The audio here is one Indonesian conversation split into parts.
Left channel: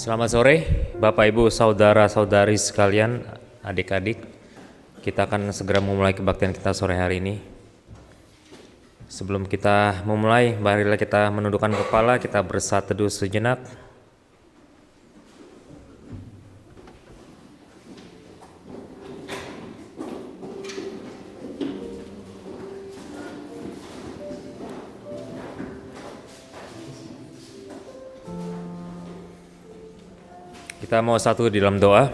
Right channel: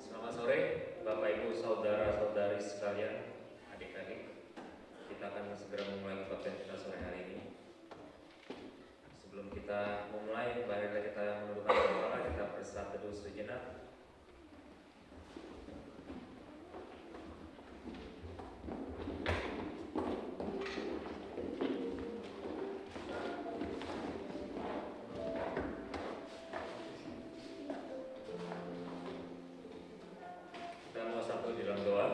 Selamat sore, Bapak Ibu, saudara-saudari sekalian, adik-adik. Kita akan segera memulai kebaktian kita sore hari ini. Sebelum kita memulai, marilah kita menundukkan kepala, kita bersatu teduh sejenak. Kita mau satu di dalam doa.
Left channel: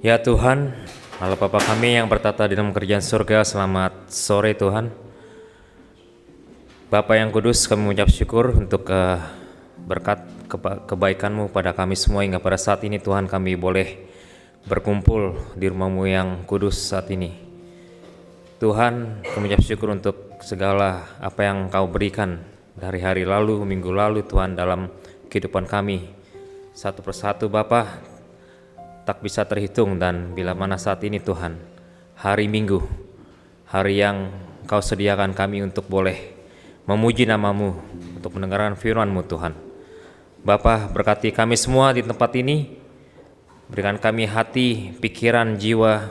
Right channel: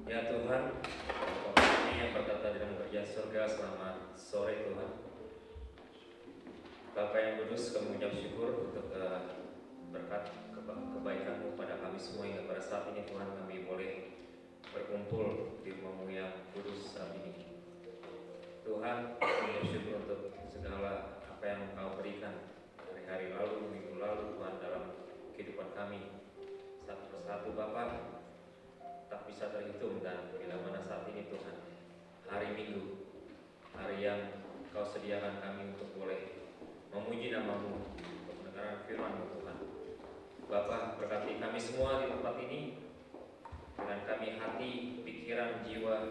Ya Tuhan, Allah Bapa kami yang bertata di dalam kerajaan surga, selamat sore Tuhan. Bapa yang kudus, kami mengucap syukur untuk berkat kebaikan-Mu pada kami semua hingga pada saat ini Tuhan kami boleh berkumpul di rumah-Mu yang kudus saat ini. Tuhan, kami mengucap syukur untuk segala apa yang Kau berikan dari hari lalu, minggu lalu Tuhan dalam kehidupan kami. Satu persatu Bapa tak bisa terhitung, dan bila mana saat ini Tuhan, hari Minggu, hari yang Kau sediakan kami untuk boleh memuji nama-Mu, untuk mendengarkan firman-Mu Tuhan. Bapa, berkati kami semua di tempat ini, berikan kami hati, pikiran, jiwa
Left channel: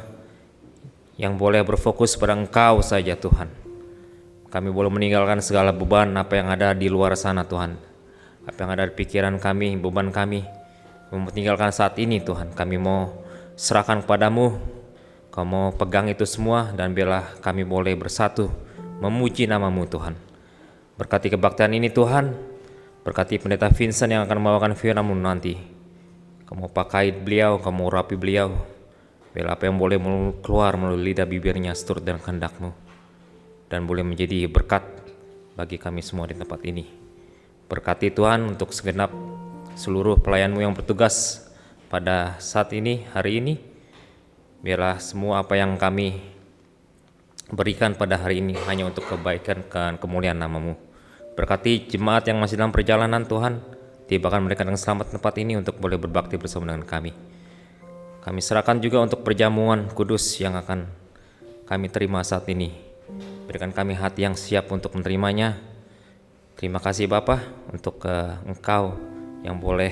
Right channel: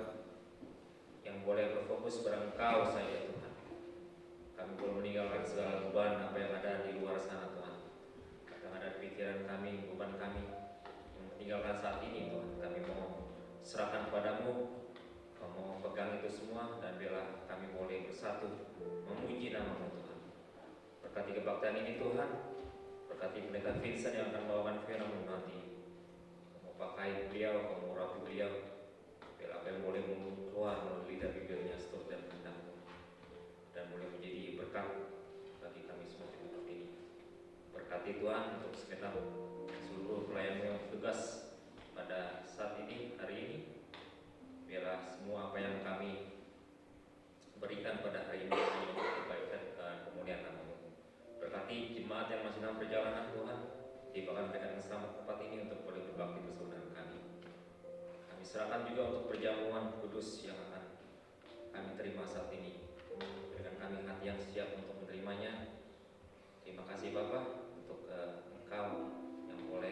yang boleh berfokus pada Engkau saja Tuhan. Kami boleh meninggalkan segala beban apa yang ada di luar sana Tuhan. Apa yang ada di pikiran kami, beban kami, meninggalkan saat ini Tuhan. Kami mau serahkan kepadamu, Kau mau pegang itu semua, dan biarlah kami boleh bersatu memuji nama-Mu Tuhan. Berkati kebaktian ini Tuhan, berkati pendeta Vincent yang akan membawakan firman-Mu nanti. Kau mau pakai beliau, Kau mau rapi beliau. Biarlah apa yang boleh keluar melalui lidah bibirnya seturut dengan kehendak-Mu, dan boleh menjadi berkat bagi kami semua di tempat ini. Berkati Tuhan untuk segenap seluruh pelayan-Mu yang bertugas pada saat ini, hari ini. Biarlah semua apa yang kami berikan pada hari ini hanya untuk kebaikan dan kemuliaan nama-Mu. Berkati jemaat yang masih dalam perjalanan Tuhan, tibakan mereka dengan selamat di tempat ini untuk boleh berbakti bersama dengan kami. Kami serahkan juga untuk perjamuan kudus yang akan kami terima saat ini. Berikan kami hati yang siap untuk menerimanya. Terima kasih Bapa untuk Engkau yang boleh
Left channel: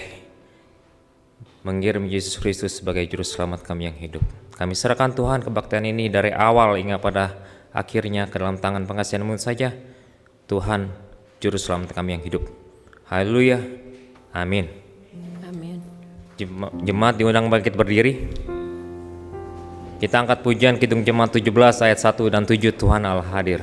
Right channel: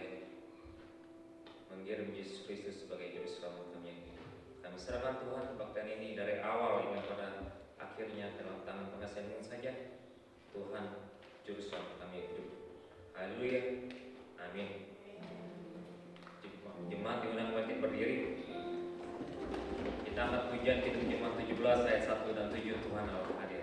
mengirim Yesus Kristus sebagai juru selamat kami yang hidup. Kami serahkan Tuhan kebaktian ini dari awal hingga pada akhirnya ke dalam tangan pengasihan-Mu saja. Tuhan, juru selamat kami yang hidup. Haleluya. Amin. Amin. Jemaat diundang bangkit berdiri. Kita angkat pujian Kidung Jemaat 17 ayat 1 dan 7, Tuhan Allah hadir.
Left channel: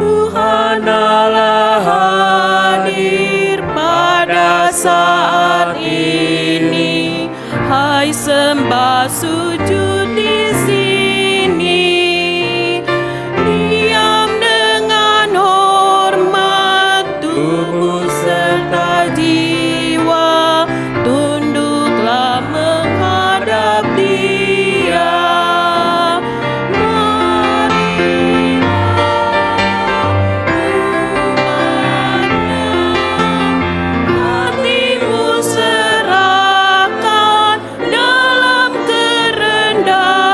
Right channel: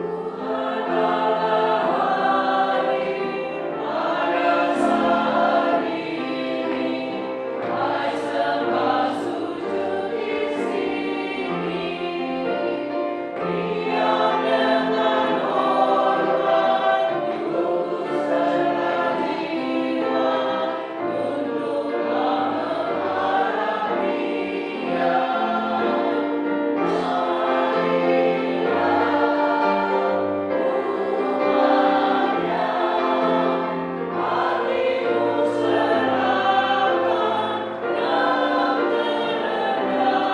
Tuhan Allah hadir pada saat ini. Hai sembah sujud di sini. Diam dengan hormat, tubuh serta jiwa. Tunduklah menghadap Dia. Hatimu serahkan dalam kerendahan.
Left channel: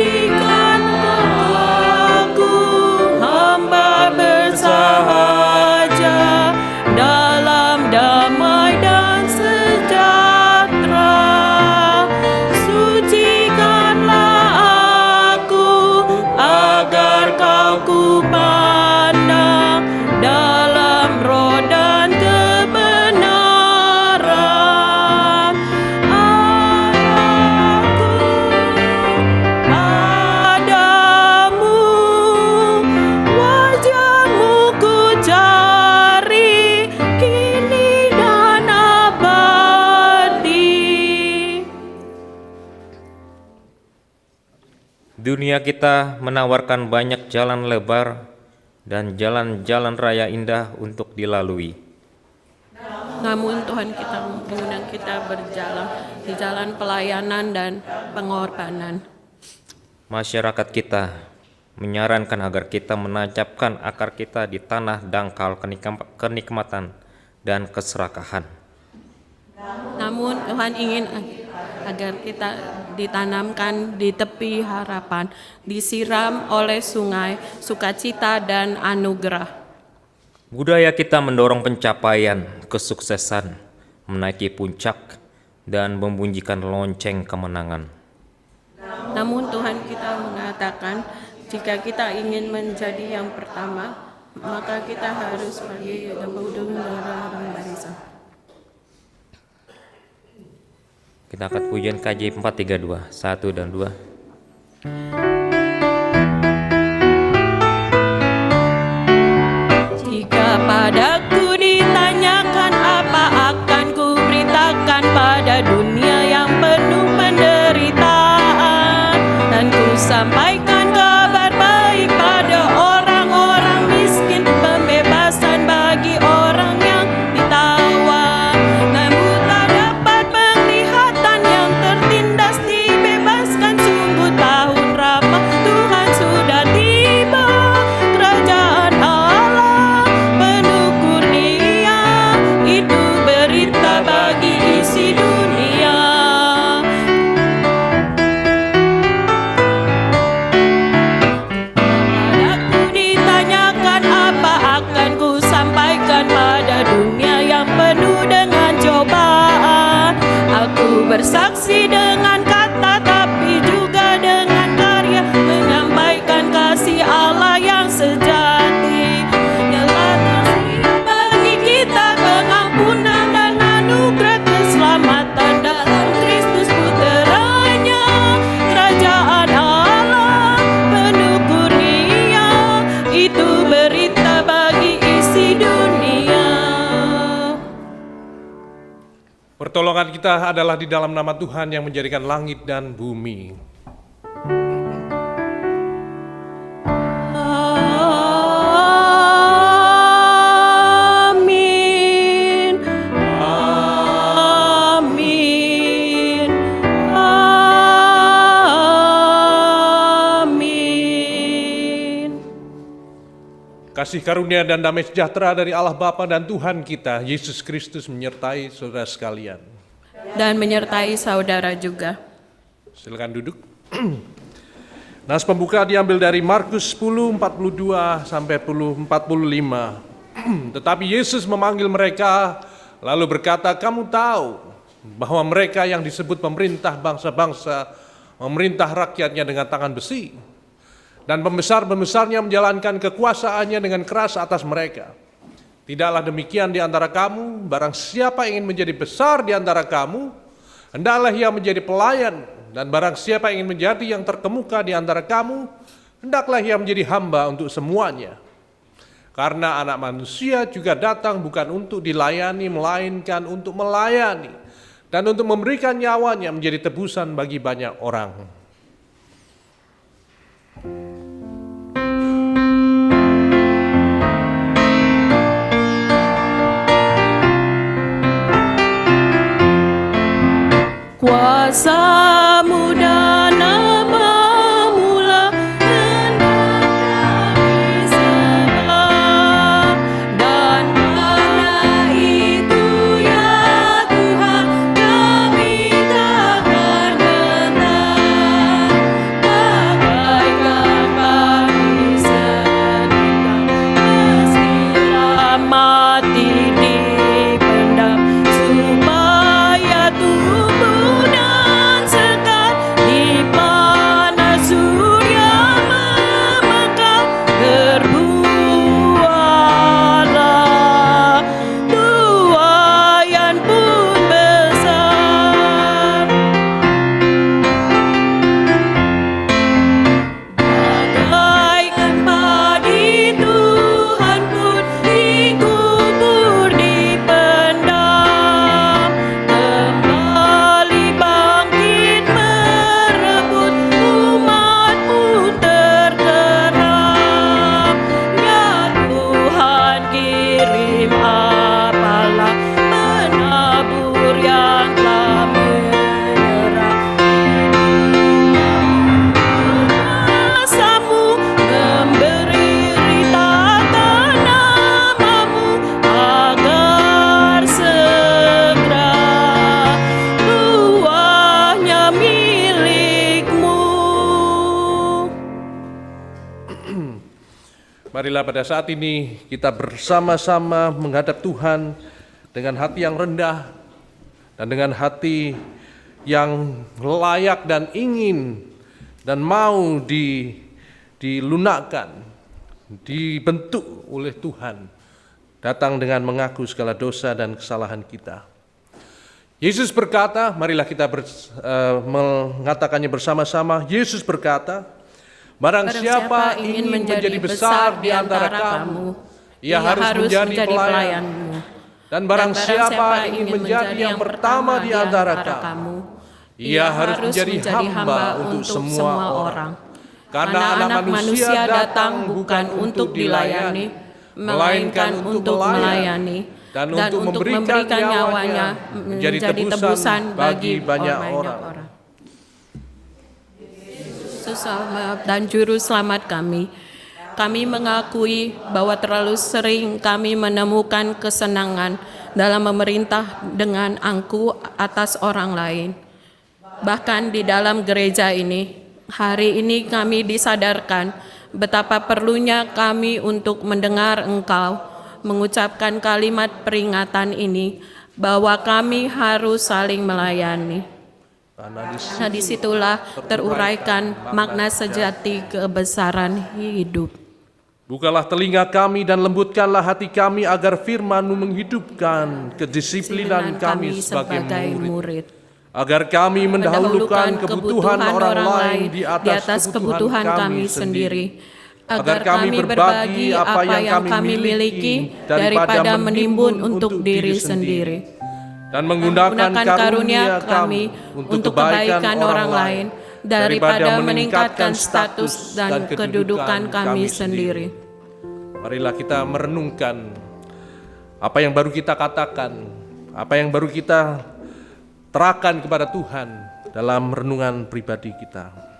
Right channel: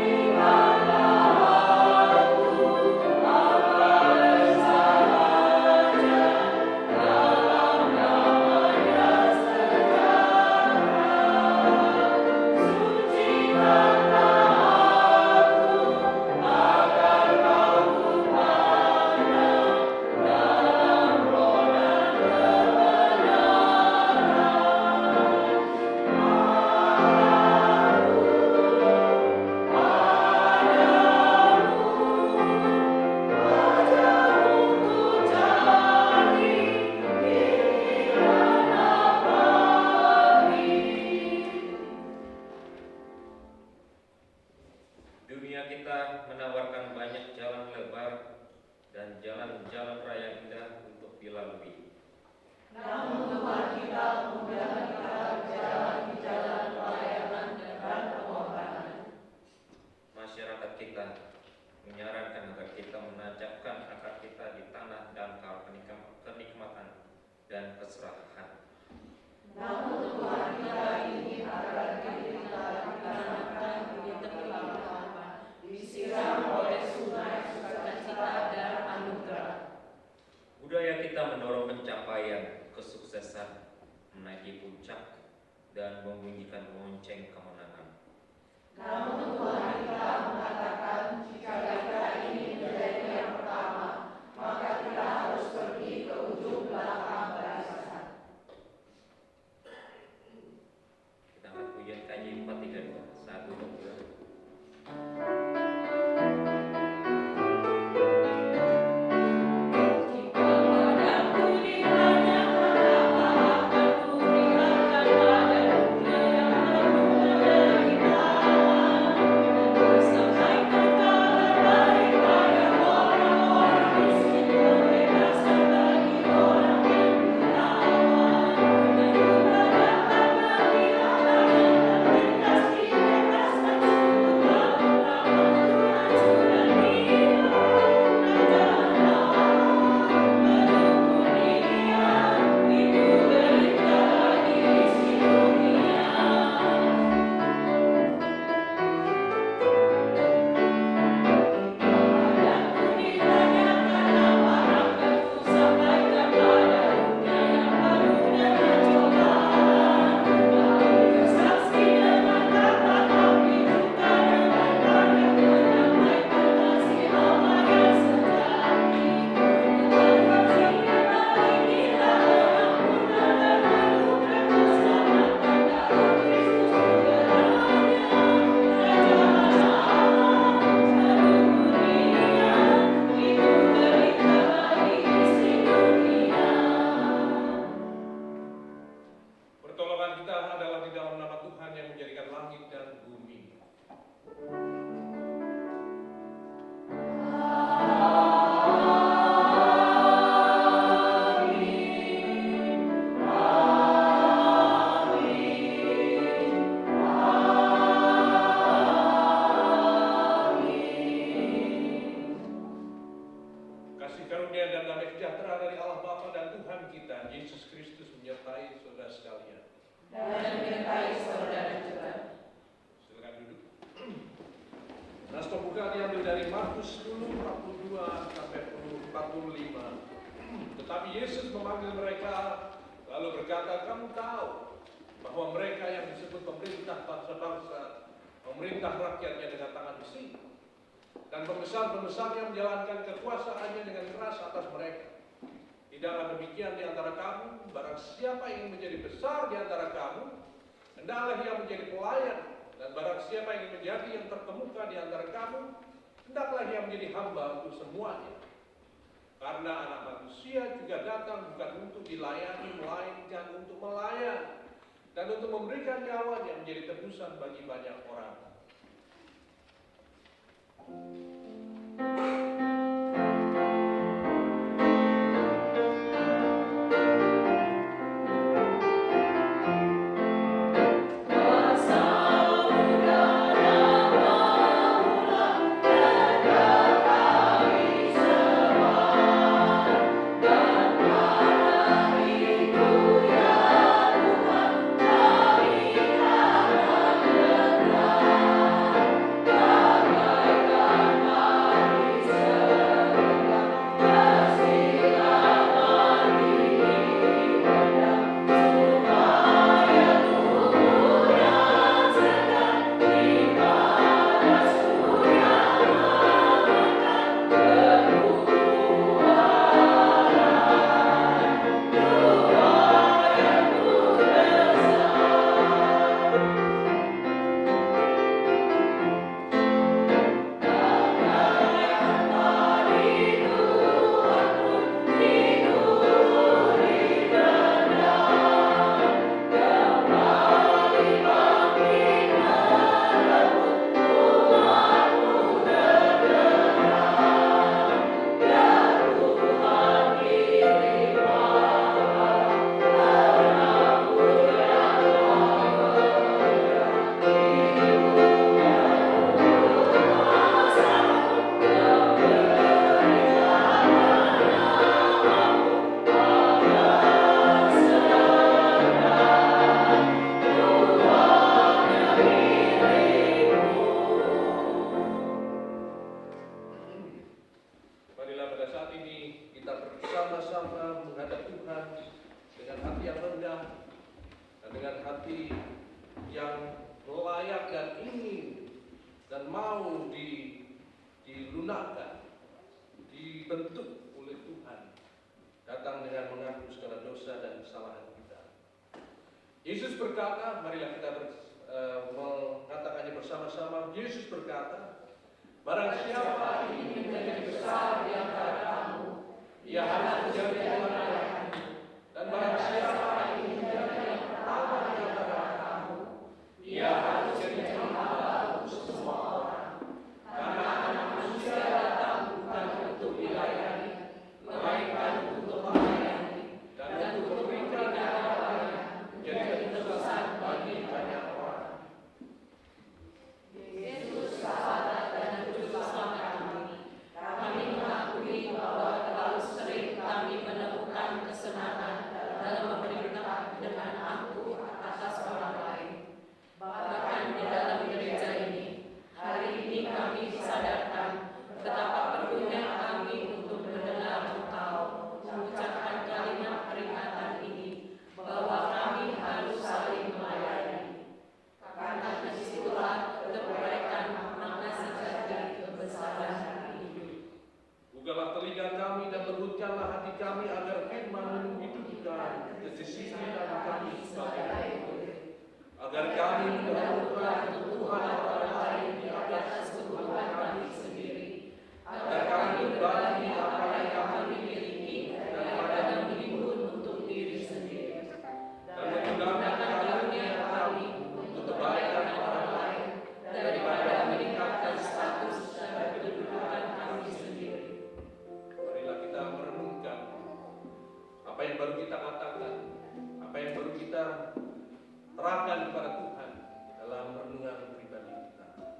Jadikan aku hamba bersahaja dalam damai dan sejahtera. Sucikanlah aku agar Kau kupandang dalam roh dan kebenaran. Padamu wajah-Mu ku cari kini dan abadi. Dunia kita menawarkan banyak jalan lebar dan jalan-jalan raya indah untuk dilalui. Namun Tuhan kita mengundang kita berjalan di jalan pelayanan dan pengorbanan. Masyarakat kita menyarankan agar kita menancapkan akar kita di tanah dangkal kenikmatan dan keserakahan. Namun Tuhan ingin agar kita ditanamkan di tepi harapan, disiram oleh sungai sukacita dan anugerah. Budaya kita mendorong pencapaian, kesuksesan, menaiki puncak, dan membunyikan lonceng kemenangan. Namun Tuhan kita mengatakan, jika kita ingin menjadi yang pertama, maka kita harus pergi ke darah dan bangsa. Kita angkat pujian KJ 432, 1 dan 2. Jika padaku ditanyakan apa akan ku beritakan pada dunia yang penuh penderitaan, dan ku sampaikan kabar baik pada orang-orang miskin, pembebasan bagi orang yang ditawan, namun tak dapat penglihatan yang tertindas dibebaskan. Sungguh tahun ramah Tuhan sudah tiba, kerajaan Allah penuh kurnia, itu berita bagi isi dunia. Padaku ditanyakan apa akan ku sampaikan pada dunia yang penuh dengan cobaan. Aku bersaksi dengan kata tapi juga dengan karya, menyampaikan kasih Allah yang sejati. Nyala tersedia bagi kita pengampunan dan anugerah keselamatan dalam Kristus Puteranya. Kerajaan Allah penuh kurnia, itu berita bagi isi dunia. Pertolongan kita adalah di dalam nama Tuhan yang menjadikan langit dan bumi. Amin. Amin. Amin. Kasih karunia dan damai sejahtera dari Allah Bapa dan Tuhan kita, Yesus Kristus menyertai saudara sekalian. Dan menyertai saudara juga. Silakan duduk. Nas pembuka diambil dari Markus 10, 42 sampai 45. Tetapi Yesus memanggil mereka, lalu berkata, kamu tahu bahwa mereka yang disebut pemerintah bangsa-bangsa memerintah rakyatnya dengan tangan besi, dan pembesar-pembesarnya menjalankan kekuasaannya dengan keras atas mereka. Tidaklah demikian di antara kamu, barang siapa ingin menjadi besar di antara kamu, hendaklah ia menjadi pelayan, dan barang siapa ingin menjadi yang terkemuka di antara kamu, hendaklah ia menjadi hamba untuk semuanya. Karena anak manusia juga datang bukan untuk dilayani, melainkan untuk melayani, dan untuk memberikan nyawanya menjadi tebusan bagi banyak orang. Kuasamu dan namamu lah hendak kami sembah, dan karena itu ya Tuhan kami takkan gentar, bagaikan Marilah pada saat ini kita bersama-sama menghadap Tuhan dengan hati yang rendah dan dengan hati yang layak dan ingin dan mau dilunakkan, dibentuk oleh Tuhan, datang dengan mengaku segala dosa dan kesalahan kita. Yesus berkata, marilah kita mengatakannya bersama-sama. Yesus berkata, barang siapa ingin menjadi besar di antara kamu, ia harus menjadi pelayanmu. Dan barang siapa ingin menjadi yang pertama di antara kamu, ia harus menjadi hamba untuk semua orang. Karena Anak Manusia datang bukan untuk dilayani, melainkan untuk melayani, dan untuk memberikan nyawanya menjadi tebusan bagi banyak orang. Yesus dan Juru Selamat kami mengakui bahwa terlalu sering kami menemukan kesenangan dalam memerintah dengan angkuh atas orang lain. Bahkan di dalam gereja ini, hari ini kami disadarkan betapa perlunya kami untuk mendengar Engkau mengucapkan kalimat peringatan ini bahwa kami harus saling melayani. Karena disitulah teruraikan makna sejati kebesaran hidup. Bukalah telinga kami dan lembutkanlah hati kami agar firman-Mu menghidupkan kedisiplinan kami sebagai murid. Agar kami mendahulukan kebutuhan orang lain di atas kebutuhan kami sendiri. Agar kami berbagi apa yang kami miliki daripada menimbun untuk diri sendiri. Dan menggunakan karunia kami untuk kebaikan orang lain daripada meningkatkan status dan kedudukan kami sendiri. Marilah kita merenungkan apa yang baru kita katakan, apa yang baru kita terahkan kepada Tuhan dalam renungan pribadi kita.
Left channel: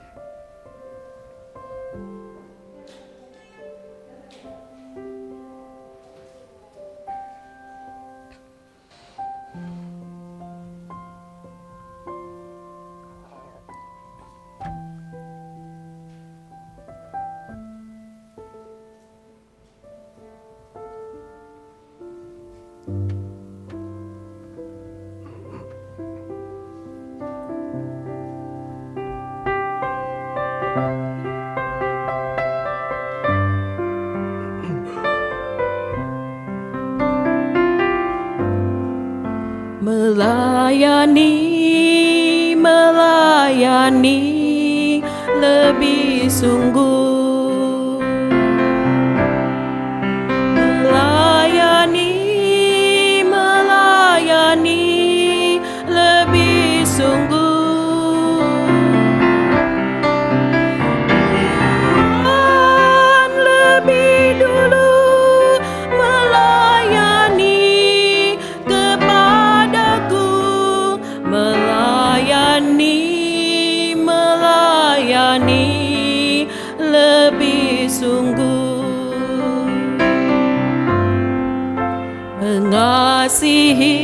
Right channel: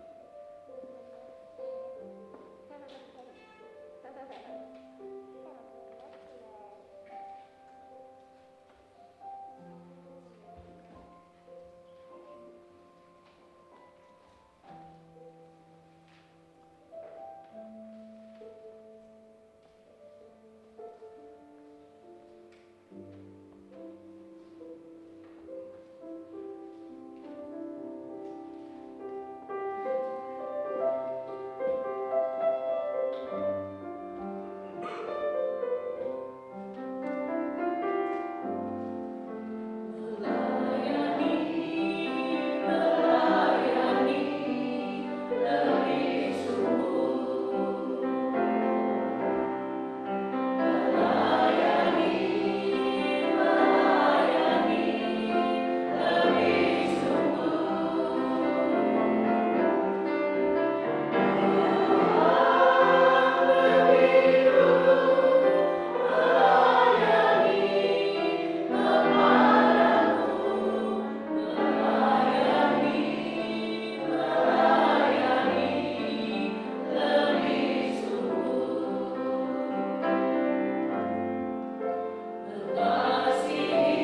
Melayani lebih sungguh. Melayani lebih sungguh. Tuhan lebih dulu melayani kepadaku, melayani lebih sungguh. Mengasihi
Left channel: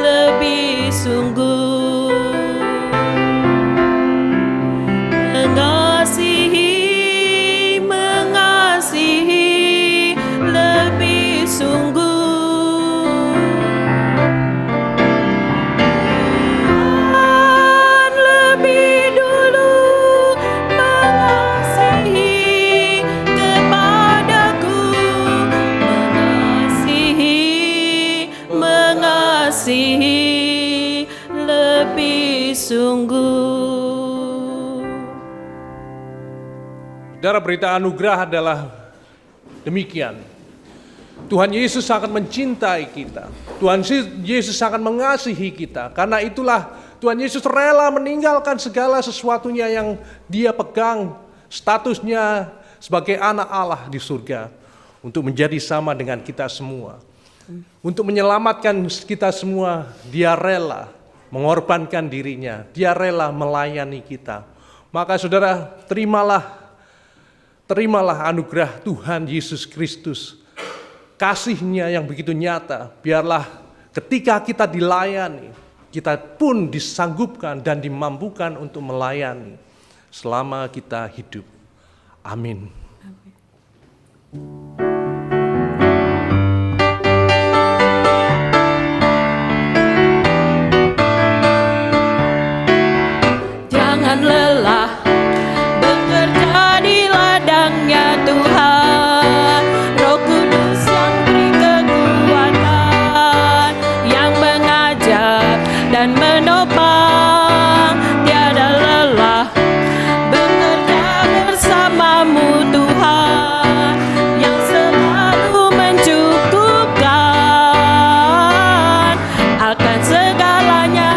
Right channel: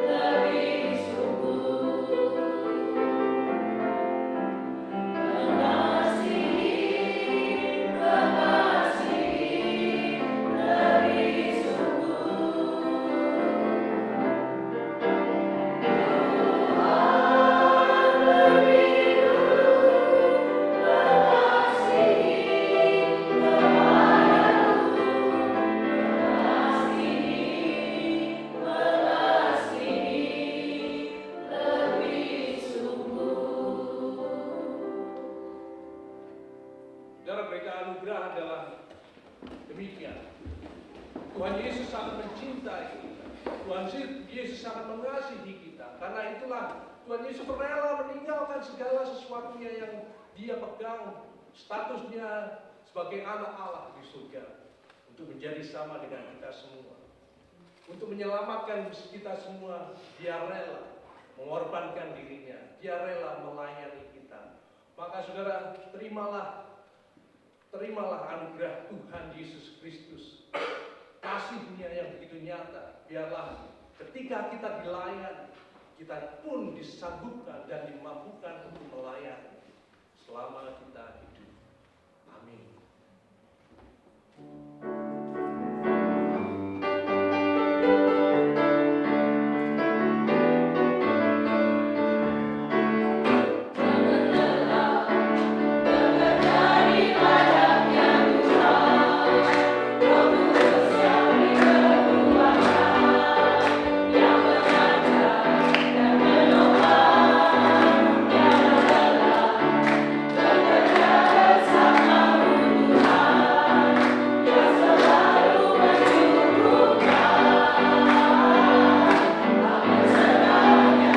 lebih sungguh. Mengasihi lebih sungguh. Tuhan lebih dulu mengasihi kepadaku, mengasihi lebih sungguh. Saudara, berita anugerah adalah demikian. Tuhan Yesus sangat mencintai kita. Tuhan Yesus sangat mengasihi kita. Karena itulah Tuhan Yesus rela meninggalkan segala sesuatunya yang Dia pegang, statusnya sebagai anak Allah di surga, untuk menjadi sama dengan kita semua. Untuk menyelamatkan kita semua, Dia rela mengorbankan dirinya. Dia rela melayani kita. Maka saudara, terimalah anugerah Tuhan Yesus Kristus, kasih-Nya yang begitu nyata. Biarlah ketika kita dilayani, kita pun disanggupkan dan dimampukan untuk melayani selama kita hidup. Amin. Jangan lelah bekerja di ladangnya Tuhan. Roh Kudus yang beri kekuatan, yang mengajar dan menopang. Tiada lelah bekerja bersamamu Tuhan, yang selalu mencukupkan akan segalanya.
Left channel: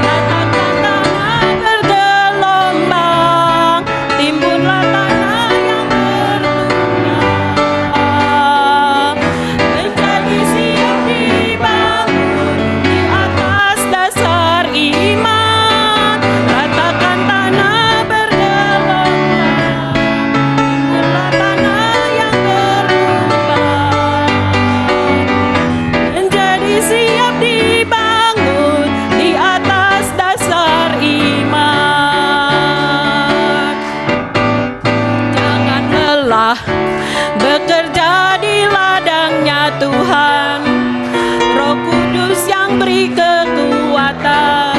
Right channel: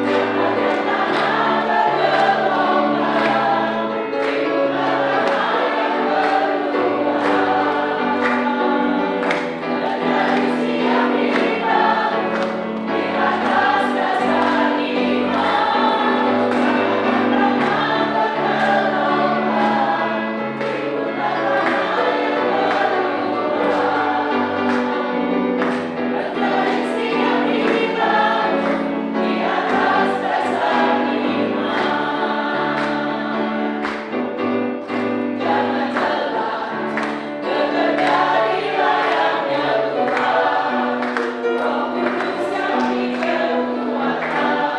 Ratakan tanah bergelombang, timbunlah tanah yang berlubang, menjadi siap dibangun di atas dasar iman. Ratakan tanah bergelombang, timbunlah tanah yang berlubang, menjadi siap dibangun di atas dasar iman. Jangan lelah bekerja di ladangnya Tuhan. Roh Kudus yang beri kekuatan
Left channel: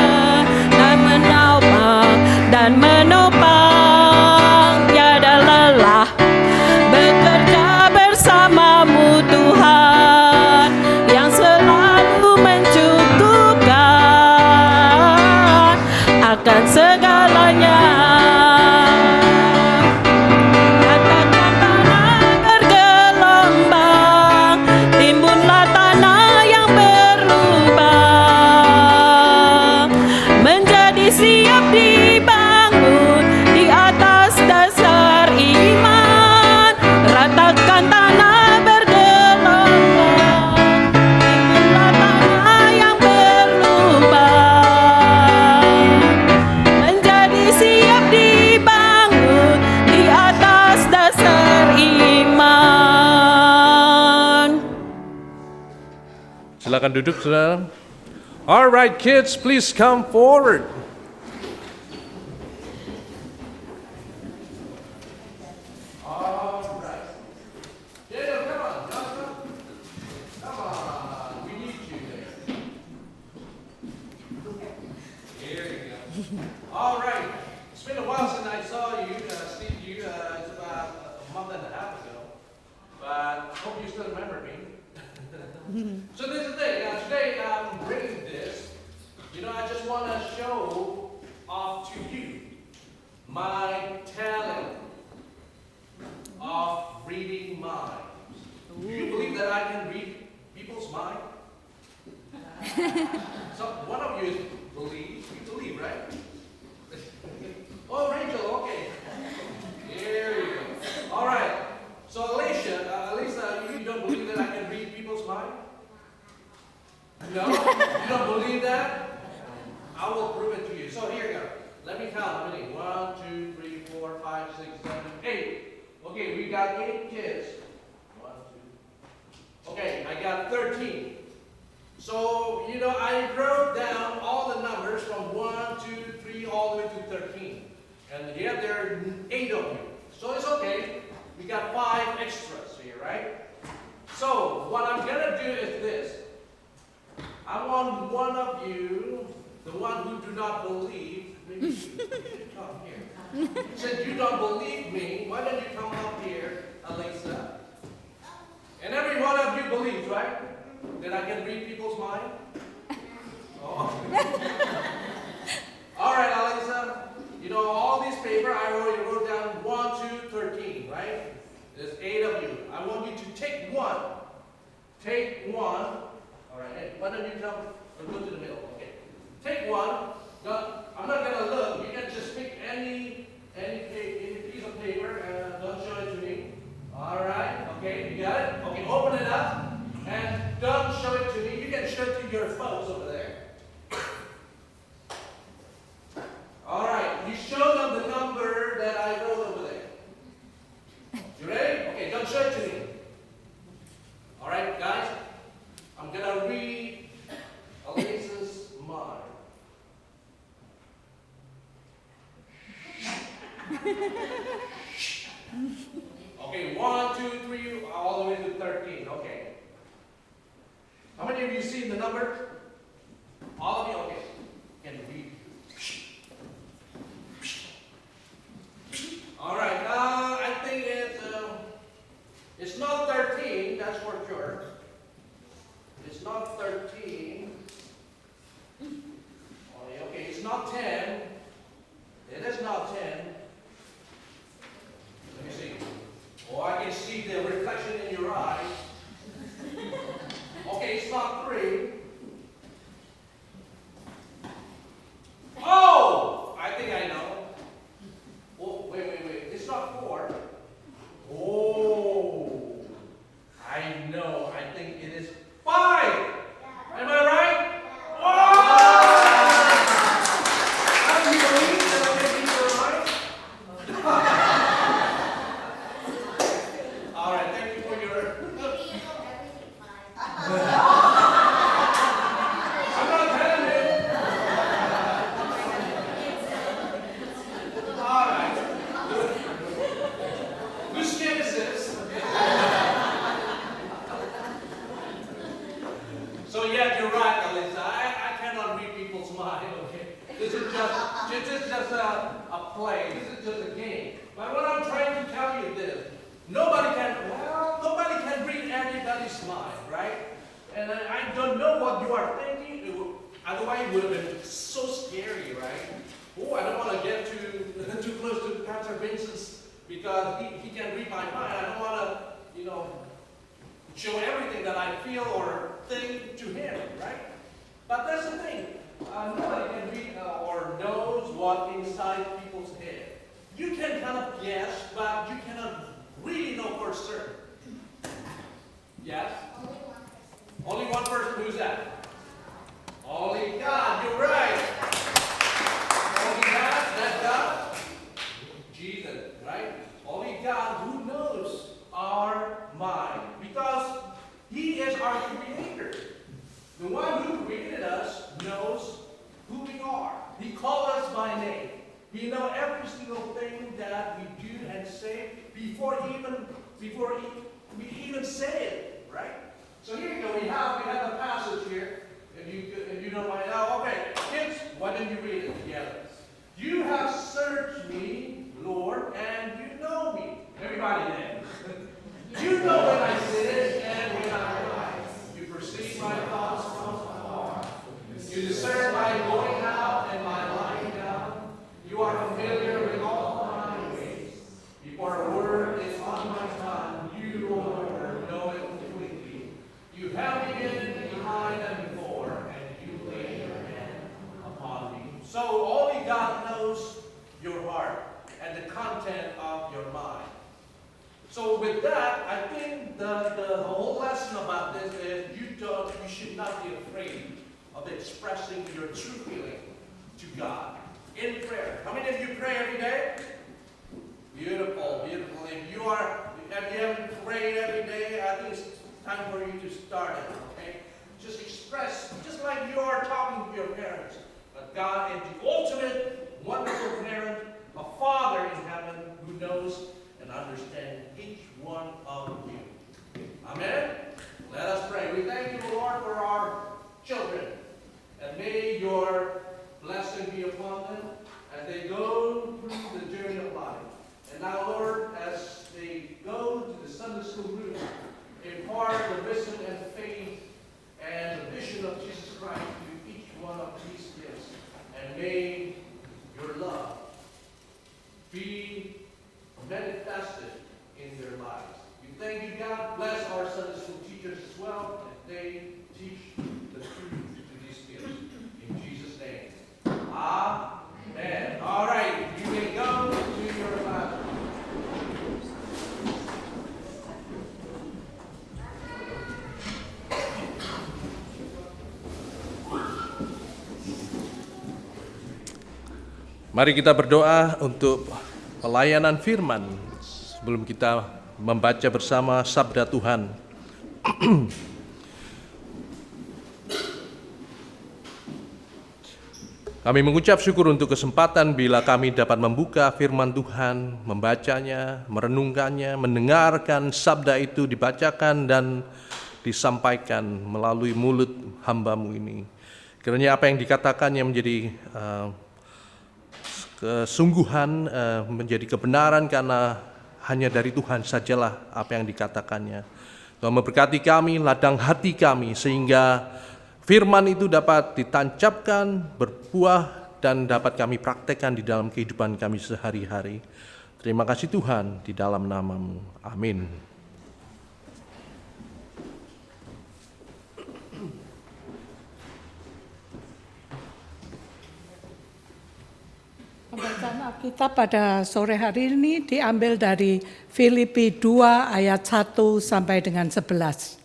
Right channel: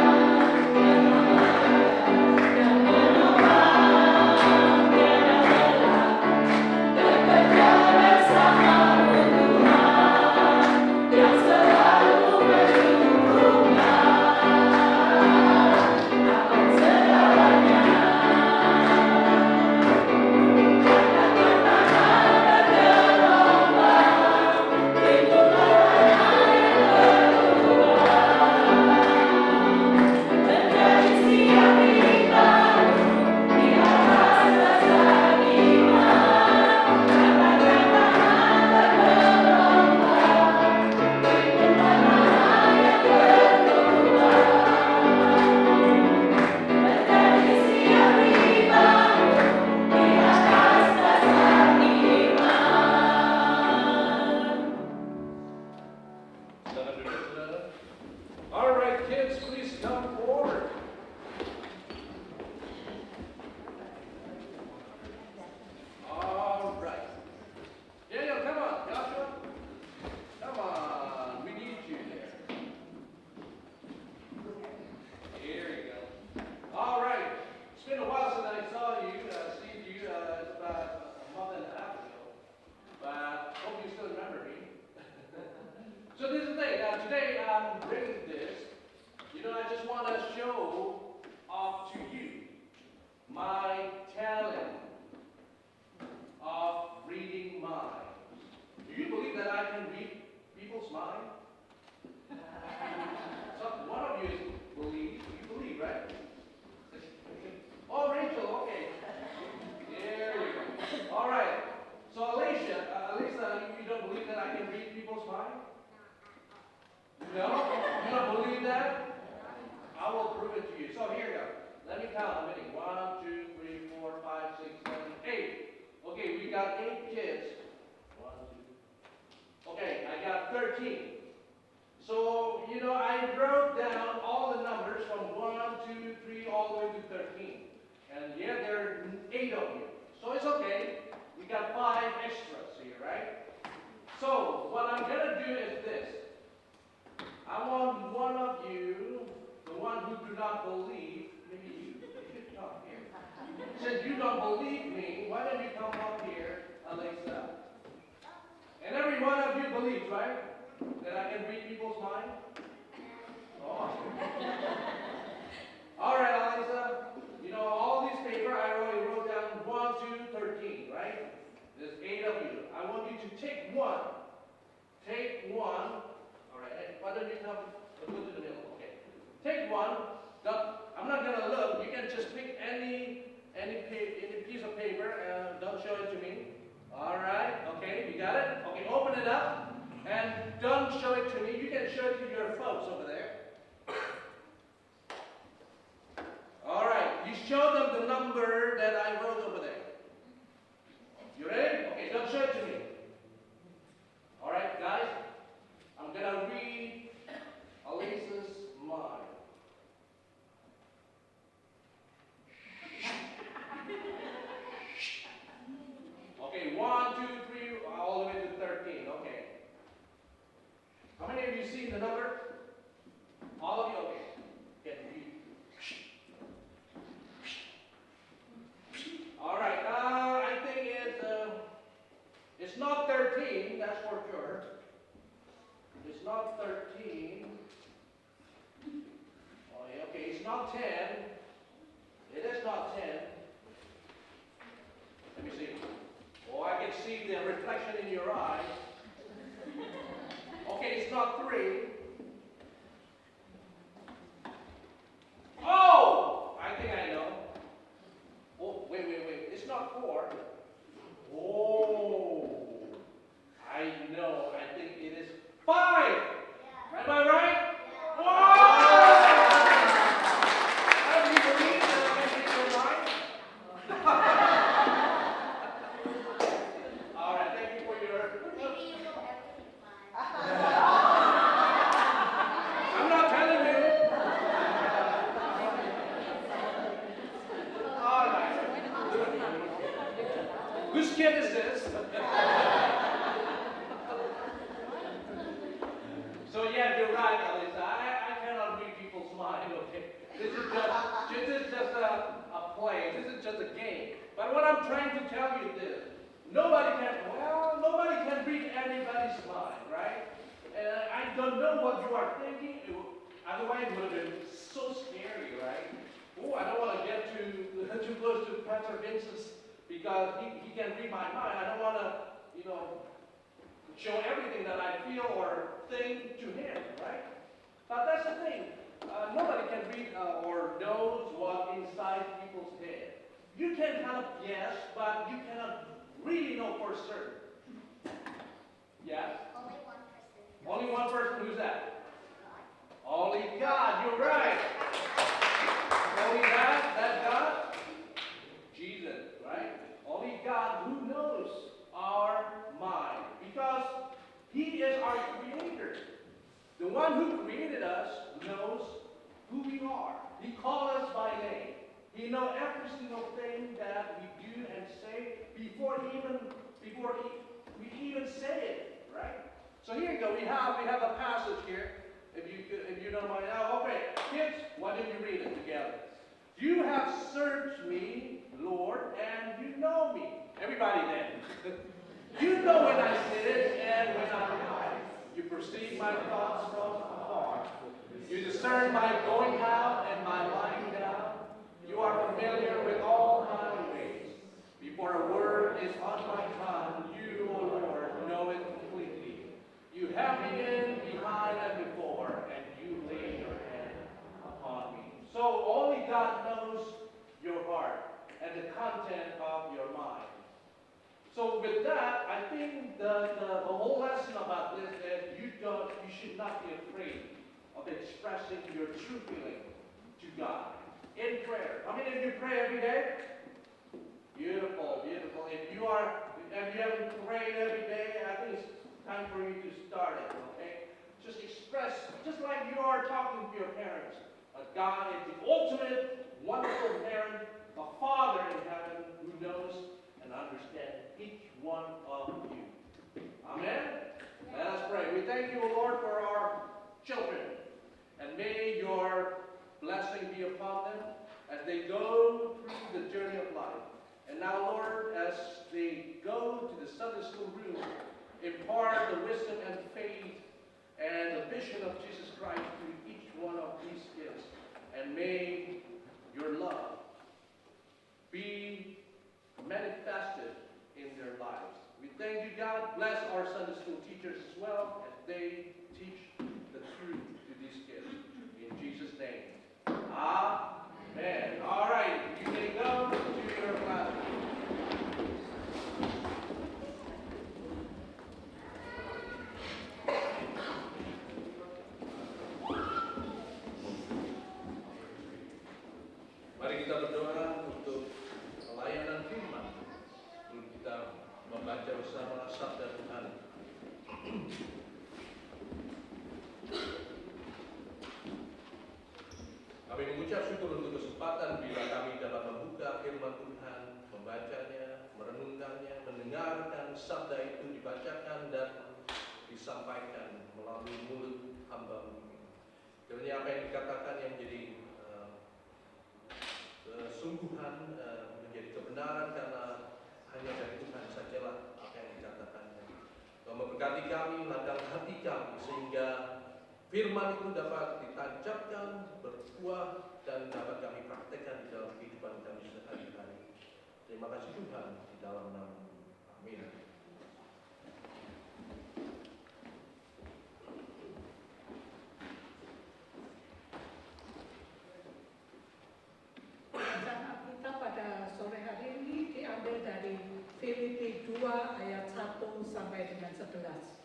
dan menopang. Tiada lelah bekerja bersamamu Tuhan, yang selalu mencukupkan akan segalanya. Ratakan tanah bergelombang, timbunlah tanah yang berlubang, menjadi siap dibangun di atas dasar iman. Ratakan tanah bergelombang, timbunlah tanah yang berlubang, menjadi siap dibangun di atas dasar iman. Silakan duduk, saudara. All right, kids, please come forward. All right. Daniel, come on. Joshua. Come on. We need you there. Here you go. All right. It's been a while since I saw you, Steve. It's about a month and a half ago. But hope you still remember me. So this is the thing. Today I'm bringing this. I just want to show off to you my talent of reading minds. Do you believe that I can read people's minds? So one of you believe. You believe, right? Oh, Rachel. Okay. Here you go. All right. So Elisa, you don't believe that I can read people's minds? No? You don't believe that? I will prove it to you. So here you go. Let me count how many. 1, 2, 3, 4, 5, 6, 7, 8. Okay, we got 8 kids. 1, 2. Okay, I got 13. So, I wrote down all the numbers from 1, 2, 3, all the way to 13. And here there are 8 of you. So it's okay. We got 5 extras here, right? So, what I'm going to do is this. I want one of you, the one who do not believe, maybe you should come here. Since you don't believe me, why don't you come up here, Elisa? And every one of you believes, right? That I can read people's mind? Oh. All right, Elisa. All these paper I wrote down 1, 2, 13, right? There's 8 of you. I want you to take one. Take one. All right, hey, why don't you come and go to the middle? Okay. Take one. I'm not going to look. You can just pick any piece of paper and don't show it to me. All right. Okay, you got it? Okay, open it up and don't show it to me. You can show it to your folks over there. All right, you show them the number that I wrote over there. You ready? Okay, don't show it to me. All right, guys, I'm going to read Elisa's mind. Okay, 1, 2, 3, all the way to 13. Okay. How many of you seen the number? All of you? Okay. Can read. All right. I think it's not 13. That's for sure. It's not 13. Okay, it's not 10. It is not 10. Let me see. Oh, I can see the reflection in your eye. Okay, it's not 3. Oh! I think I know. Oh, wait. It's not 4. Oh! I know. I think it is 5. Am I right? Oh! How do you believe that I think you're right? All right, thank you for your... I'm not telling you. All right. Whose kid is this? So yeah, you're right, Alyssa. I cannot read people's mind, okay? This is just a play. This is just a game. But what I'm trying to tell you is this. Nobody can read anybody's mind, right? And I don't know what you are thinking. Otherwise, it would have been so scary, right? Oh, I don't want to get too close to Pastor Vincent's because he can read my mind. I don't want to, show everything that I feel or think to him, right? But that's the thing. Nobody can read or knows what inside people's head. You can kind of guess, but you cannot really know for certain. Yes? Only one person. Who's that? Only God. You're right. Only God. That's God. Jesus, right? Only God who knows our mind. Because He is our Creator. The one who created us knows who we are. He called us by name. He knows every single thing that we do and say before we even say it, right? So here you go. We have the passage here. If you don't mind now, okay, kids, why don't you read it together? You have searched me, Lord, and you know me. Everybody then. You know when I sit and when I rise. You perceive my thoughts from afar. You discern my going out and my lying down. You are familiar with all my ways. Before a word is on my tongue, you, Lord, know it completely. You have me in, behind, and before, and you lay your hand upon me. So only God knows your heart and the content of your mind. So with that, I think the whole lesson about this is you should not be afraid of expressing your true feeling to God in prayer. How many of you pray every day? Beautiful, beautiful. If you haven't prayed every day, I think it's time for you to start it, okay? Just express, just like you are talking to your parents. But God is the ultimate, wonderful parent, a Father in heaven who knows and understands each one of you. Amen? Let us pray. We thank you, Lord, for our children. And may your blessing be upon them as they go through the journey of life. And now, Lord, as they go to the Sunday school room, impart the wisdom and faith and the vision of Jesus Christ to each one of these kids. And may your love be manifested in their lives. We thank you, God. Bless our Sunday school teachers as well as they teach the truth to these kids. In Jesus' name. Amen. All right. You can go to your class. Mari kita berdoa untuk pelayanan firman sebelum kita membaca bersama sabda Tuhan. Kami mengucap syukur untuk kesempatan bila kami dapat membuka firman Tuhan, membacanya, merenungkannya, mendengarkan sabda itu dibacakan dan disampaikan melalui mulut hamba-Mu ini. Kiranya apa yang dikatakannya menjadi kesungguhan, menjadi kebenaran karena hanya dari Tuhan sajalah apa yang dikatakannya. Tuhan memberkati kami, ladang hati kami, sehingga firman itu dapat ditancapkan, berbuah, dan dapat kami praktekkan di dalam kehidupan kami sehari-hari. Terima kasih Tuhan, di dalam nama-Mu. Amin. Pembacaan Alkitab pada sore hari ini diambil dari Filipi 2 ayat 1 sampai dengan 11.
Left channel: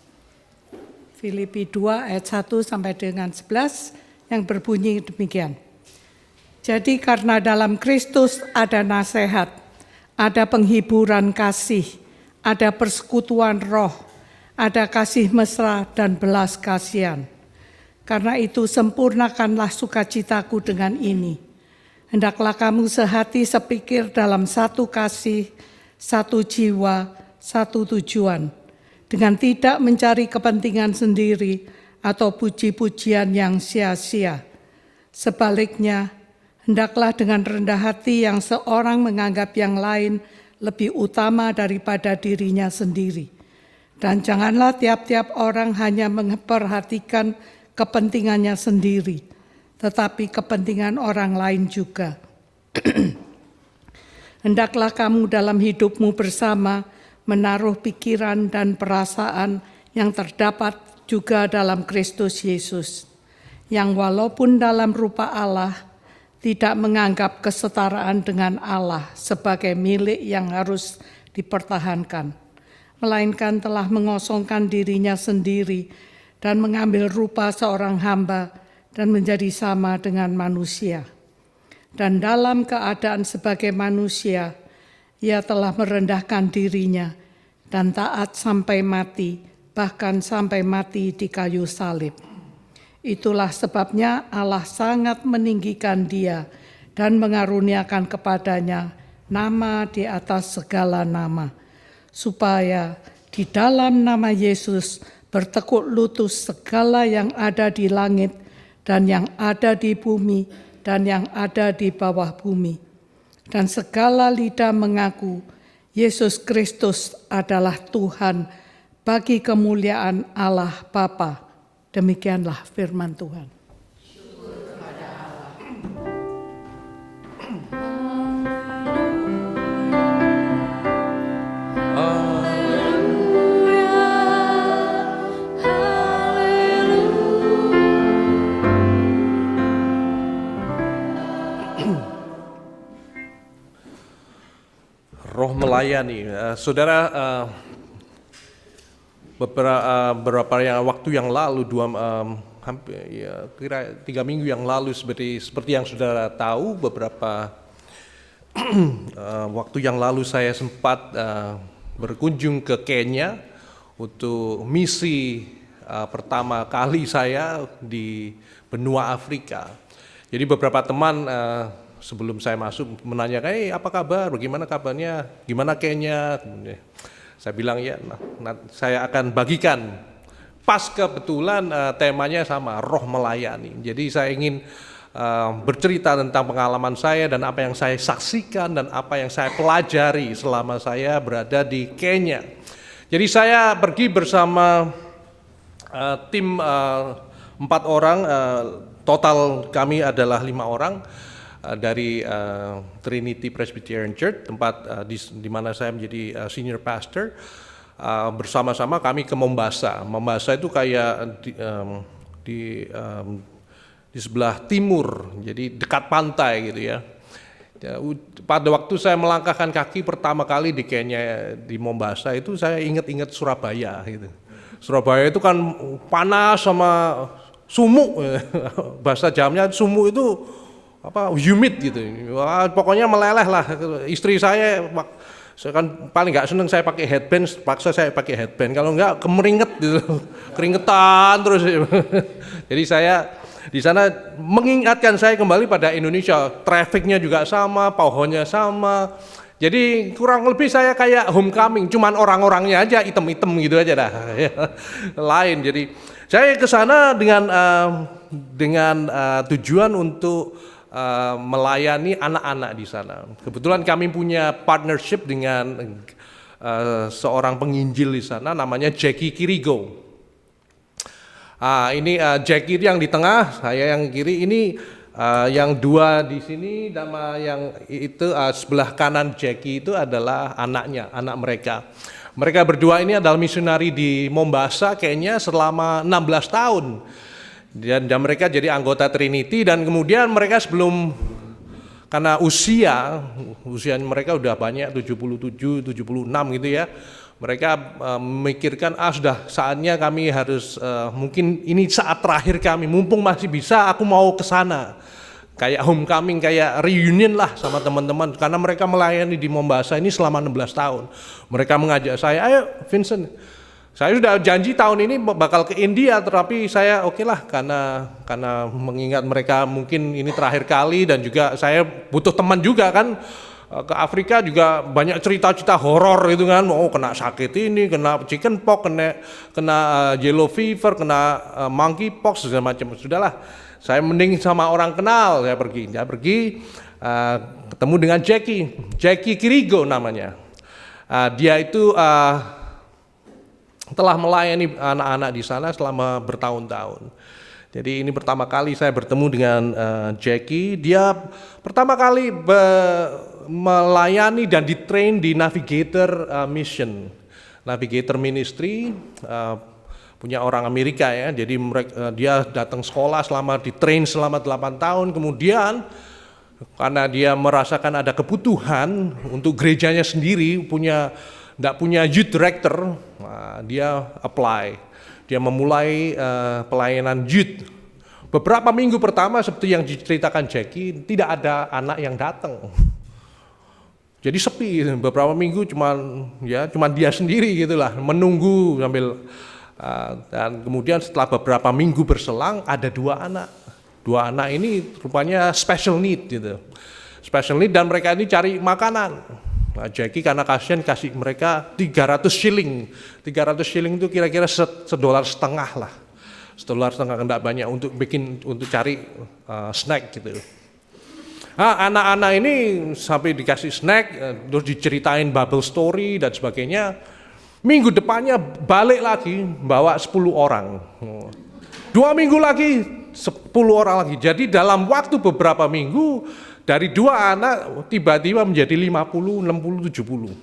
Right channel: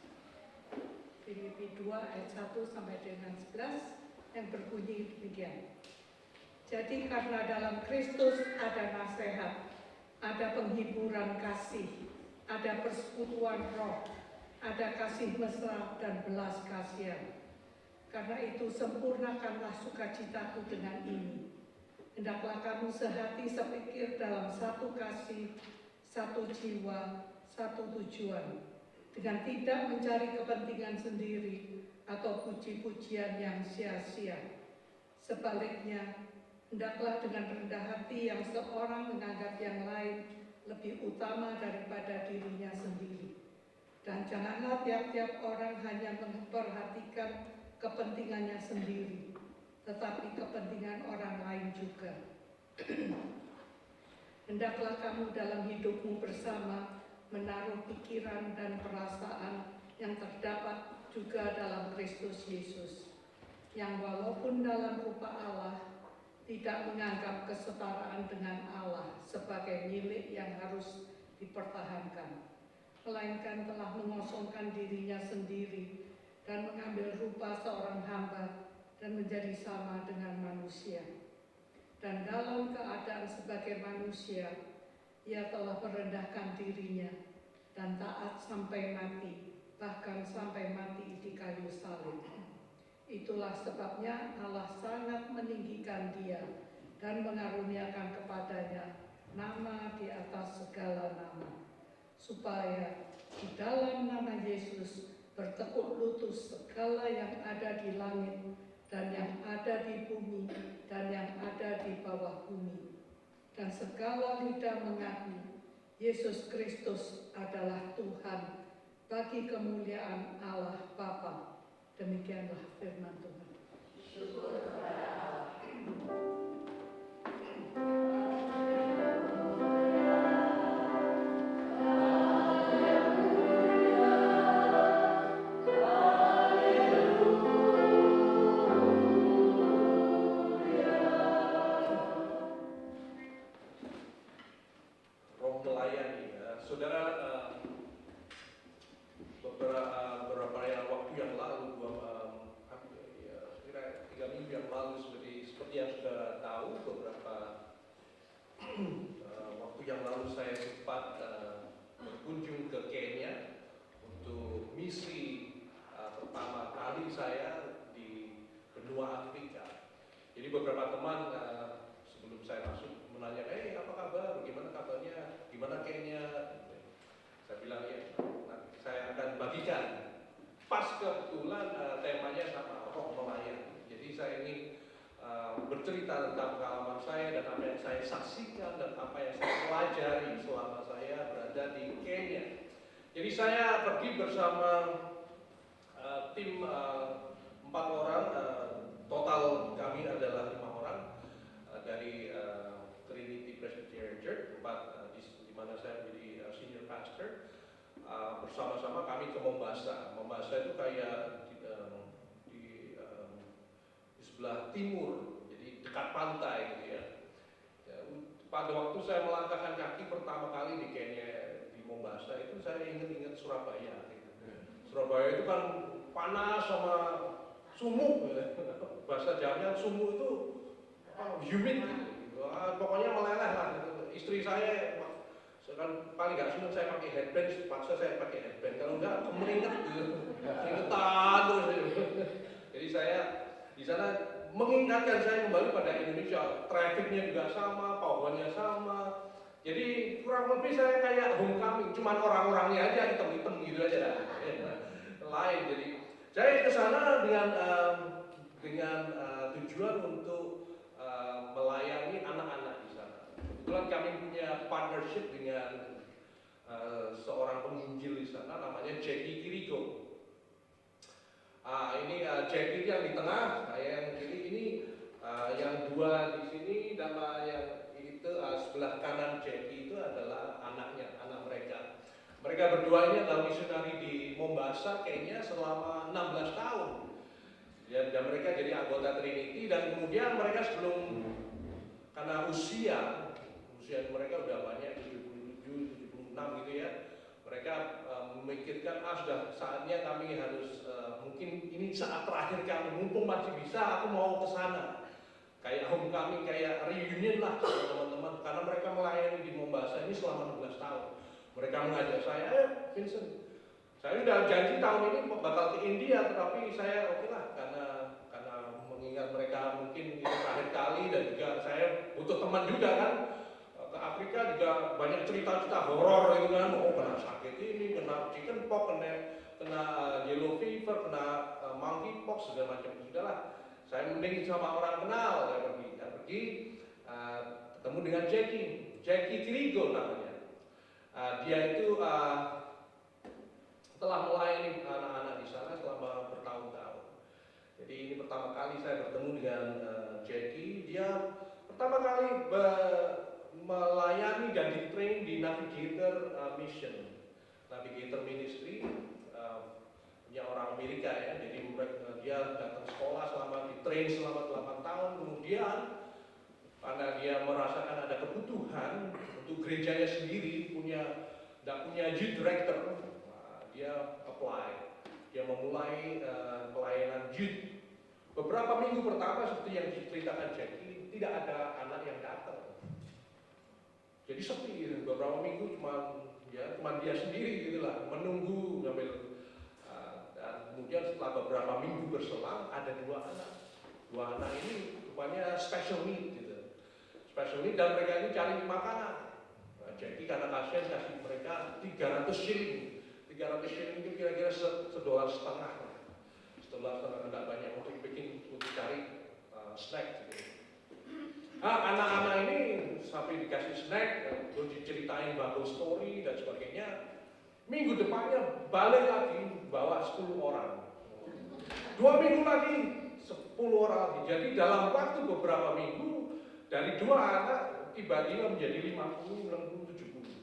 Filipi 2 ayat 1 sampai dengan 11 yang berbunyi demikian. Jadi karena dalam Kristus ada nasihat, ada penghiburan kasih, ada persekutuan roh, ada kasih mesra dan belas kasihan. Karena itu sempurnakanlah sukacitaku dengan ini. Hendaklah kamu sehati sepikir dalam satu kasih, satu jiwa, satu tujuan, dengan tidak mencari kepentingan sendiri atau puji-pujian yang sia-sia. Sebaliknya, hendaklah dengan rendah hati yang seorang menganggap yang lain lebih utama daripada dirinya sendiri. Dan janganlah tiap-tiap orang hanya memperhatikan kepentingannya sendiri, tetapi kepentingan orang lain juga. Hendaklah kamu dalam hidupmu bersama menaruh pikiran dan perasaan yang terdapat juga dalam Kristus Yesus, yang walaupun dalam rupa Allah, tidak menganggap kesetaraan dengan Allah sebagai milik yang harus dipertahankan, melainkan telah mengosongkan dirinya sendiri dan mengambil rupa seorang hamba dan menjadi sama dengan manusia. Dan dalam keadaan sebagai manusia, Ia telah merendahkan dirinya dan taat sampai mati, bahkan sampai mati di kayu salib. Itulah sebabnya Allah sangat meninggikan Dia dan mengaruniakan kepadanya nama di atas segala nama, supaya di dalam nama Yesus bertekuk lutut segala yang ada di langit dan yang ada di bumi dan yang ada di bawah bumi. Dan segala lidah mengaku Yesus Kristus adalah Tuhan bagi kemuliaan Allah Bapa. Demikianlah firman Tuhan. Roh melayani, saudara. Beberapa waktu yang lalu, hampir kira 3 minggu yang lalu, seperti yang saudara tahu, beberapa waktu yang lalu saya sempat berkunjung ke Kenya untuk misi pertama kali saya di benua Afrika. Jadi beberapa teman sebelum saya masuk menanyakan, apa kabar, bagaimana kabarnya, gimana Kenya. Saya bilang ya, saya akan bagikan. Pas kebetulan temanya sama, roh melayani. Jadi saya ingin bercerita tentang pengalaman saya dan apa yang saya saksikan dan apa yang saya pelajari selama saya berada di Kenya. Jadi saya pergi bersama tim 4 orang, total kami adalah 5 orang. Dari Trinity Presbyterian Church, tempat di mana saya menjadi senior pastor. Bersama-sama kami ke Mombasa. Mombasa itu kayak di sebelah timur, jadi dekat pantai gitu ya. Pada waktu saya melangkahkan kaki pertama kali di Kenya, di Mombasa, itu saya ingat-ingat Surabaya gitu. Surabaya itu kan panas sama sumuk, bahasa jamnya sumuk itu humid gitu. Wah, pokoknya meleleh lah. Istri saya kan paling nggak seneng saya pakai headband, paksa saya pakai headband. Kalau nggak kemeringet gitu, keringetan terus. Jadi saya Di sana mengingatkan saya kembali pada Indonesia, trafficnya juga sama, pohonnya sama. Jadi kurang lebih saya kayak homecoming, cuman orang-orangnya aja item-item gitu aja dah. Lain. Jadi saya ke sana dengan tujuan untuk melayani anak-anak di sana. Kebetulan kami punya partnership dengan seorang penginjil di sana, namanya Jackie Kirigo. Ini Jackie yang di tengah, saya yang kiri. Ini yang dua di sini, nama yang itu sebelah kanan Jackie itu adalah anaknya, anak mereka. Mereka berdua ini adalah misionari di Mombasa kayaknya selama 16 tahun. Dan mereka jadi anggota Trinity, dan kemudian mereka karena usia mereka udah banyak, 77, 76 gitu ya. Mereka memikirkan sudah saatnya kami harus, mungkin ini saat terakhir kami, mumpung masih bisa, aku mau ke sana. Kayak homecoming, kayak reunion lah sama teman-teman, karena mereka melayani di Mombasa ini selama 16 tahun. Mereka mengajak saya, ayo Vincent, saya sudah janji tahun ini bakal ke India, tetapi saya oke lah, karena mengingat mereka mungkin ini terakhir kali, dan juga saya butuh teman juga kan. Ke Afrika juga banyak cerita-cerita horor gitu kan, kena sakit ini, kena chicken pox, kena yellow fever, kena monkey pox segala macam. Sudahlah, saya mending sama orang kenal, saya pergi ketemu dengan Jackie Kirigo namanya. Dia itu telah melayani anak-anak di sana selama bertahun-tahun. Jadi ini pertama kali saya bertemu dengan Jackie. Dia pertama kali melayani dan ditrain di Navigator Mission, Navigator Ministry, punya orang Amerika ya. Jadi dia datang sekolah ditrain selama 8 tahun. Kemudian karena dia merasakan ada kebutuhan untuk gerejanya sendiri, tidak punya youth director, dia apply. Dia memulai pelayanan youth. Beberapa minggu pertama seperti yang diceritakan Jackie, tidak ada anak yang datang. Jadi sepi, beberapa minggu cuman dia sendiri gitulah, menunggu sambil dan kemudian setelah beberapa minggu berselang ada dua anak ini rupanya special need gitu, special need, dan mereka ini cari makanan. Jackie karena kasihan kasih mereka 300 shilling itu kira-kira $1.50 lah, $1.50 enggak banyak untuk cari snack gitu. Anak-anak ini sampai dikasih snack, terus diceritain Bible story dan sebagainya. Minggu depannya balik lagi bawa 10 orang. 2 minggu lagi 10 orang lagi. Jadi dalam waktu beberapa minggu dari 2 anak tiba-tiba menjadi 50, 60, 70.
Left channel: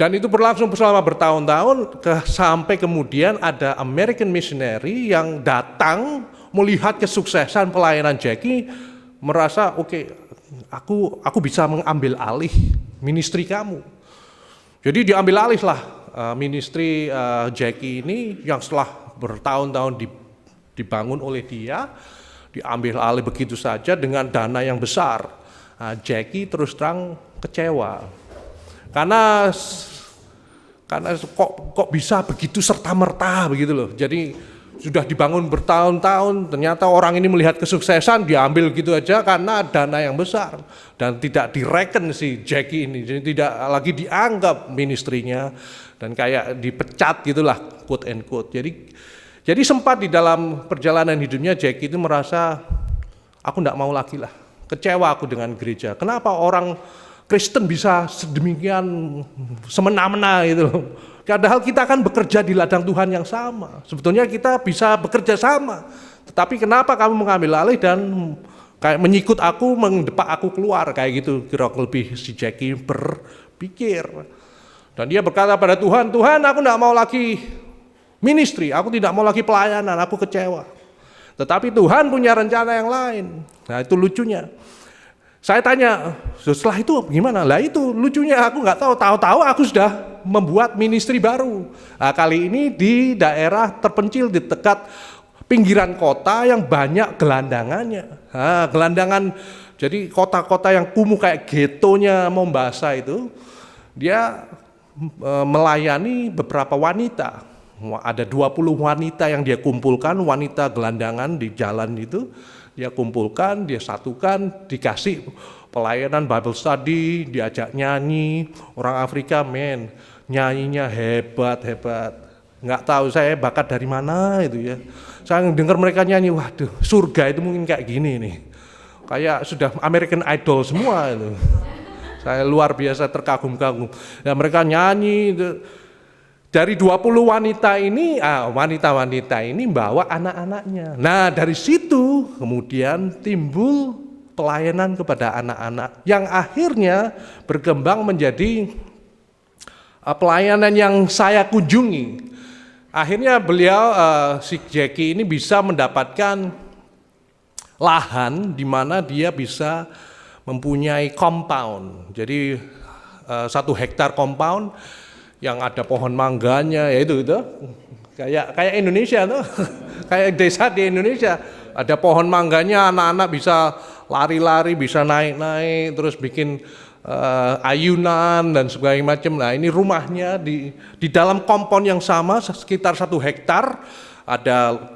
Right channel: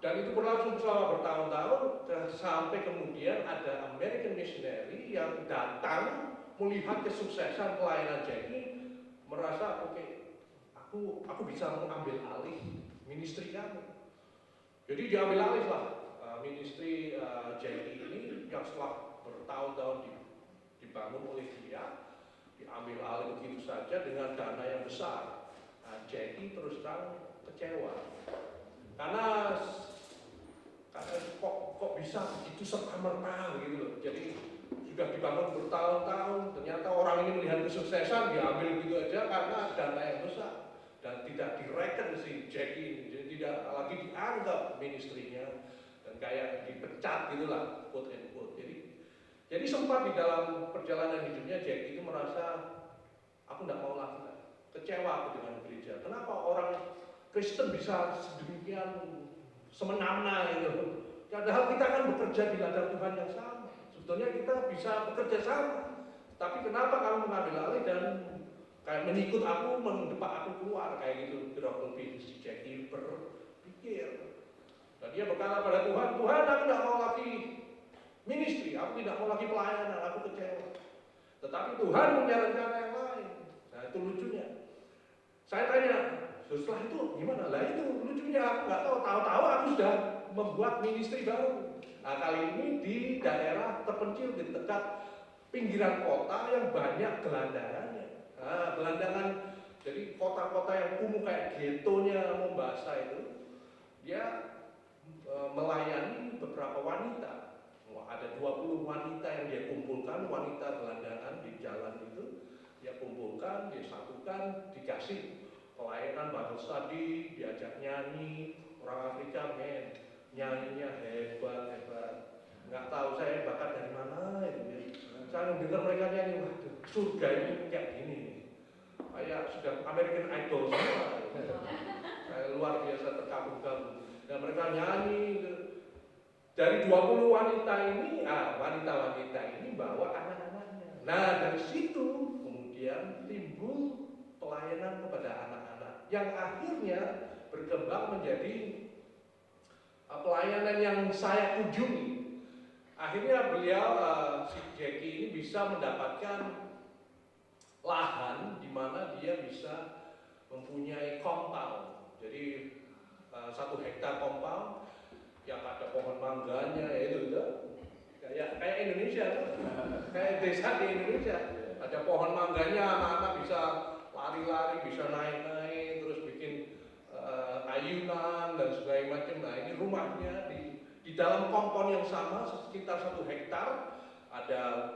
Dan itu berlangsung selama bertahun-tahun sampai kemudian ada American missionary yang datang melihat kesuksesan pelayanan Jackie, merasa oke, aku bisa mengambil alih ministry kamu. Jadi diambil alih lah ministry Jackie ini yang setelah bertahun-tahun dibangun oleh dia, diambil alih begitu saja dengan dana yang besar. Jackie terus terang kecewa karena kok bisa begitu serta-merta begitu loh. Jadi sudah dibangun bertahun-tahun, ternyata orang ini melihat kesuksesan diambil gitu aja karena dana yang besar, dan tidak direken si Jackie ini, jadi tidak lagi dianggap ministrinya, dan kayak dipecat gitulah, quote and quote. Jadi sempat di dalam perjalanan hidupnya Jackie itu merasa aku tidak mau lagi lah, kecewa aku dengan gereja. Kenapa orang Kristen bisa sedemikian semena-mena gitu loh. Padahal kita kan bekerja di ladang Tuhan yang sama. Sebetulnya kita bisa bekerja sama. Tetapi kenapa kamu mengambil alih dan kayak menyikut aku, mendepak aku keluar, kayak gitu kira lebih si Jackie berpikir. Dan dia berkata pada Tuhan, Tuhan aku tidak mau lagi ministry, aku tidak mau lagi pelayanan, aku kecewa. Tetapi Tuhan punya rencana yang lain. Nah itu lucunya. Saya tanya, setelah itu gimana? Lah itu lucunya aku nggak tahu aku sudah membuat ministry baru. Nah, kali ini di daerah terpencil di dekat pinggiran kota yang banyak gelandangannya. Nah, gelandangan, jadi kota-kota yang kumuh kayak getonya Mombasa itu, dia melayani beberapa wanita. Ada 20 wanita yang dia kumpulkan, wanita gelandangan di jalan itu, dia kumpulkan, dia satukan, dikasih pelayanan Bible study, diajak nyanyi. Orang Afrika nyanyinya hebat. Nggak tahu saya bakat dari mana itu ya. Saya dengar mereka nyanyi, waduh surga itu mungkin kayak gini nih. Kayak sudah American Idol semua itu. Saya luar biasa terkagum-kagum. Ya, mereka nyanyi itu. Dari 20 wanita ini, wanita-wanita ini bawa anak-anaknya. Nah dari situ kemudian timbul pelayanan kepada anak-anak yang akhirnya berkembang menjadi pelayanan yang saya kunjungi. Akhirnya beliau, si Jackie ini bisa mendapatkan lahan di mana dia bisa mempunyai compound. Jadi 1 hektar compound yang ada pohon mangganya, ya itu kayak Indonesia tuh, kayak desa di Indonesia, ada pohon mangganya, anak-anak bisa lari-lari, bisa naik-naik, terus bikin ayunan dan sebagainya macam. Nah ini rumahnya di dalam kompon yang sama sekitar 1 hektar, ada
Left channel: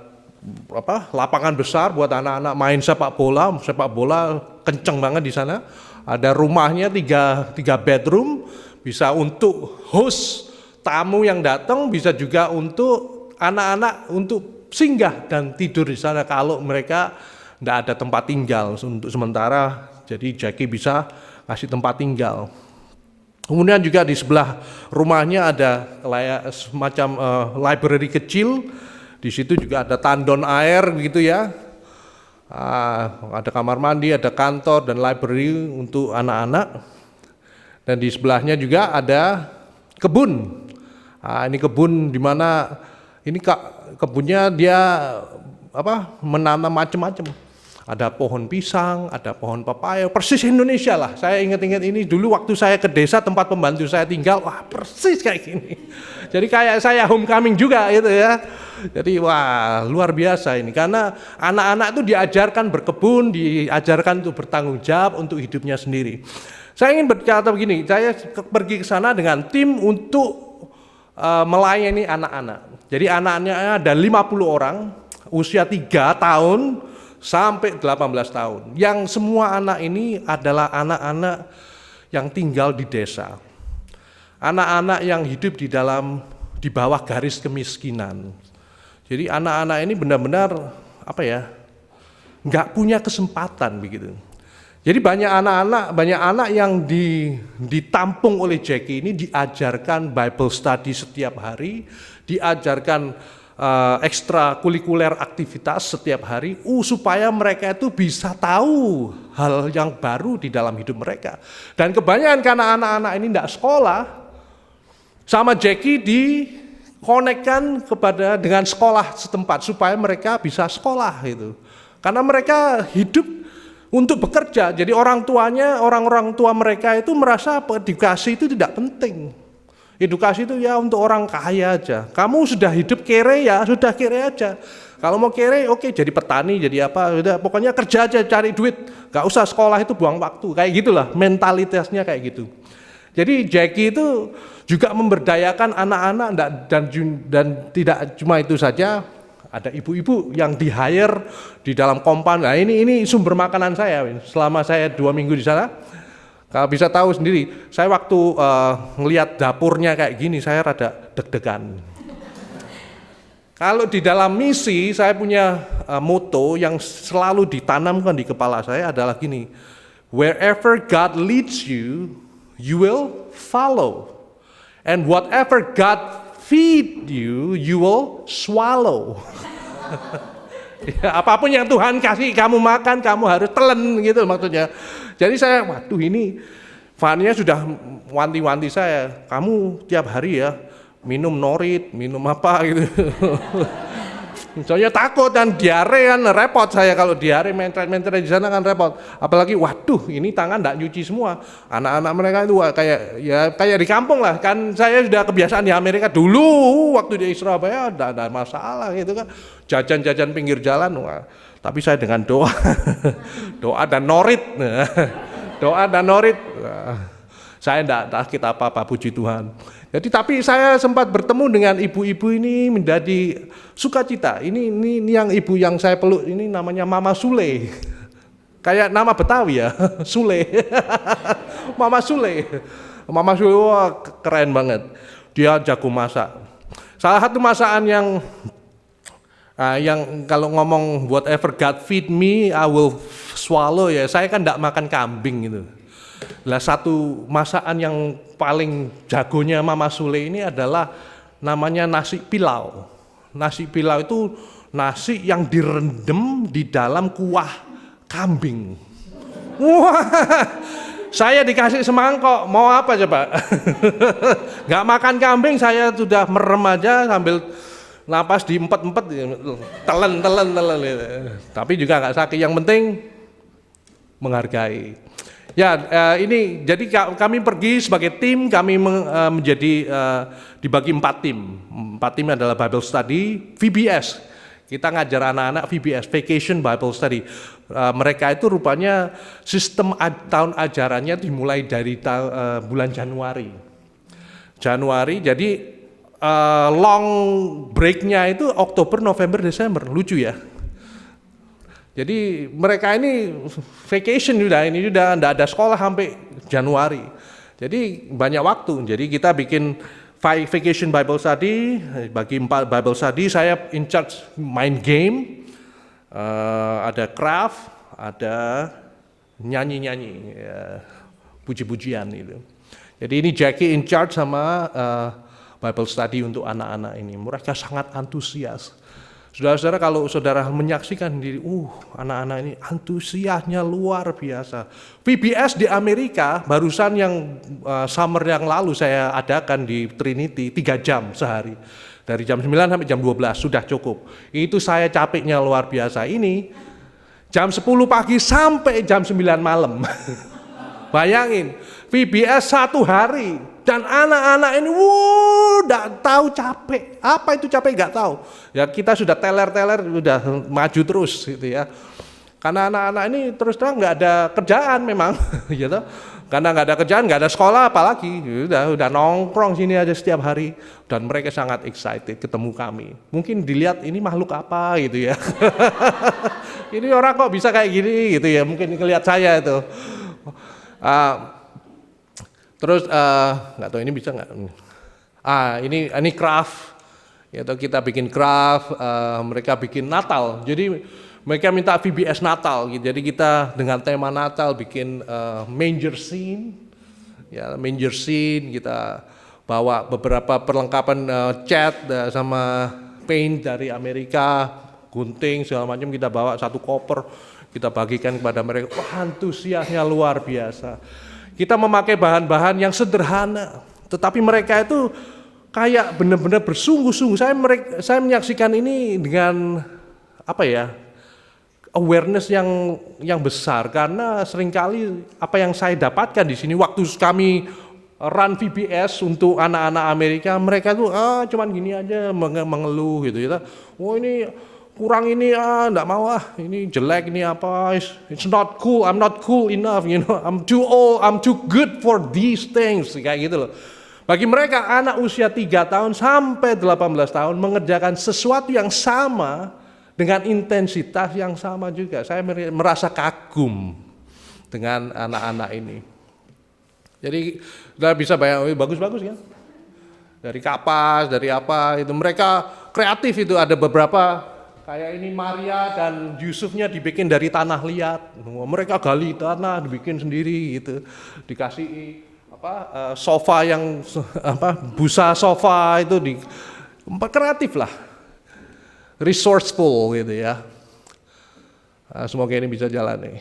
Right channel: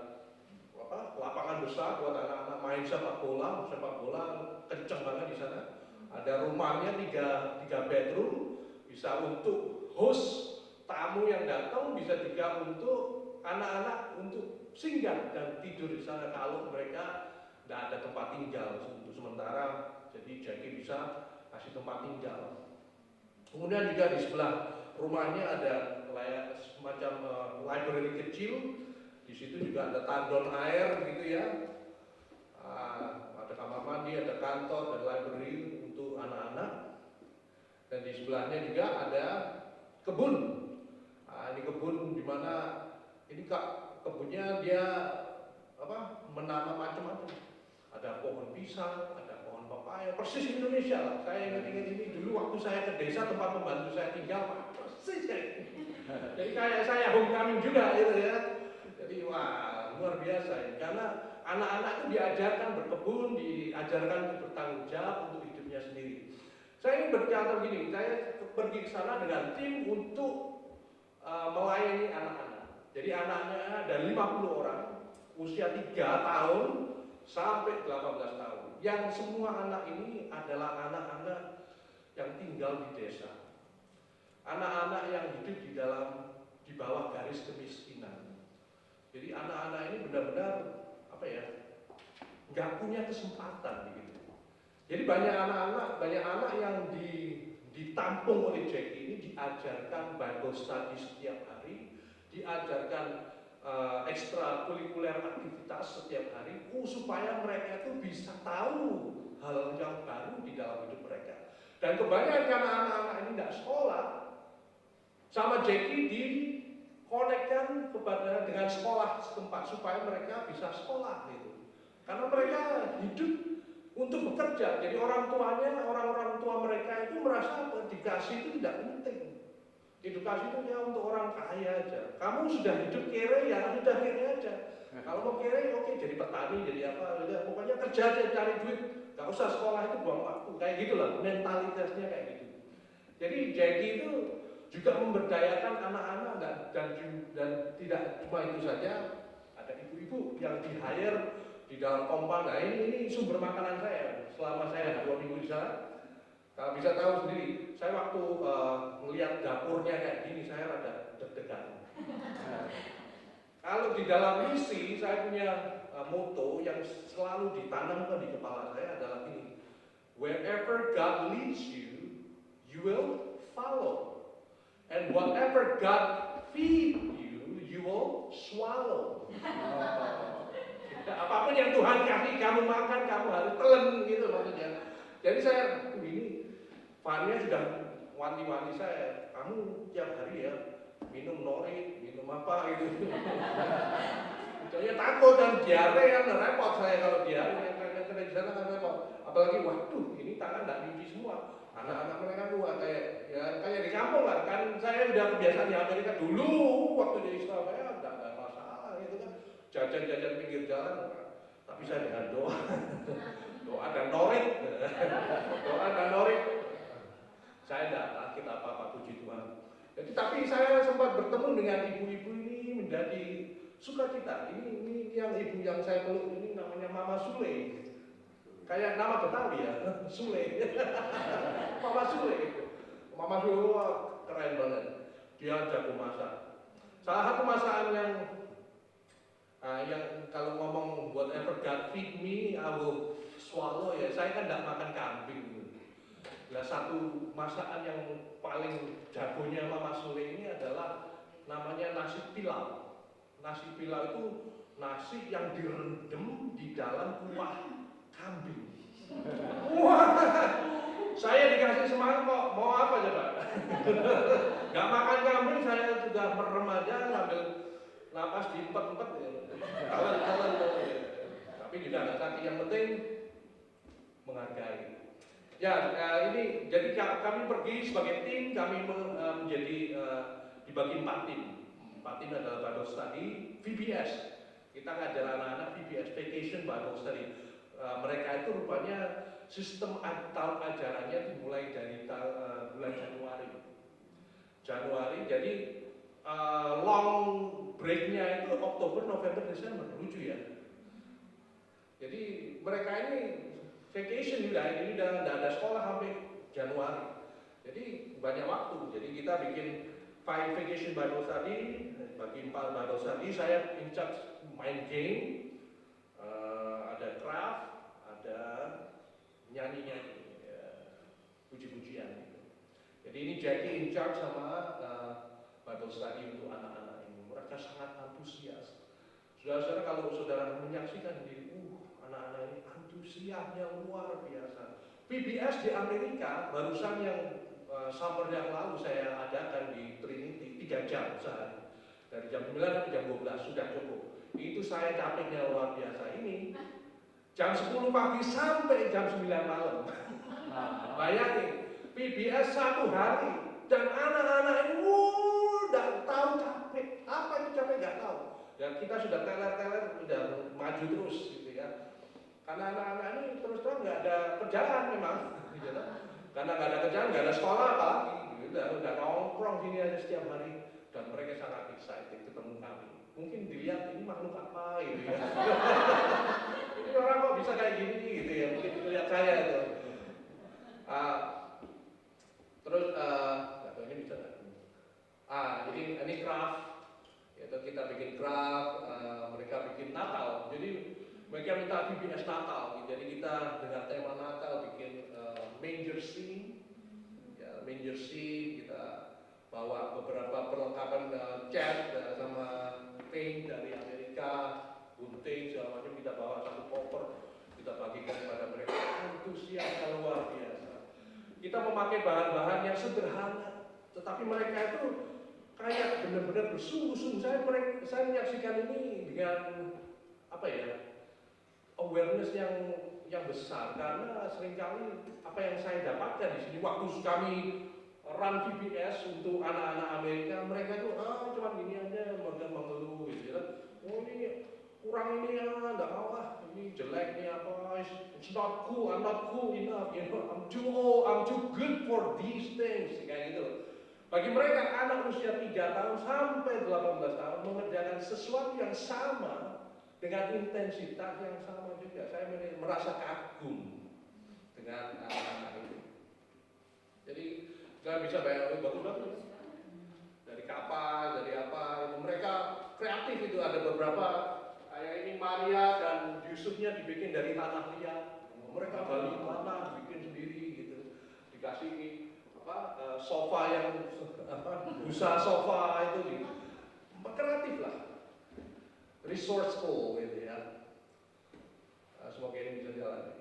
lapangan besar buat anak-anak main sepak bola kenceng banget di sana. Ada rumahnya 3 bedroom. Bisa untuk host tamu yang datang, bisa juga untuk anak-anak untuk singgah dan tidur di sana kalau mereka tidak ada tempat tinggal untuk sementara. Jadi Jackie bisa kasih tempat tinggal. Kemudian juga di sebelah rumahnya ada kayak semacam library kecil. Di situ juga ada tandon air gitu ya. Ada kamar mandi, ada kantor dan library untuk anak-anak. Dan di sebelahnya juga ada kebun. Ini kebun di mana ini kebunnya dia menanam macam-macam. Ada pohon pisang, ada pohon pepaya, persis Indonesia lah. Saya ingat-ingat ini dulu waktu saya ke desa tempat pembantu saya tinggal, wah persis kayak gini. Jadi kayak saya homecoming juga gitu ya. Jadi wah luar biasa ini, karena anak-anak itu diajarkan berkebun, diajarkan untuk bertanggung jawab untuk hidupnya sendiri. Saya ingin berkata begini, saya pergi ke sana dengan tim untuk melayani anak-anak. Jadi anak-anaknya ada 50 orang, usia 3 tahun sampai 18 tahun. Yang semua anak ini adalah anak-anak yang tinggal di desa. Anak-anak yang hidup di bawah garis kemiskinan. Jadi anak-anak ini benar-benar nggak punya kesempatan begitu. Jadi banyak anak yang ditampung oleh Jackie ini diajarkan Bible study setiap hari, diajarkan ekstrakurikuler aktivitas setiap hari, supaya mereka itu bisa tahu hal yang baru di dalam hidup mereka. Dan kebanyakan karena anak-anak ini tidak sekolah, sama Jackie dikonekkan dengan sekolah setempat supaya mereka bisa sekolah itu. Karena mereka hidup untuk bekerja, jadi orang tua mereka itu merasa edukasi itu tidak penting. Edukasi itu ya untuk orang kaya aja. Kamu sudah hidup kere ya, sudah kere aja. Kalau mau kere, oke, jadi petani, jadi apa, udah pokoknya kerja aja cari duit. Gak usah sekolah itu buang waktu, kayak gitulah mentalitasnya kayak gitu. Jadi Jackie itu juga memberdayakan anak-anak dan tidak cuma itu saja. Ada ibu-ibu yang di-hire di dalam kompan. Nah ini sumber makanan saya selama saya 2 minggu di sana. Kalau bisa tahu sendiri, saya waktu ngelihat dapurnya kayak gini, saya rada deg-degan. Kalau di dalam misi, saya punya moto yang selalu ditanamkan di kepala saya adalah gini, wherever God leads you, you will follow. And whatever God feed you, you will swallow. Ya, apapun yang Tuhan kasih kamu makan, kamu harus telan gitu maksudnya. Jadi saya, waduh ini Fania sudah wanti-wanti saya, kamu tiap hari ya minum norit, minum apa gitu. Soalnya takut dan diare kan repot saya, kalau diare mentret-mentret di sana kan repot. Apalagi waduh ini tangan enggak nyuci semua. Anak-anak mereka itu kayak di kampung lah. Kan saya sudah kebiasaan di Amerika dulu waktu di Surabaya ada masalah gitu kan. Jajan-jajan pinggir jalan. Wah. Tapi saya dengan doa. Doa dan norit. Doa dan norit. Saya tidak sakit apa-apa, puji Tuhan. Jadi tapi saya sempat bertemu dengan ibu-ibu ini menjadi sukacita. Ini yang ibu yang saya peluk ini namanya Mama Sule. Kayak nama Betawi ya, Sule. Mama Sule. Mama Sule, wah keren banget. Dia jago masak. Salah satu masakan yang kalau ngomong whatever God feed me, I will swallow ya. Saya kan tidak makan kambing gitu. Lah satu masakan yang paling jagonya Mama Sule ini adalah namanya nasi pilau. Nasi pilau itu nasi yang direndam di dalam kuah kambing. Wah, saya dikasih semangkok, mau apa coba? Gak makan kambing, saya sudah merem aja sambil napas diempet-empet, telan. Tapi juga gak sakit, yang penting menghargai. Ya, ini jadi kami pergi sebagai tim, kami menjadi dibagi 4 tim. 4 tim adalah Bible Study, VBS. Kita ngajar anak-anak VBS, Vacation Bible Study. Mereka itu rupanya sistem tahun ajarannya dimulai dari bulan Januari. Jadi long break-nya itu Oktober, November, Desember. Lucu ya. Jadi mereka ini vacation ini sudah tidak ada sekolah sampai Januari. Jadi banyak waktu. Jadi kita bikin vacation Bible study, bagi 4 Bible study, saya in charge main game, ada craft, ada nyanyi-nyanyi, ya, puji-pujian itu. Jadi ini Jackie in charge sama Bible study untuk anak-anak ini. Mereka sangat antusias. Saudara-saudara, kalau saudara menyaksikan diri, anak-anak ini antusiasnya luar biasa. VBS di Amerika, barusan yang summer yang lalu saya adakan di Trinity, 3 jam sehari. Dari jam 9 sampai jam 12, sudah cukup. Itu saya capeknya luar biasa. Ini jam 10 pagi sampai jam 9 malam. Bayangin, VBS 1 hari. Dan anak-anak ini, nggak tahu capek. Apa itu capek nggak tahu. Ya kita sudah teler-teler, sudah maju terus gitu ya. Karena anak-anak ini terus terang nggak ada kerjaan memang, gitu. Karena nggak ada kerjaan, nggak ada sekolah, apalagi udah nongkrong sini aja setiap hari. Dan mereka sangat excited ketemu kami. Mungkin dilihat ini makhluk apa gitu ya. Ini orang kok bisa kayak gini gitu ya. Mungkin ngelihat saya itu. Terus nggak tahu ini bisa nggak? Ini craft, ya kita bikin craft, mereka bikin Natal. Jadi mereka minta VBS Natal, gitu. Jadi kita dengan tema Natal bikin manger scene, ya manger scene. Kita bawa beberapa perlengkapan cat sama paint dari Amerika, gunting segala macam kita bawa 1 koper, kita bagikan kepada mereka. Wah, antusiasnya luar biasa. Kita memakai bahan-bahan yang sederhana, tetapi mereka itu kayak benar-benar bersungguh-sungguh. Saya menyaksikan ini dengan awareness yang besar, karena seringkali apa yang saya dapatkan di sini waktu kami run VBS untuk anak-anak Amerika, mereka tuh cuman gini aja mengeluh gitu ya. Ini kurang ini enggak mau ini jelek ini apa, it's not cool, I'm not cool enough, I'm too old, I'm too good for these things, kayak gitu loh. Bagi mereka anak usia 3 tahun sampai 18 tahun mengerjakan sesuatu yang sama dengan intensitas yang sama juga. Saya merasa kagum dengan anak-anak ini. Jadi udah bisa bayang, bagus-bagus kan? Dari kapas, dari apa itu mereka kreatif itu, ada beberapa kayak ini Maria dan Yusufnya dibikin dari tanah liat. Mereka gali tanah, dibikin sendiri gitu. Dikasih sofa yang busa sofa itu kreatif lah. Resourceful gitu ya. Semoga ini bisa jalan nih.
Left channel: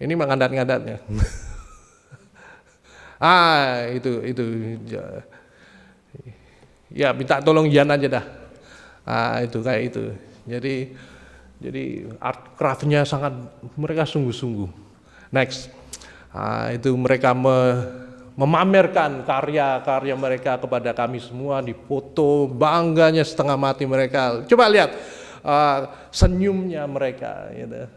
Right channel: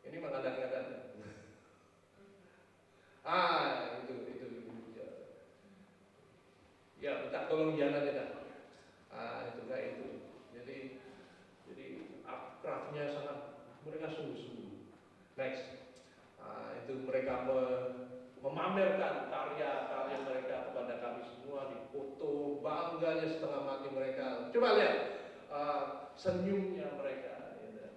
Ini mengadat-ngadat ya. Itu. Ya minta tolong Yan aja dah. Itu kayak itu. Jadi art craft-nya sangat mereka sungguh-sungguh. Next. Itu mereka memamerkan karya-karya mereka kepada kami semua, dipoto, bangganya setengah mati mereka. Coba lihat senyumnya mereka. Gitu.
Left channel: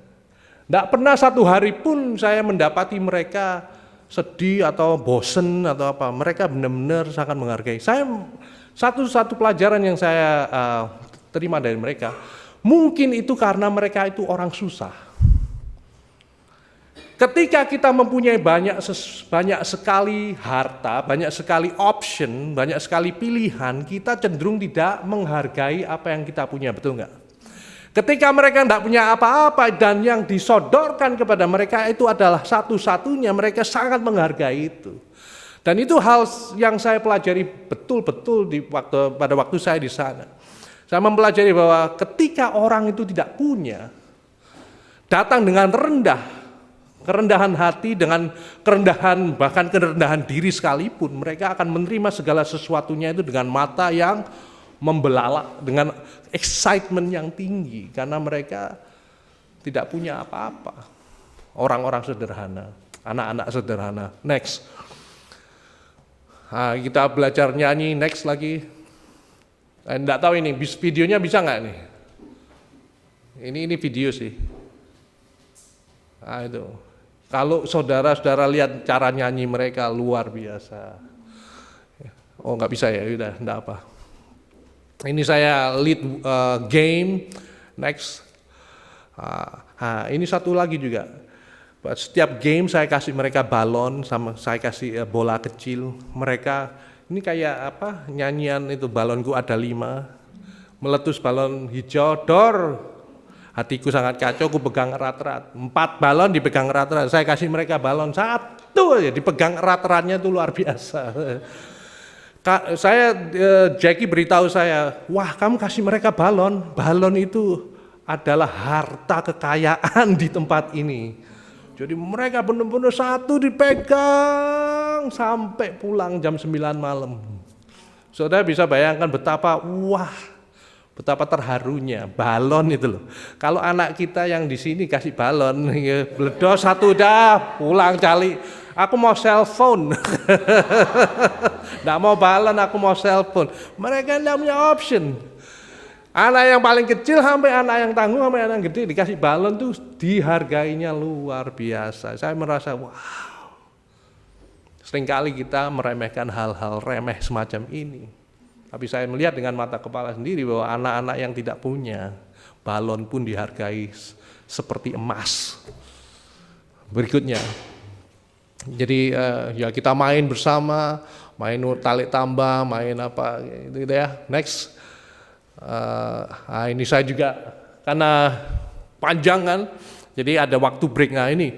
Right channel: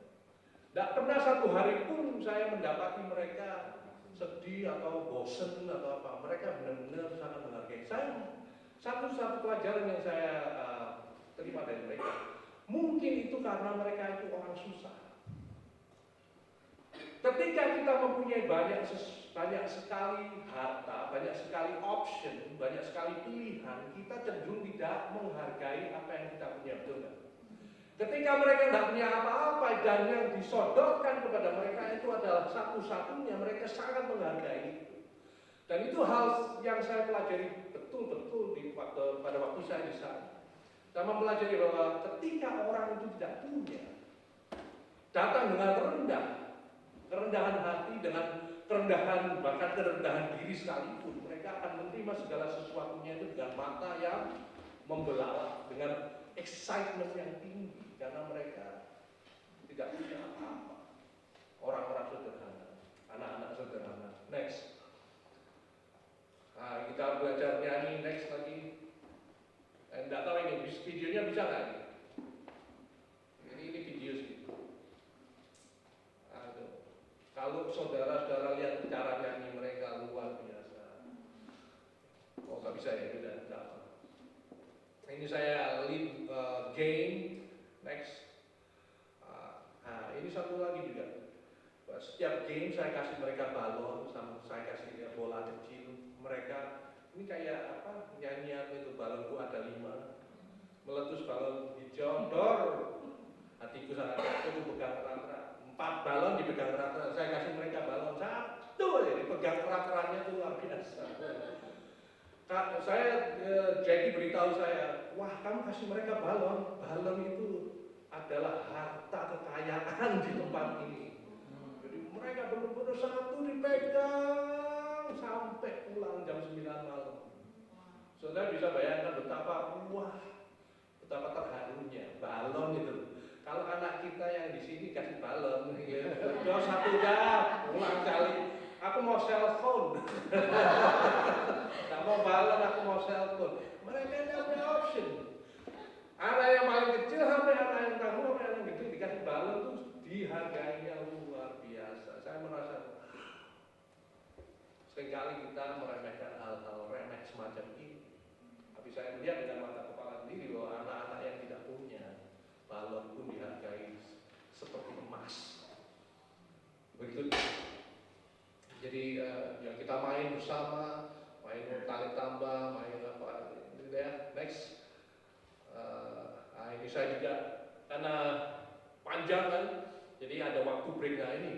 Nggak pernah 1 hari pun saya mendapati mereka sedih atau bosen atau apa, mereka benar-benar sangat menghargai. Saya satu pelajaran yang saya terima dari mereka, mungkin itu karena mereka itu orang susah. Ketika kita mempunyai banyak sekali harta, banyak sekali option, banyak sekali pilihan, kita cenderung tidak menghargai apa yang kita punya, betul nggak? Ketika mereka tidak punya apa-apa dan yang disodorkan kepada mereka itu adalah satu-satunya, mereka sangat menghargai itu. Dan itu hal yang saya pelajari betul-betul pada waktu saya di sana. Saya mempelajari bahwa ketika orang itu tidak punya, datang dengan kerendahan hati, dengan kerendahan, bahkan kerendahan diri sekalipun, mereka akan menerima segala sesuatunya itu dengan mata yang membelalak, dengan excitement yang tinggi, karena mereka tidak punya apa-apa. Orang-orang sederhana, anak-anak sederhana. Next. Nah, kita belajar nyanyi, next lagi. Enggak tahu ini videonya bisa nggak nih? Ini video sih. Nah, itu. Kalau saudara-saudara lihat cara nyanyi mereka luar biasa. Oh nggak bisa ya, udah enggak apa. Ini saya lead game, next. Ini satu lagi juga. Setiap game saya kasih mereka balon, sama saya kasih bola kecil. Mereka ini kayak apa? Nyanyian itu balonku ada 5, meletus balon hijau, dor. Hatiku sangat kacau, aku pegang erat-erat. 4 balon dipegang erat-erat. Saya kasih mereka balon 1 aja, dipegang erat-eratnya itu luar biasa. Jackie beritahu saya, wah kamu kasih mereka balon. Balon itu adalah harta kekayaan di tempat ini. Jadi mereka benar-benar satu dipegang sampai pulang jam 9 malam. Saudara bisa bayangkan betapa terharunya balon itu loh. Kalau anak kita yang di sini kasih balon, bledos satu dah, pulang cali. Aku mau cellphone. Nggak mau balon, aku mau cellphone. Mereka nggak punya option. Anak yang paling kecil sampai anak yang tangguh sampai anak yang gede dikasih balon tuh dihargainya luar biasa. Saya merasa wow. Seringkali kita meremehkan hal-hal remeh semacam ini. Tapi saya melihat dengan mata kepala sendiri bahwa anak-anak yang tidak punya balon pun dihargai seperti emas. Berikutnya, jadi ya kita main bersama, main tarik tambah, main apa gitu ya. Next, ini saya juga karena panjang kan, jadi ada waktu break. Nah ini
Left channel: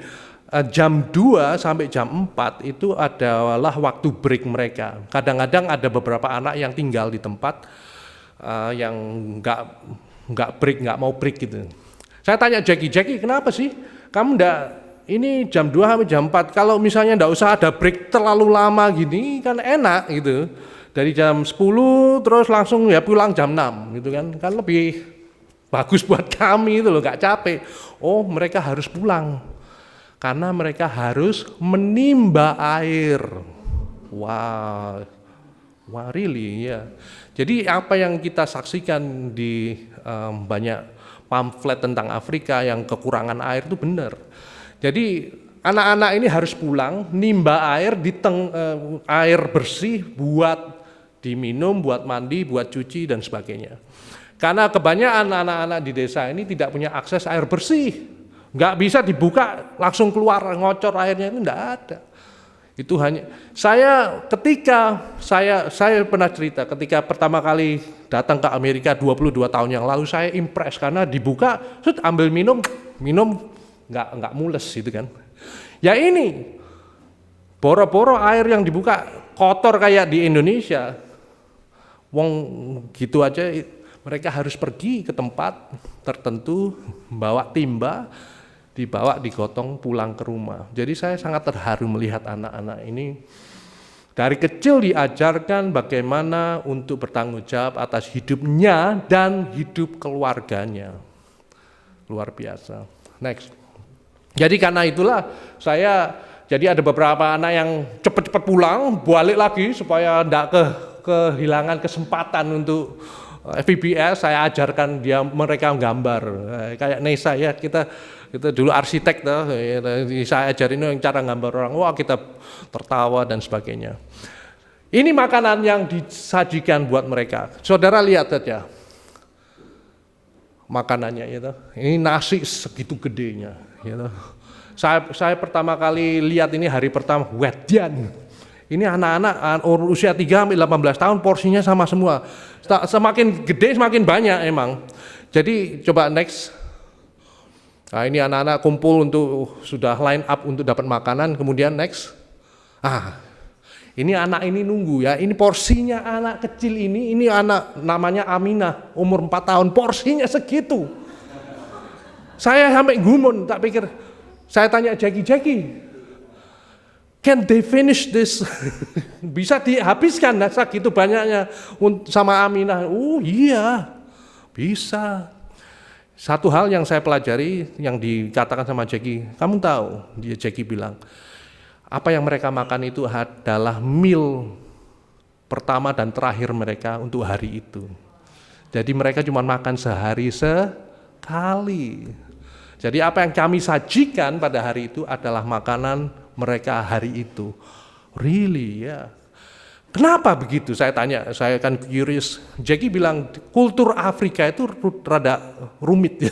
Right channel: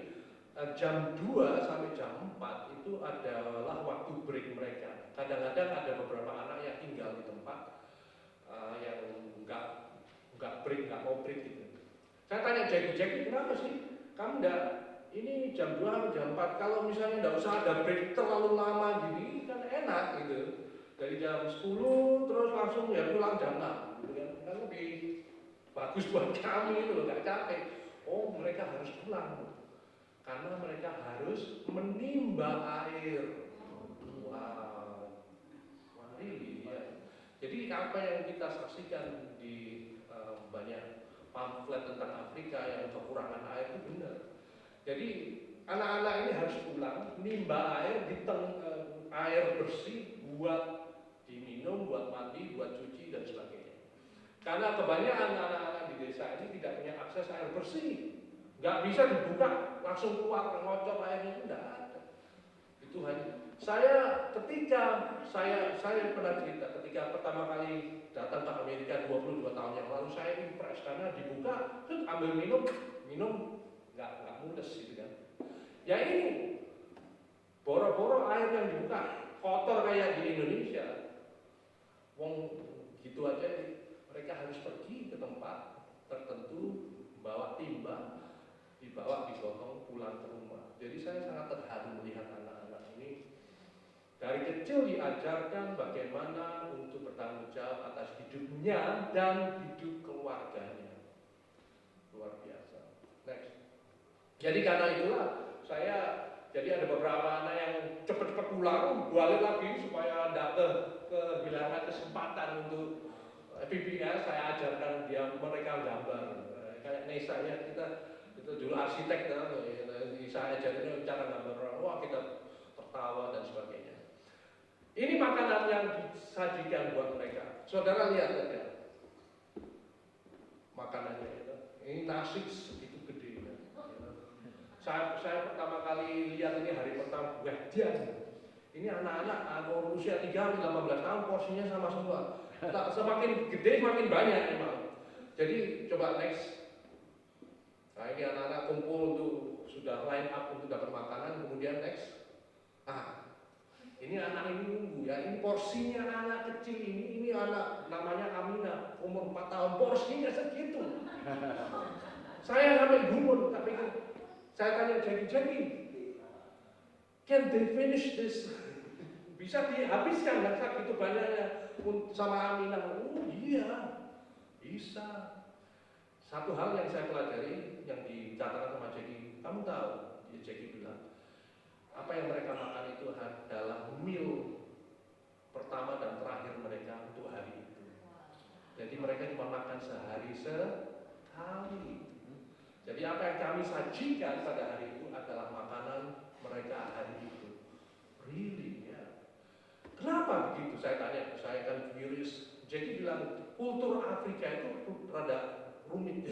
jam 2 sampai jam 4 itu adalah waktu break mereka. Kadang-kadang ada beberapa anak yang tinggal di tempat yang nggak mau break gitu. Saya tanya Jackie, kenapa sih kamu ini jam 2 sampai jam 4, kalau misalnya nggak usah ada break terlalu lama gini kan enak gitu. Dari jam 10 terus langsung ya pulang jam 6 gitu kan lebih bagus buat kami itu loh, nggak capek. Oh mereka harus pulang. Karena mereka harus menimba air. Wah, really ya. Jadi apa yang kita saksikan di banyak pamflet tentang Afrika yang kekurangan air itu benar. Jadi anak-anak ini harus pulang, nimba air air bersih buat diminum, buat mandi, buat cuci dan sebagainya. Karena kebanyakan anak-anak di desa ini tidak punya akses air bersih. Nggak bisa dibuka langsung keluar ngocor airnya, itu nggak ada. Itu hanya saya pernah cerita ketika pertama kali datang ke Amerika 22 tahun yang lalu, saya impress karena dibuka, ambil minum nggak mules gitu kan. Ya ini boro-boro air yang dibuka kotor kayak di Indonesia. Wong gitu aja mereka harus pergi ke tempat tertentu, bawa timba, dibawa digotong pulang ke rumah. Jadi saya sangat terharu melihat anak-anak ini dari kecil diajarkan bagaimana untuk bertanggung jawab atas hidupnya dan hidup keluarganya. Luar biasa. Next. Jadi karena itulah jadi ada beberapa anak yang cepat-cepat pulang, balik lagi supaya tidak kehilangan kesempatan untuk VBS. Saya ajarkan mereka gambar kayak Nesa ya, kita Itu dulu arsitek tuh, saya ajarin yang cara gambar orang, wah kita tertawa dan sebagainya. Ini makanan yang disajikan buat mereka. Saudara lihat saja makanannya, gitu. Ini nasi segitu gedenya. Gitu. Saya pertama kali lihat ini hari pertama, wedian. Ini anak-anak usia 3-18 tahun porsinya sama semua. Semakin gede semakin banyak emang. Jadi coba next. Nah ini anak-anak kumpul untuk sudah line up untuk dapat makanan, kemudian next. Ini anak ini nunggu ya, ini porsinya anak kecil ini anak namanya Aminah, umur 4 tahun, porsinya segitu. Saya sampai gumun, tak pikir, saya tanya Jackie, can they finish this? Bisa dihabiskan segitu banyaknya sama Aminah? Iya, bisa. Satu hal yang saya pelajari, yang dikatakan sama Jackie, kamu tahu, Jackie bilang, apa yang mereka makan itu adalah meal pertama dan terakhir mereka untuk hari itu. Jadi mereka cuma makan sehari sekali. Jadi apa yang kami sajikan pada hari itu adalah makanan mereka hari itu. Really ya. Kenapa begitu? Saya tanya, saya kan curious. Jackie bilang kultur Afrika itu rada rumit.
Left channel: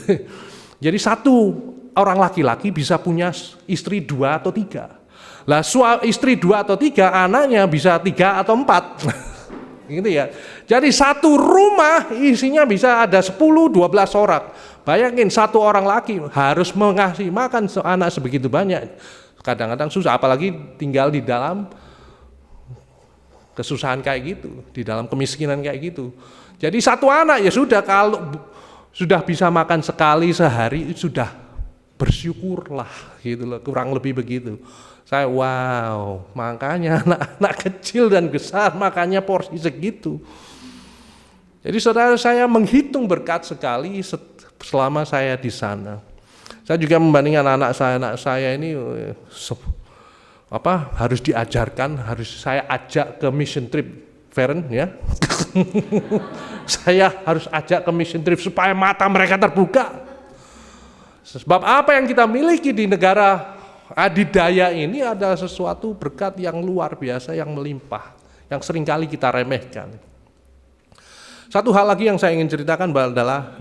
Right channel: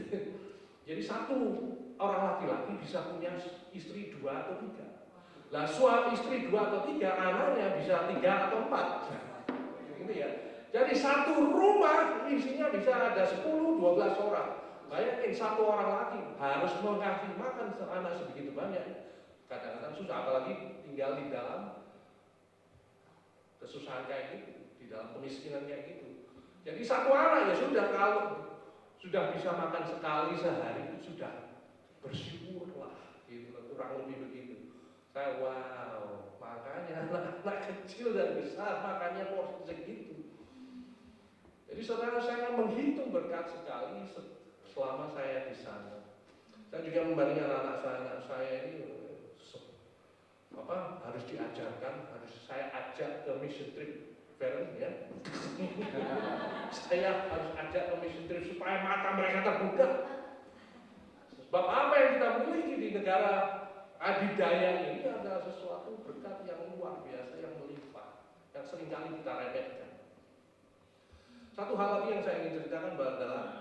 Jadi satu orang laki-laki bisa punya istri 2 atau 3. Lah istri 2 atau 3, anaknya bisa 3 atau 4. Gitu ya. Jadi satu rumah isinya bisa ada 10-12 orang. Bayangin satu orang laki harus mengasih makan anak sebegitu banyak. Kadang-kadang susah, apalagi tinggal di dalam kesusahan kayak gitu, di dalam kemiskinan kayak gitu. Jadi satu anak ya sudah, kalau sudah bisa makan sekali sehari sudah bersyukurlah gitu loh, kurang lebih begitu. Saya wow, makanya anak-anak kecil dan besar makannya porsi segitu. Jadi saudara, saya menghitung berkat sekali selama saya di sana. Saya juga membandingkan anak saya ini harus diajarkan, harus saya ajak ke mission trip, Feren ya. Saya harus ajak ke mission trip supaya mata mereka terbuka. Sebab apa yang kita miliki di negara adidaya ini adalah sesuatu berkat yang luar biasa, yang melimpah, yang seringkali kita remehkan. Satu hal lagi yang saya ingin ceritakan adalah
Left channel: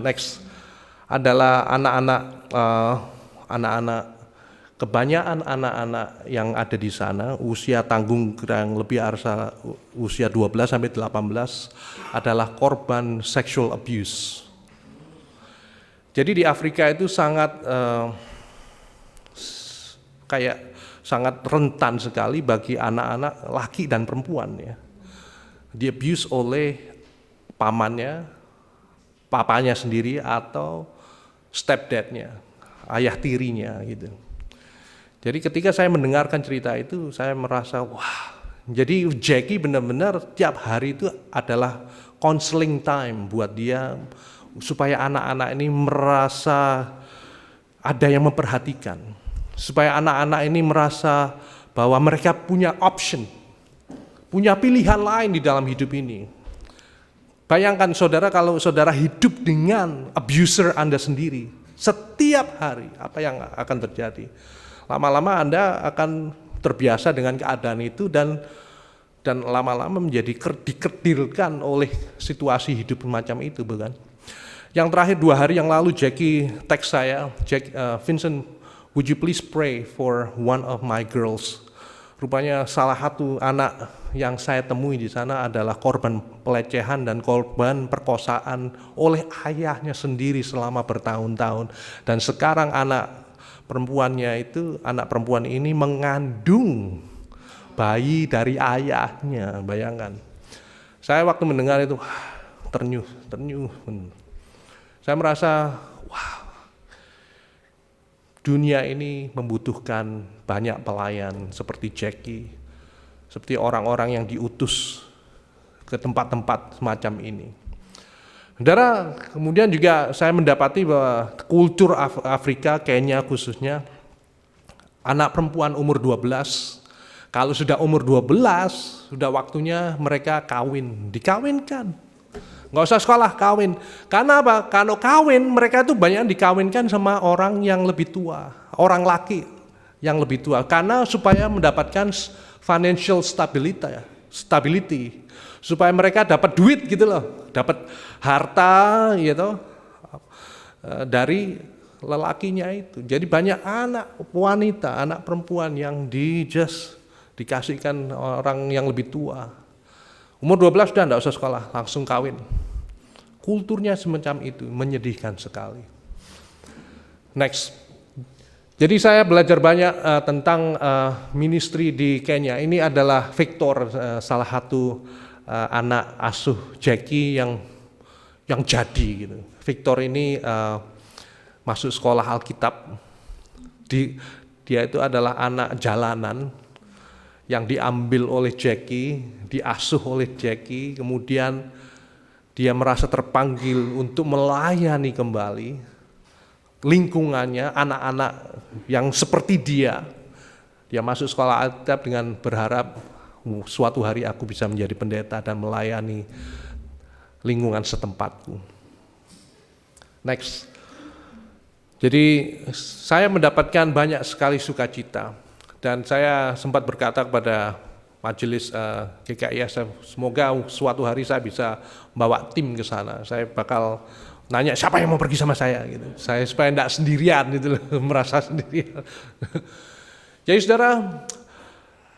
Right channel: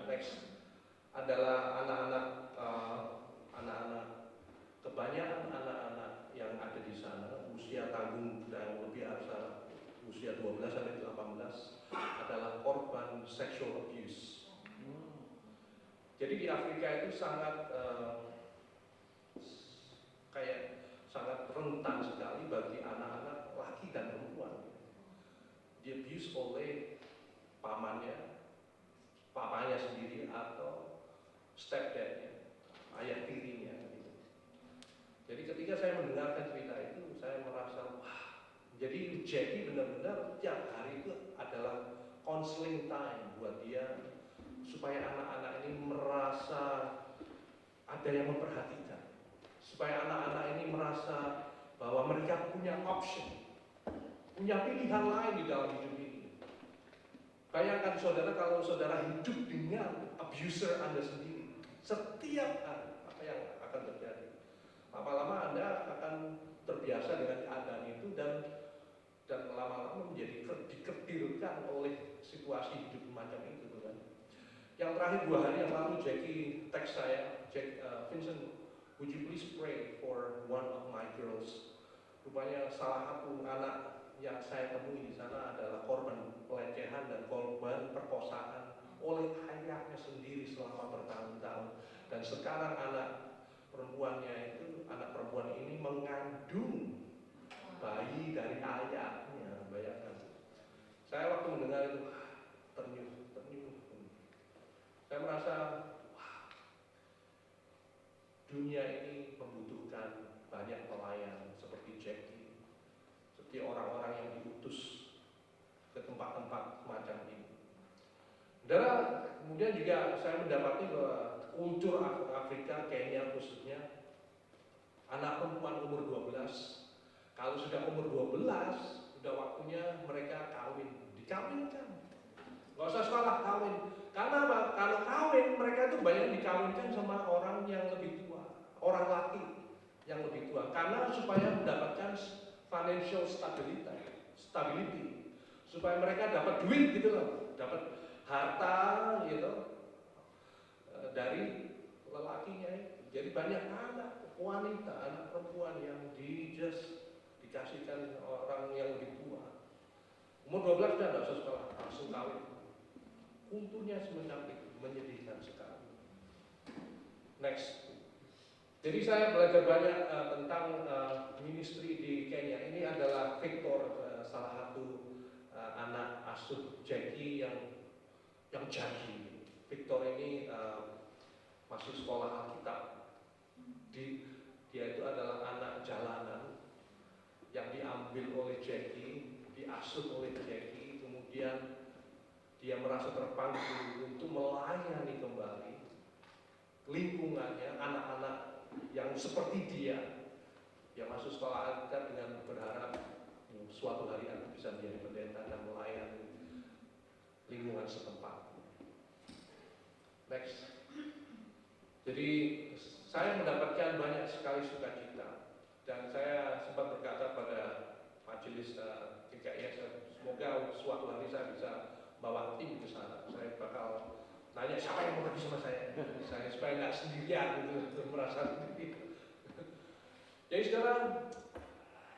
adalah anak-anak, kebanyakan anak-anak yang ada di sana usia tanggung kurang lebih usia 12 sampai 18 adalah korban sexual abuse. Jadi di Afrika itu sangat sangat rentan sekali bagi anak-anak laki dan perempuan ya. Di abuse oleh pamannya, papanya sendiri atau stepdadnya, ayah tirinya gitu. Jadi ketika saya mendengarkan cerita itu, saya merasa wah, jadi Jackie benar-benar tiap hari itu adalah counseling time buat dia supaya anak-anak ini merasa ada yang memperhatikan, supaya anak-anak ini merasa bahwa mereka punya option, punya pilihan lain di dalam hidup ini. Bayangkan saudara, kalau saudara hidup dengan abuser Anda sendiri, setiap hari apa yang akan terjadi? Lama-lama Anda akan terbiasa dengan keadaan itu dan lama-lama menjadi dikerdilkan oleh situasi hidup macam itu, bukan? Yang terakhir 2 hari yang lalu Jackie teks saya, Vincent, would you please pray for one of my girls? Rupanya salah satu anak yang saya temui di sana adalah korban pelecehan dan korban perkosaan oleh ayahnya sendiri selama bertahun-tahun. Dan sekarang anak perempuan ini mengandung bayi dari ayahnya, bayangkan. Saya waktu mendengar itu ternyuh. Saya merasa, wah, dunia ini membutuhkan banyak pelayan seperti Jackie, seperti orang-orang yang diutus ke tempat-tempat semacam ini. Saudara, kemudian juga saya mendapati bahwa kultur Afrika, Kenya khususnya, anak perempuan umur 12, kalau sudah umur 12, sudah waktunya mereka dikawinkan. Nggak usah sekolah, kawin. Karena apa? Kalau kawin, mereka itu banyak dikawinkan sama orang yang lebih tua, orang laki yang lebih tua. Karena supaya mendapatkan financial stability, supaya mereka dapat duit gitu loh, dapat harta gitu dari lelakinya itu. Jadi banyak anak wanita, anak perempuan yang dikasihkan orang yang lebih tua. Umur 12 sudah enggak usah sekolah, langsung kawin. Kulturnya semacam itu, menyedihkan sekali. Next. Jadi saya belajar banyak tentang ministry di Kenya. Ini adalah Victor, salah satu anak asuh Jackie yang jadi gitu. Victor ini masuk sekolah Alkitab. Dia itu adalah anak jalanan yang diambil oleh Jackie, diasuh oleh Jackie, kemudian dia merasa terpanggil untuk melayani kembali lingkungannya, anak-anak yang seperti dia. Dia masuk sekolah Alkitab dengan berharap suatu hari aku bisa menjadi pendeta dan melayani lingkungan setempatku. Next. Jadi saya mendapatkan banyak sekali sukacita. Dan saya sempat berkata kepada majelis GKIS, semoga suatu hari saya bisa bawa tim ke sana. Saya bakal nanya siapa yang mau pergi sama saya gitu. Saya supaya enggak sendirian gitu loh, merasa sendirian. Jadi saudara,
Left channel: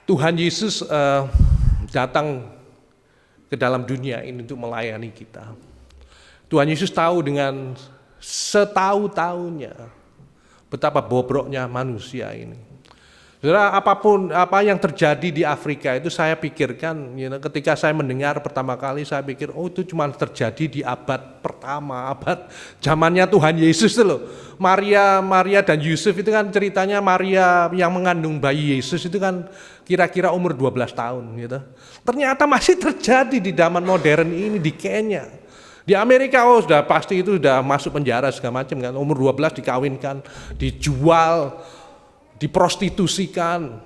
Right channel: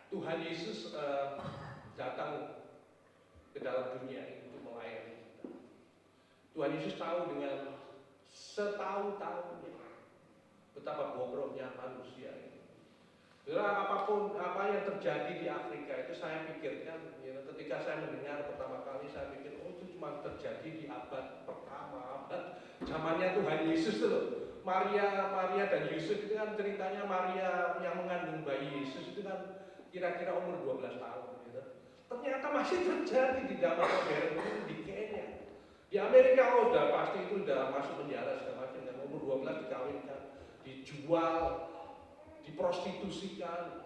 Tuhan Yesus datang ke dalam dunia ini untuk melayani kita. Tuhan Yesus tahu dengan setahu-tahunya betapa bobroknya manusia ini. Saudara, apa yang terjadi di Afrika itu saya pikirkan, ketika saya mendengar pertama kali saya pikir, itu cuma terjadi di abad pertama, abad zamannya Tuhan Yesus itu loh. Maria dan Yusuf itu kan ceritanya Maria yang mengandung bayi Yesus itu kan kira-kira umur 12 tahun gitu. Ternyata masih terjadi di zaman modern ini di Kenya. Di Amerika sudah pasti itu sudah masuk penjara segala macam kan, umur 12 dikawinkan, dijual, diprostitusikan,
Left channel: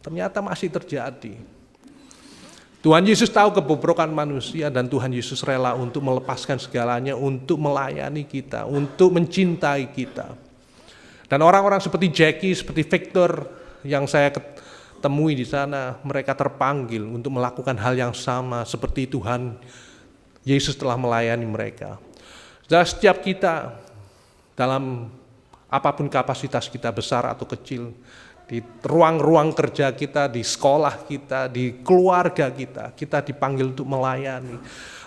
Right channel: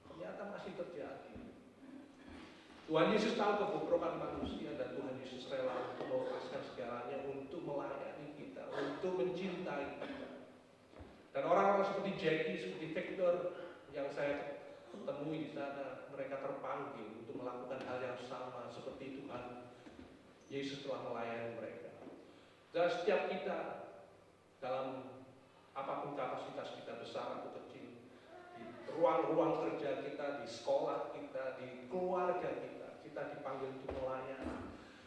ternyata masih terjadi. Tuhan Yesus tahu kebobrokan manusia dan Tuhan Yesus rela untuk melepaskan segalanya untuk melayani kita, untuk mencintai kita. Dan orang-orang seperti Jackie, seperti Victor yang saya temui di sana, mereka terpanggil untuk melakukan hal yang sama seperti Tuhan Yesus telah melayani mereka. Dan setiap kita dalam apapun kapasitas kita besar atau kecil, di ruang-ruang kerja kita, di sekolah kita, di keluarga kita, kita dipanggil untuk melayani.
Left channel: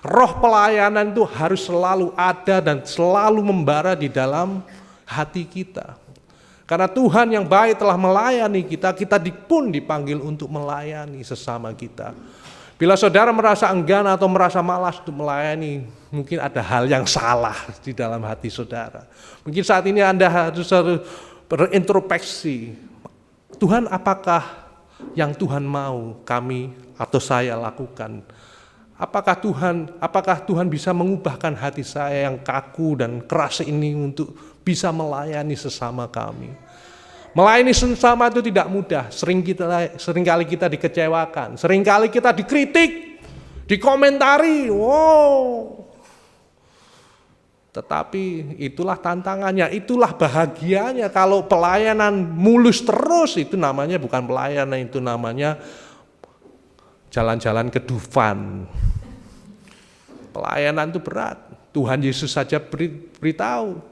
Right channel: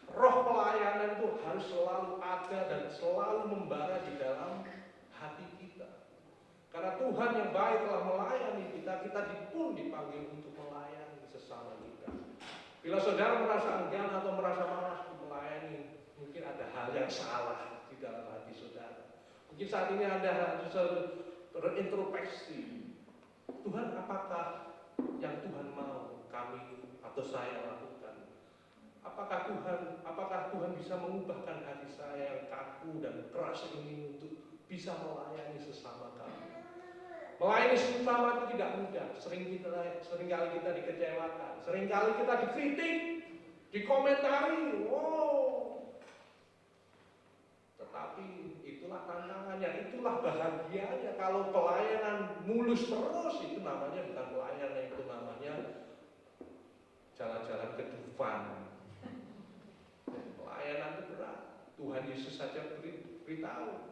Roh pelayanan itu harus selalu ada dan selalu membara di dalam hati kita. Karena Tuhan yang baik telah melayani kita, kita pun dipanggil untuk melayani sesama kita. Bila saudara merasa enggan atau merasa malas untuk melayani, mungkin ada hal yang salah di dalam hati saudara. Mungkin saat ini Anda harus berintrospeksi. Tuhan, apakah yang Tuhan mau kami atau saya lakukan? Apakah Tuhan bisa mengubahkan hati saya yang kaku dan keras ini untuk bisa melayani sesama kami? Melayani sesama itu tidak mudah. Seringkali kita dikecewakan, seringkali kita dikritik, dikomentari. Tetapi itulah tantangannya, itulah bahagianya. Kalau pelayanan mulus terus, itu namanya bukan pelayanan, itu namanya jalan-jalan ke Dufan. Pelayanan itu berat. Tuhan Yesus saja beritahu.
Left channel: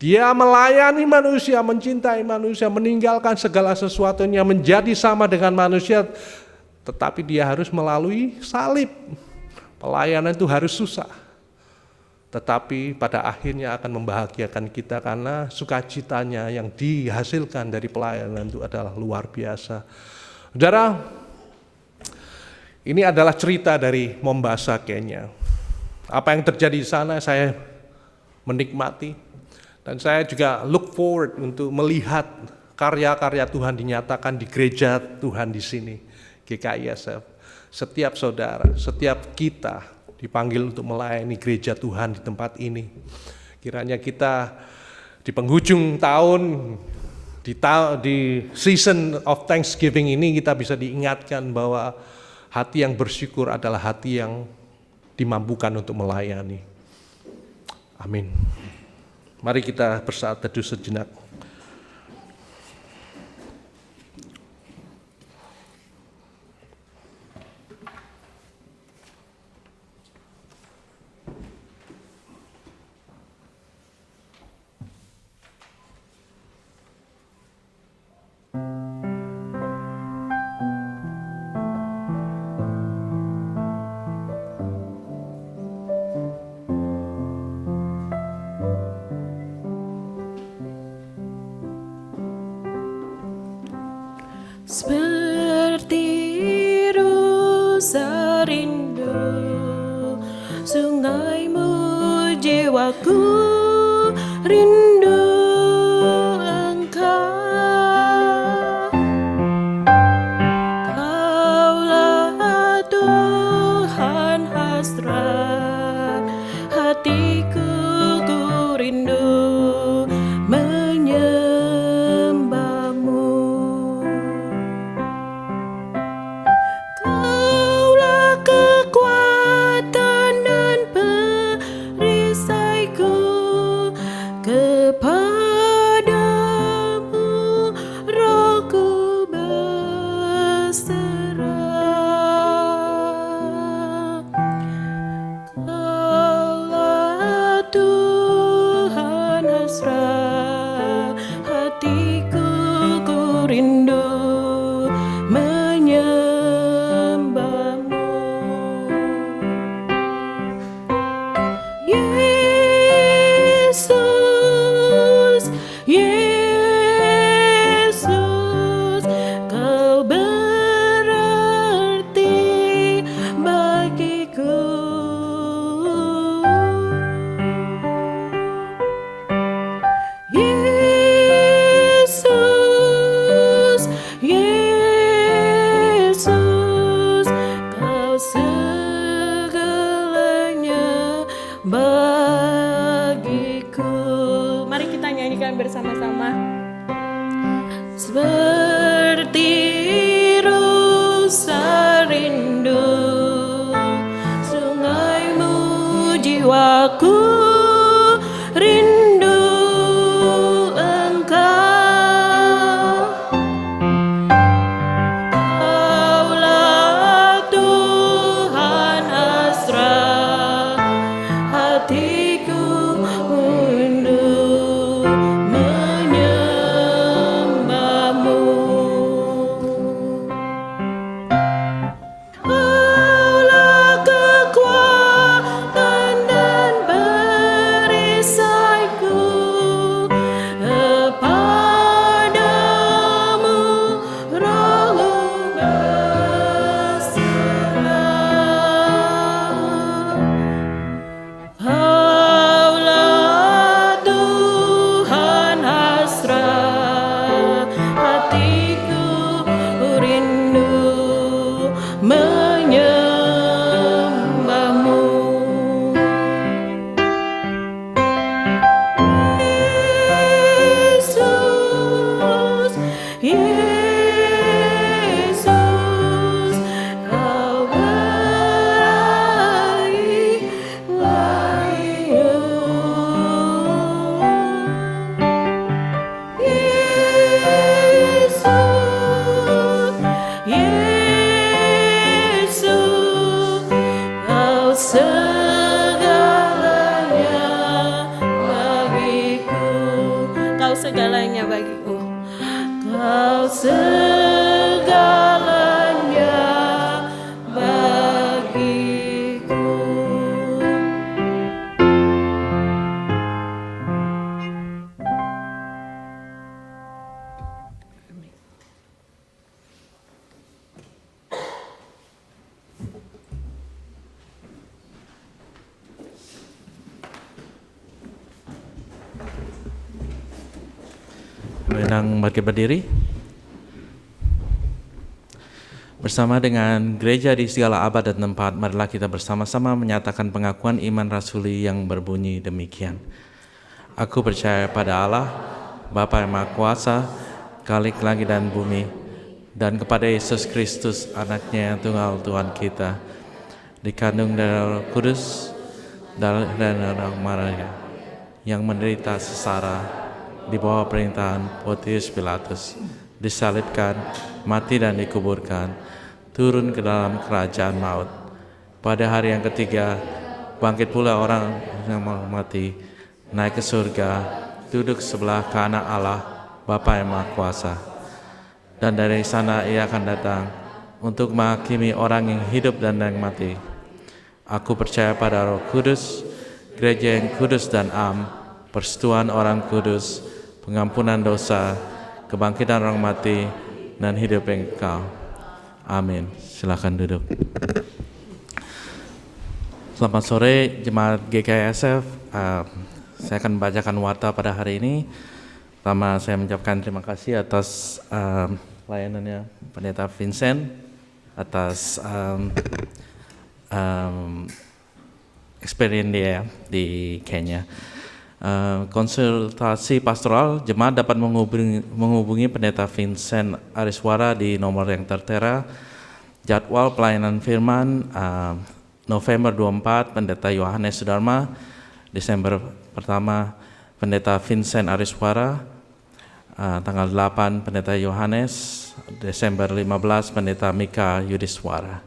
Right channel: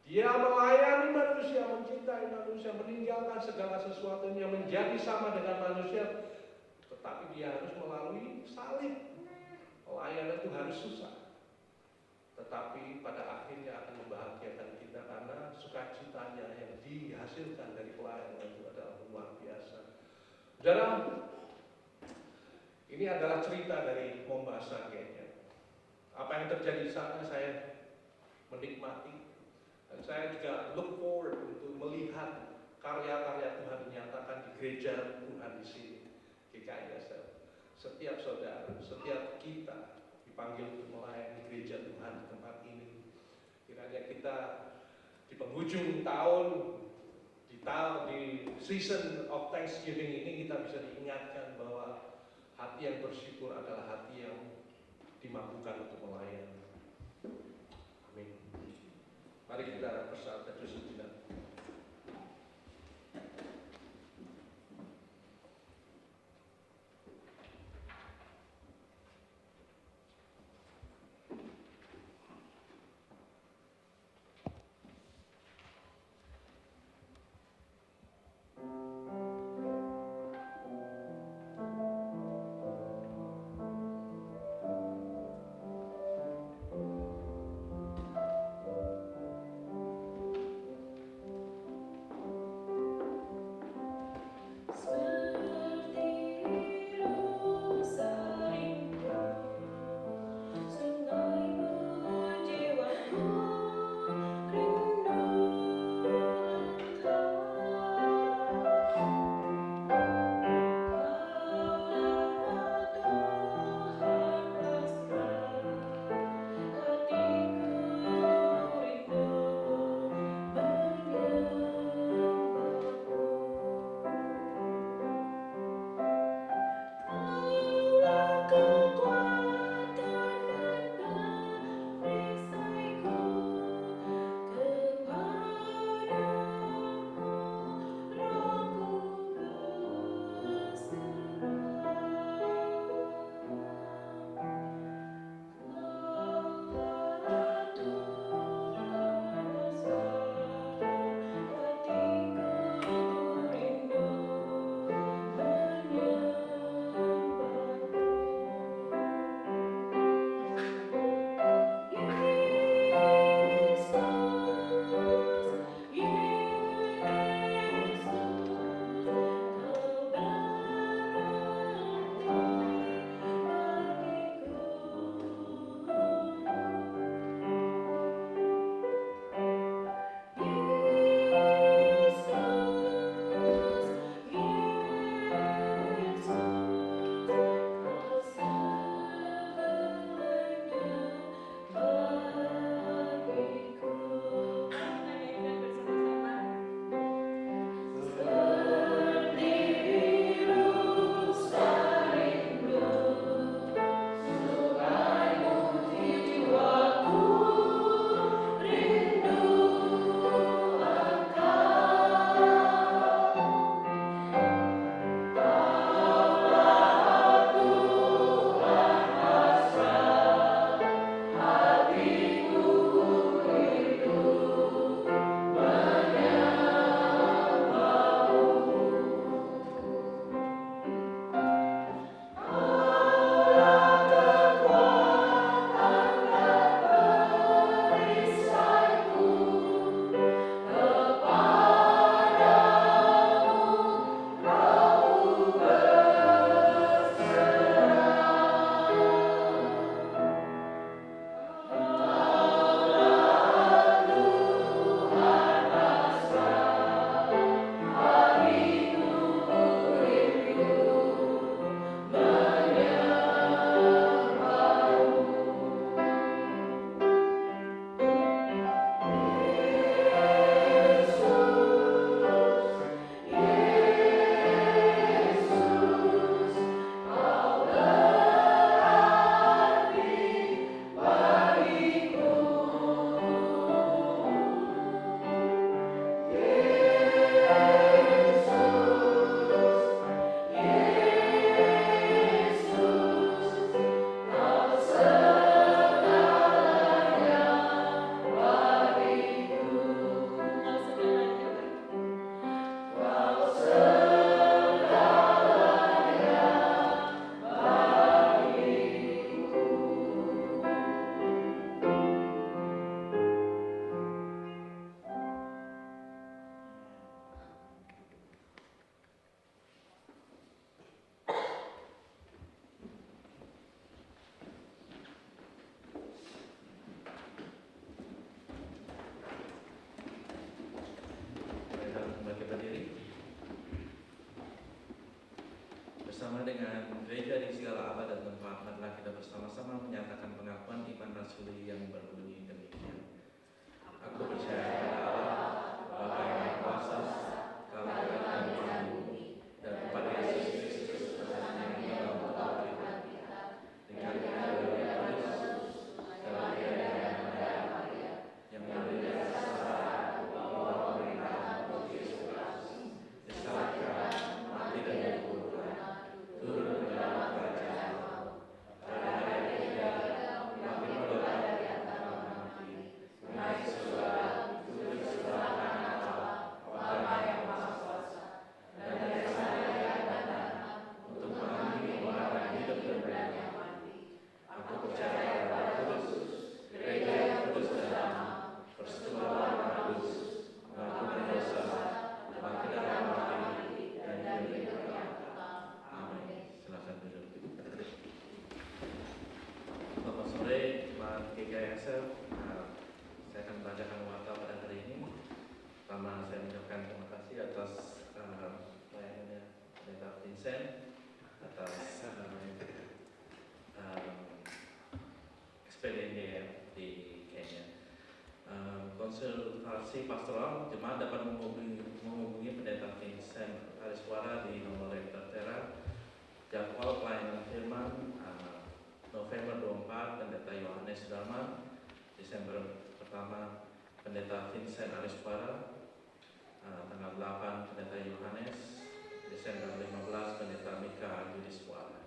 Dia melayani manusia, mencintai manusia, meninggalkan segala sesuatunya, menjadi sama dengan manusia. Tetapi dia harus melalui salib. Pelayanan itu harus susah. Tetapi pada akhirnya akan membahagiakan kita karena sukacitanya yang dihasilkan dari pelayanan itu adalah luar biasa. Saudara, ini adalah cerita dari Mombasa, Kenya. Apa yang terjadi di sana saya menikmati. Dan saya juga look forward untuk melihat karya-karya Tuhan dinyatakan di gereja Tuhan di sini, GKISF. Setiap saudara, setiap kita dipanggil untuk melayani gereja Tuhan di tempat ini. Kiranya kita di penghujung tahun, di season of Thanksgiving ini kita bisa diingatkan bahwa hati yang bersyukur adalah hati yang dimampukan untuk melayani. Amin. Mari kita bersaat teduh sejenak. Seperti rusa rindu sungaimu, jiwaku rindu Engkau. Kaulah Tuhan hasrat hatiku, ku rindu menyembahmu. Kaulah kekuatan dan perisaiku, kepadamu rohku berserah. Kaulah Tuhan hasrat hatiku, ku rindu menyembahmu. Yesus, Yesus, Kau berarti bagiku. Yesus, Yesus, Kau segalanya bagiku. Mari kita nyanyikan bersama-sama. Seperti rusa rindu sungaimu, jiwaku rindu Engkau. Kaulah Tuhan hasrat hatiku, rindu menyembahmu. Kaulah kekuatan dan perisaiku, kepadamu rohku berserah. Kaulah Tuhan hasrat hatiku, rindu menyembahmu. Yesus, Yesus, Kau berakhir bagiku. Yesus, Yesus, Kau segalanya bagiku. Kau segalanya bagiku. Kau segalanya bagiku. Undang bagi berdiri. Bersama dengan gereja di segala abad dan tempat, marilah kita bersama-sama menyatakan pengakuan iman rasuli yang berbunyi demikian. Aku percaya pada Allah, Bapa yang Maha Kuasa, Khalik langit dan bumi, dan kepada Yesus Kristus, anaknya yang tunggal Tuhan kita, dikandung dari Roh Kudus dan Roh Maria, yang menderita sengsara di bawah perintahan Pontius Pilatus, disalibkan, mati dan dikuburkan, turun ke dalam kerajaan maut. Pada hari yang ketiga, bangkit pula orang yang mati, naik ke surga, duduk sebelah kanan Allah, Bapa yang Maha Kuasa. Dan dari sana ia akan datang untuk menghakimi orang yang hidup dan yang mati. Aku percaya pada Roh Kudus, gereja yang kudus dan am, persekutuan orang kudus, pengampunan dosa, kebangkitan orang mati, dan hidup yang kekal. Amin. Silakan duduk. Selamat sore Jemaat GKISF. Saya akan membacakan warta pada hari ini. Pertama, saya mengucapkan terima kasih atas layanannya Pendeta Vincent, atas experience dia di Kenya. Konsultasi pastoral, jemaat dapat menghubungi Pendeta Vincent Ariswara di nomor yang tertera. Jadwal pelayanan firman November 24 Pendeta Yohanes Sudarma, Desember pertama Pendeta Vincent Ariswara, tanggal 8 Pendeta Yohanes, Desember 15 Pendeta Mika Yudhiswara.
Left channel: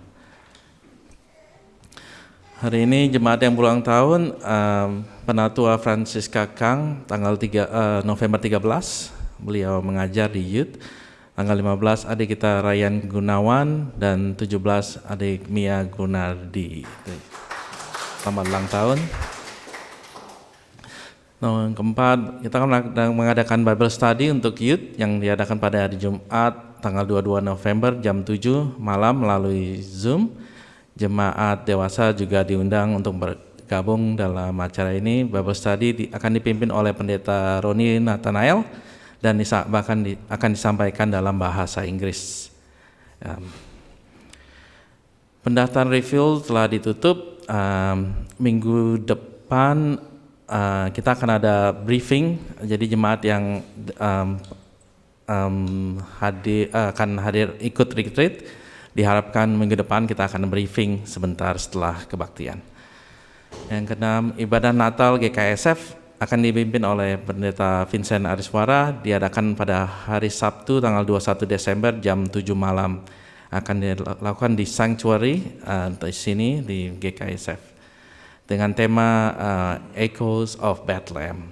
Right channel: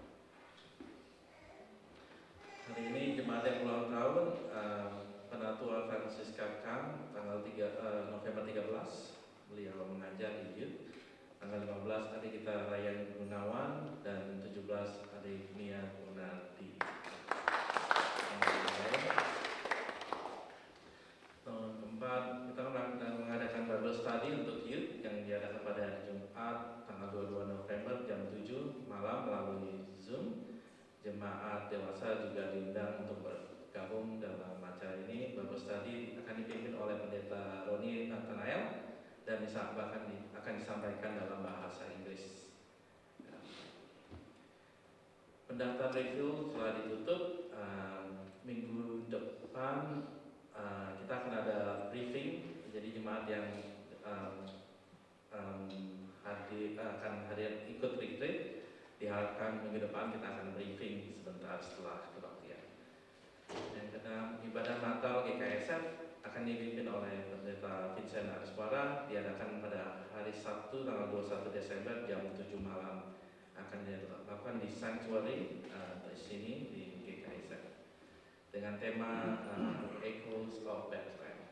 Hari ini jemaat yang berulang tahun, Penatua Francisca Kang, tanggal November 13, beliau mengajar di Youth. Tanggal 15 adik kita Ryan Gunawan dan 17 adik Mia Gunardi. Selamat ulang tahun. Yang keempat, kita akan mengadakan Bible Study untuk Youth yang diadakan pada hari Jumat tanggal 22 November jam 7 malam melalui Zoom. Jemaat dewasa juga diundang untuk bergabung dalam acara ini. Bible Study akan dipimpin oleh Pendeta Roni Nathanael dan bahkan akan disampaikan dalam bahasa Inggris. Pendaftaran refill telah ditutup. Minggu depan kita akan ada briefing. Jadi jemaat yang akan hadir ikut retreat, diharapkan minggu depan kita akan briefing sebentar setelah kebaktian. Yang keenam, ibadah Natal GKISF akan dipimpin oleh Pendeta Vincent Ariswara, diadakan pada hari Sabtu tanggal 21 Desember jam 7 malam. Akan dilakukan di Sanctuary di sini di GKISF dengan tema Echoes of Bethlehem.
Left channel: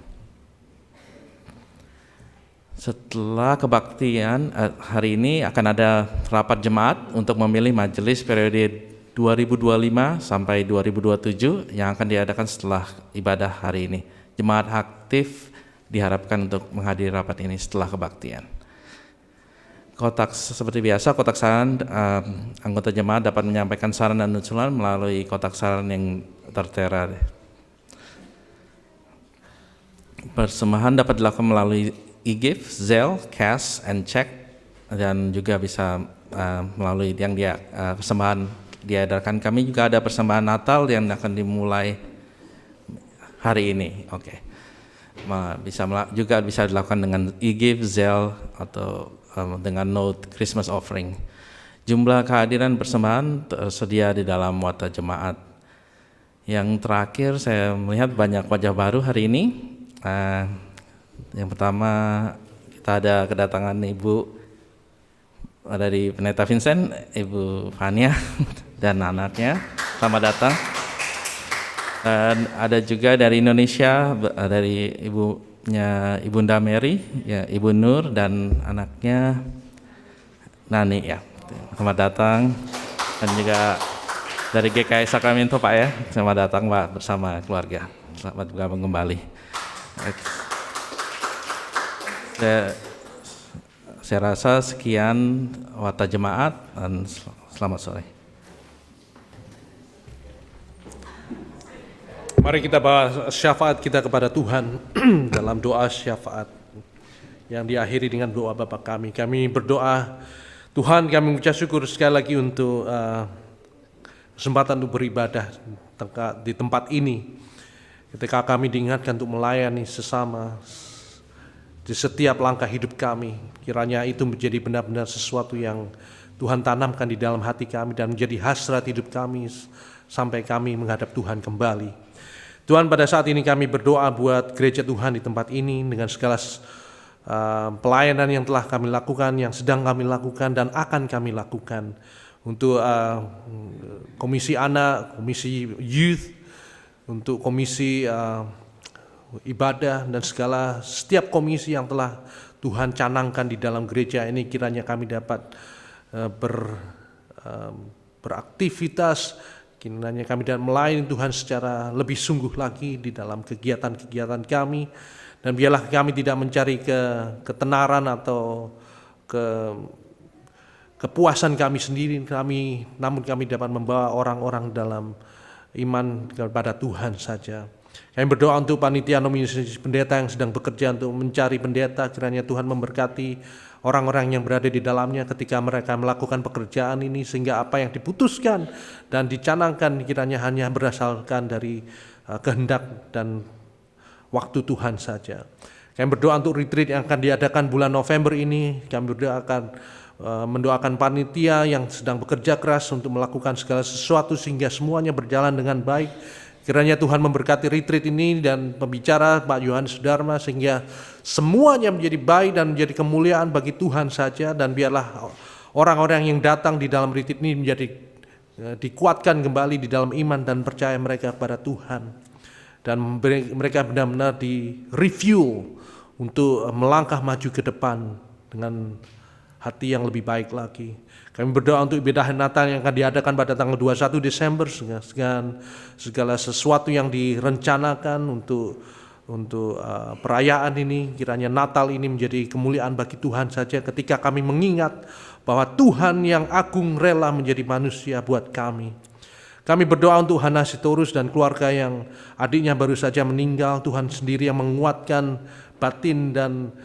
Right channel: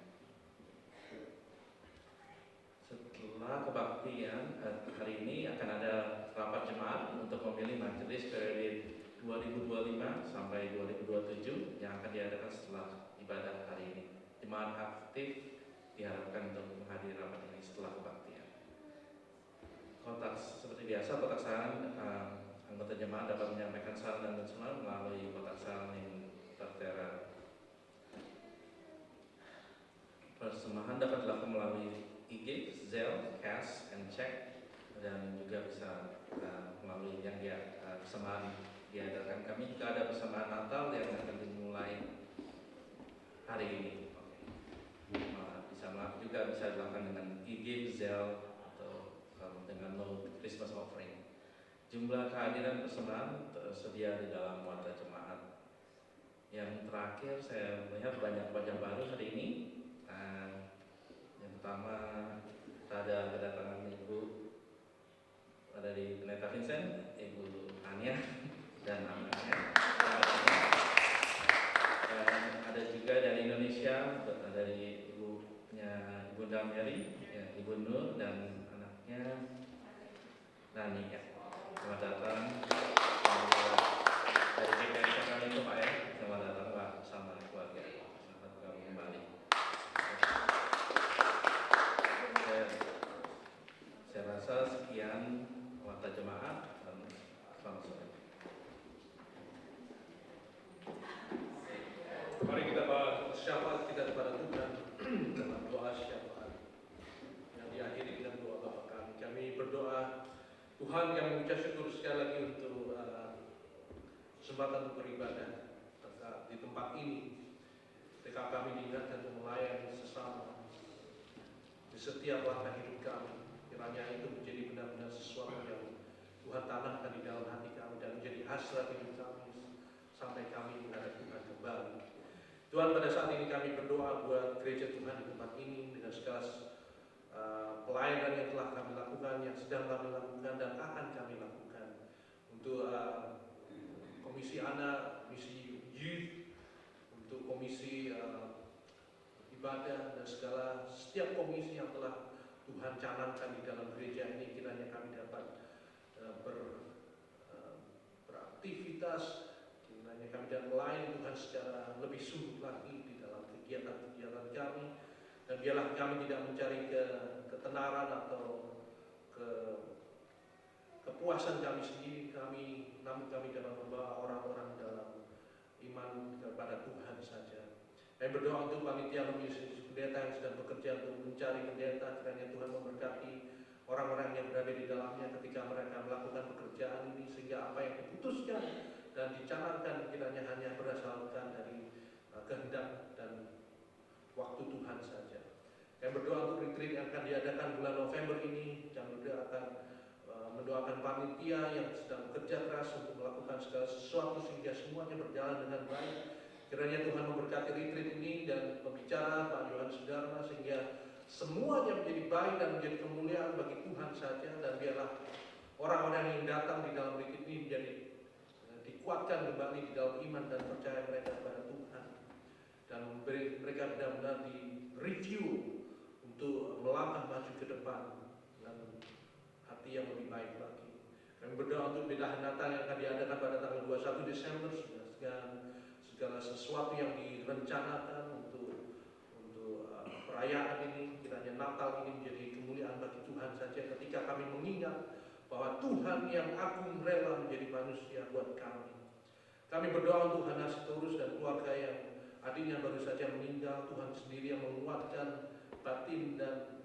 Setelah kebaktian hari ini akan ada rapat jemaat untuk memilih majelis periode 2025 sampai 2027 yang akan diadakan setelah ibadah hari ini. Jemaat aktif diharapkan untuk menghadiri rapat ini setelah kebaktian. Seperti biasa, kotak saran, anggota jemaat dapat menyampaikan saran dan usulan melalui kotak saran yang tertera. Persembahan dapat dilakukan melalui e-gift, Zelle, cash, and check, dan juga bisa melalui yang persembahan diadakan. Kami juga ada persembahan Natal yang akan dimulai hari ini. Oke. Juga bisa dilakukan dengan e-gift, Zelle, atau dengan note Christmas offering. Jumlah kehadiran persembahan tersedia di dalam warta jemaat. Yang terakhir, saya melihat banyak wajah baru hari ini. Yang pertama, kita ada kedatangan Ibu dari Pendeta Vincent, Ibu Fania dan anaknya. Selamat datang. Dan ada juga dari Indonesia, dari Ibunda Mary, ya, Ibu Nur dan anaknya Nani, ya. Selamat datang. Dan juga dari GKI Sacramento, Pak, ya. Selamat datang, Pak, bersama keluarga. Selamat bergabung kembali. Saya rasa sekian warta jemaat dan selamat sore. Mari kita bawa syafaat kita kepada Tuhan dalam doa syafaat yang diakhiri dengan doa Bapa kami. Kami berdoa, Tuhan, kami mengucap syukur sekali lagi untuk kesempatan untuk beribadah di tempat ini. Ketika kami diingatkan untuk melayani sesama di setiap langkah hidup kami, kiranya itu menjadi benar-benar sesuatu yang Tuhan tanamkan di dalam hati kami dan menjadi hasrat hidup kami sampai kami menghadap Tuhan kembali. Tuhan, pada saat ini kami berdoa buat gereja Tuhan di tempat ini dengan segala pelayanan yang telah kami lakukan, yang sedang kami lakukan dan akan kami lakukan. Untuk komisi anak, komisi youth, untuk komisi ibadah dan setiap komisi yang telah Tuhan canangkan di dalam gereja ini, kiranya kami dapat beraktivitas, kiranya kami dapat melayani Tuhan secara lebih sungguh lagi di dalam kegiatan-kegiatan kami, dan biarlah kami tidak mencari ketenaran atau kepuasan kami sendiri, namun kami dapat membawa orang-orang dalam iman kepada Tuhan saja. Kami berdoa untuk panitia nominasi pendeta yang sedang bekerja untuk mencari pendeta, kiranya Tuhan memberkati orang-orang yang berada di dalamnya ketika mereka melakukan pekerjaan ini, sehingga apa yang diputuskan dan dicanangkan kiranya hanya berdasarkan dari kehendak dan waktu Tuhan saja. Kami berdoa untuk retreat yang akan diadakan bulan November ini. Kami mendoakan panitia yang sedang bekerja keras untuk melakukan segala sesuatu sehingga semuanya berjalan dengan baik. Kiranya Tuhan memberkati retreat ini dan pembicara Pak Yohanes Sudarma sehingga semuanya menjadi baik dan menjadi kemuliaan bagi Tuhan saja, dan biarlah orang-orang yang datang di dalam retreat ini menjadi dikuatkan kembali di dalam iman dan percaya mereka pada Tuhan, dan mereka benar-benar di-review untuk melangkah maju ke depan dengan hati yang lebih baik lagi. Kami berdoa untuk ibadah Natal yang akan diadakan pada tanggal 21 Desember dengan segala sesuatu yang direncanakan untuk perayaan ini. Kiranya Natal ini menjadi kemuliaan bagi Tuhan saja ketika kami mengingat bahwa Tuhan yang agung rela menjadi manusia buat kami. Kami berdoa untuk Hana Sitorus dan keluarga yang adiknya baru saja meninggal. Tuhan sendiri yang menguatkan batin dan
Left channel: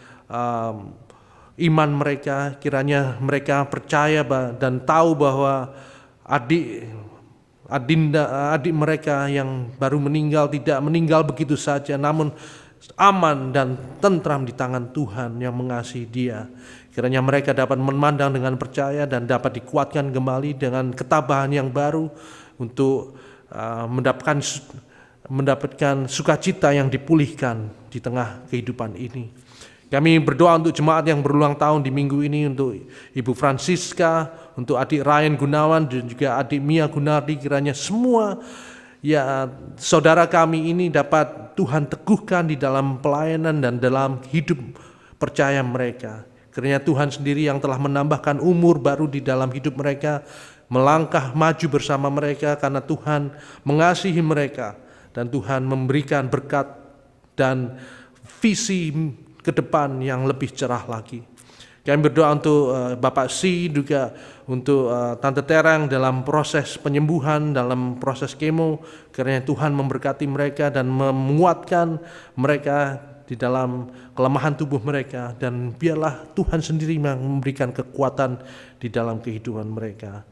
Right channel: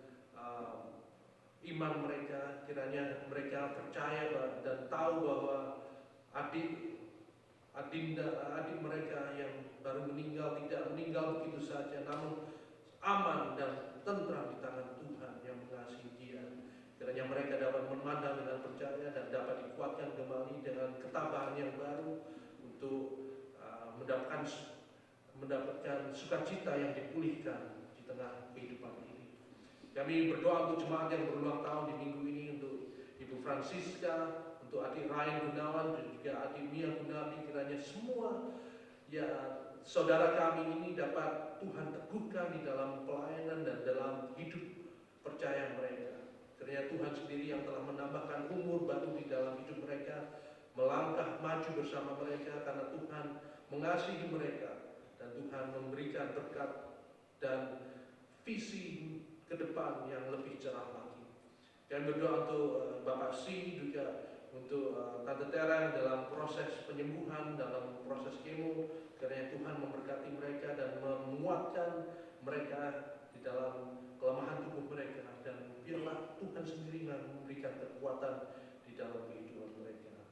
iman mereka, kiranya mereka percaya dan tahu bahwa adik mereka yang baru meninggal tidak meninggal begitu saja, namun aman dan tentram di tangan Tuhan yang mengasihi dia. Kiranya mereka dapat memandang dengan percaya dan dapat dikuatkan kembali dengan ketabahan yang baru untuk mendapatkan sukacita yang dipulihkan di tengah kehidupan ini. Kami berdoa untuk jemaat yang berulang tahun di minggu ini, untuk Ibu Francisca, untuk adik Ryan Gunawan dan juga adik Mia Gunardi. Kiranya semua saudara kami ini dapat Tuhan teguhkan di dalam pelayanan dan dalam hidup percaya mereka. Kiranya Tuhan sendiri yang telah menambahkan umur baru di dalam hidup mereka, melangkah maju bersama mereka karena Tuhan mengasihi mereka dan Tuhan memberikan berkat dan visi ke depan yang lebih cerah lagi. Kami berdoa untuk Bapak Si, juga untuk Tante Terang dalam proses penyembuhan, dalam proses kemo. Kiranya Tuhan memberkati mereka dan menguatkan mereka di dalam kelemahan tubuh mereka, dan biarlah Tuhan sendiri yang memberikan kekuatan di dalam kehidupan mereka.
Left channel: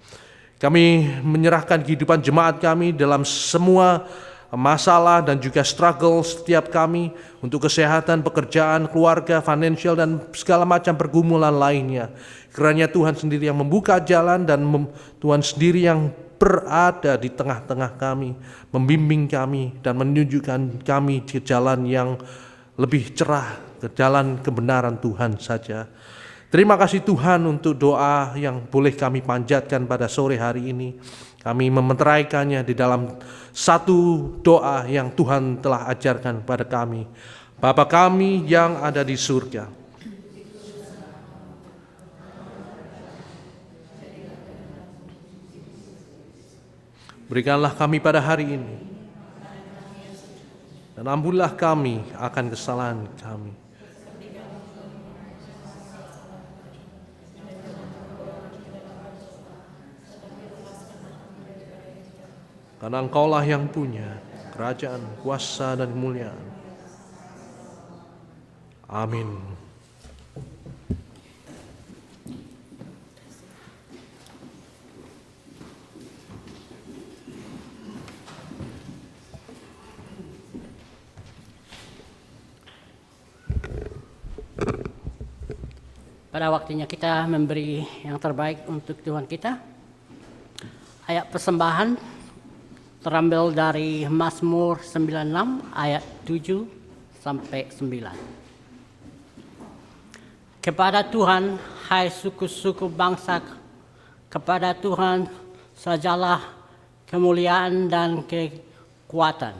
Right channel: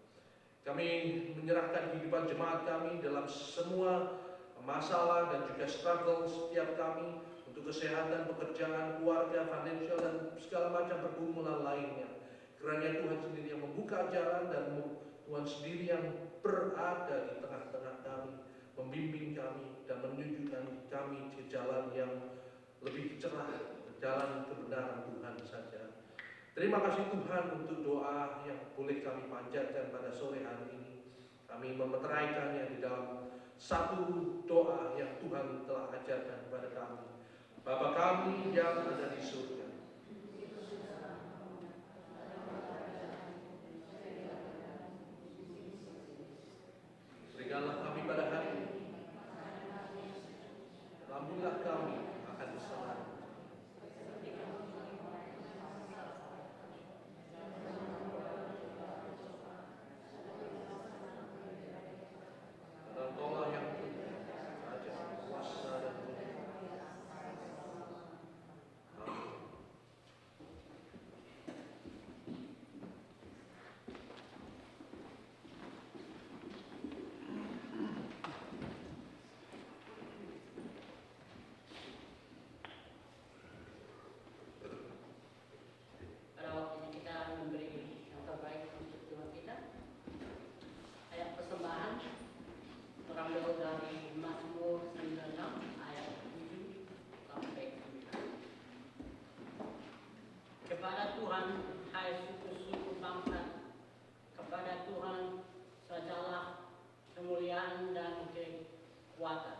Kami menyerahkan kehidupan jemaat kami dalam semua masalah dan juga struggle setiap kami untuk kesehatan, pekerjaan, keluarga, financial, dan segala macam pergumulan lainnya. Kiranya Tuhan sendiri yang membuka jalan dan Tuhan sendiri yang berada di tengah-tengah kami, membimbing kami dan menunjukkan kami di jalan yang lebih cerah, ke jalan kebenaran Tuhan saja. Terima kasih Tuhan untuk doa yang boleh kami panjatkan pada sore hari ini. Kami memeteraikannya di dalam satu doa yang Tuhan telah ajarkan pada kami. Bapa kami yang ada di surga, berikanlah kami pada hari ini, dan ampunilah kami akan kesalahan kami. Karena Engkaulah yang punya kerajaan, kuasa, dan kemuliaan. Amin. Pada waktunya kita memberi yang terbaik untuk Tuhan kita. Ayat persembahan terambil dari Mazmur 96 ayat 7 sampai 9. Kepada Tuhan, hai suku-suku bangsa, kepada Tuhan sajalah kemuliaan dan kekuatan.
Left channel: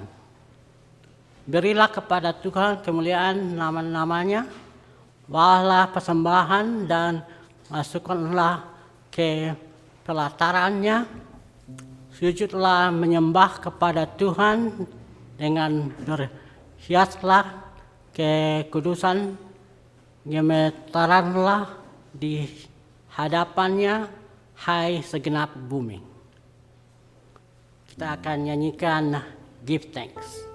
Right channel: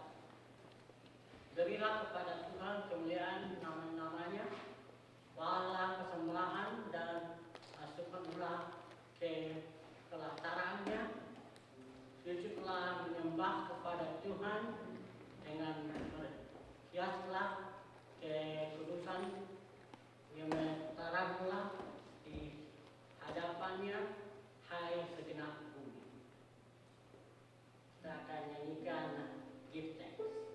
Berilah kepada Tuhan kemuliaan nama-namanya, bawalah persembahan dan masukkanlah ke pelatarannya. Sujudlah menyembah kepada Tuhan dengan berhiaslah kekudusan, gemetaranlah di hadapannya, hai segenap bumi. Kita akan nyanyikan Give Thanks.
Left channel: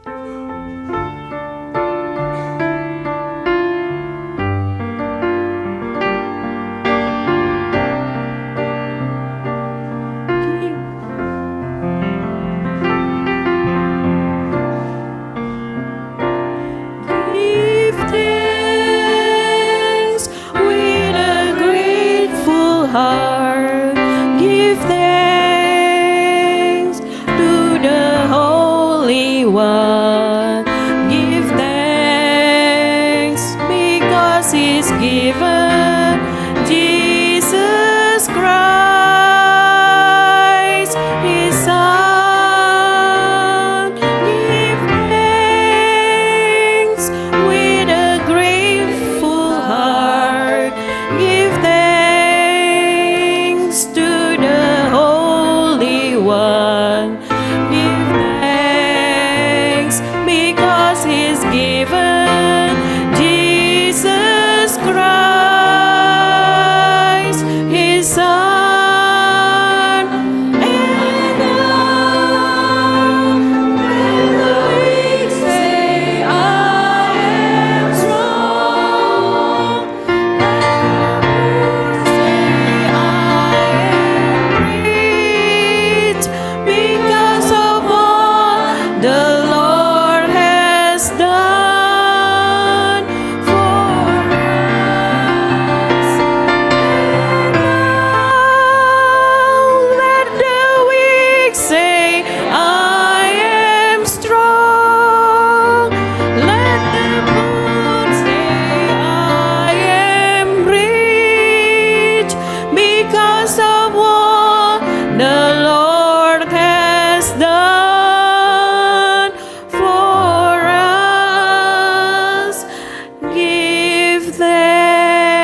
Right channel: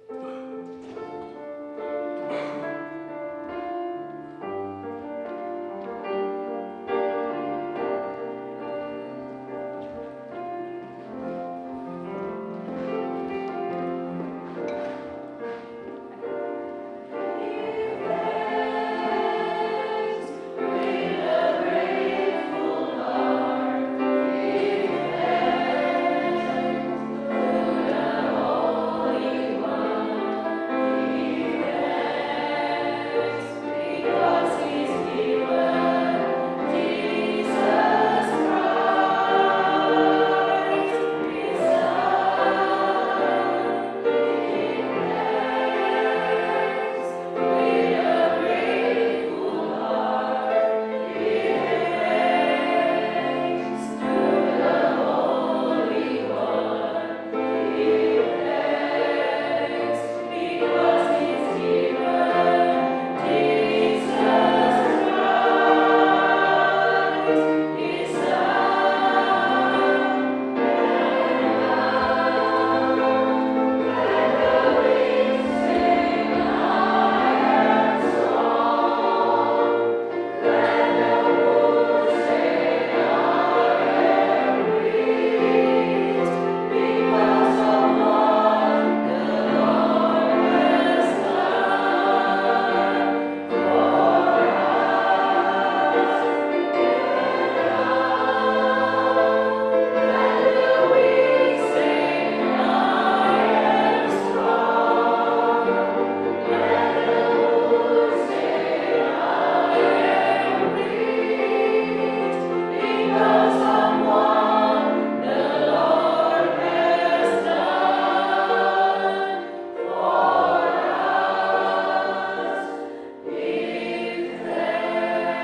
Give thanks with a grateful heart. Give thanks to the Holy One. Give thanks because He's given Jesus Christ, His Son. Give thanks with a grateful heart. Give thanks to the Holy One. Give thanks because He's given Jesus Christ, His Son. And now, when the weak say, I am strong, and the poor say, I am rich, because of all the Lord has done for us. Let the weak say, I am strong. Let the poor say, I am rich, because of what the Lord has done for us. Give thanks.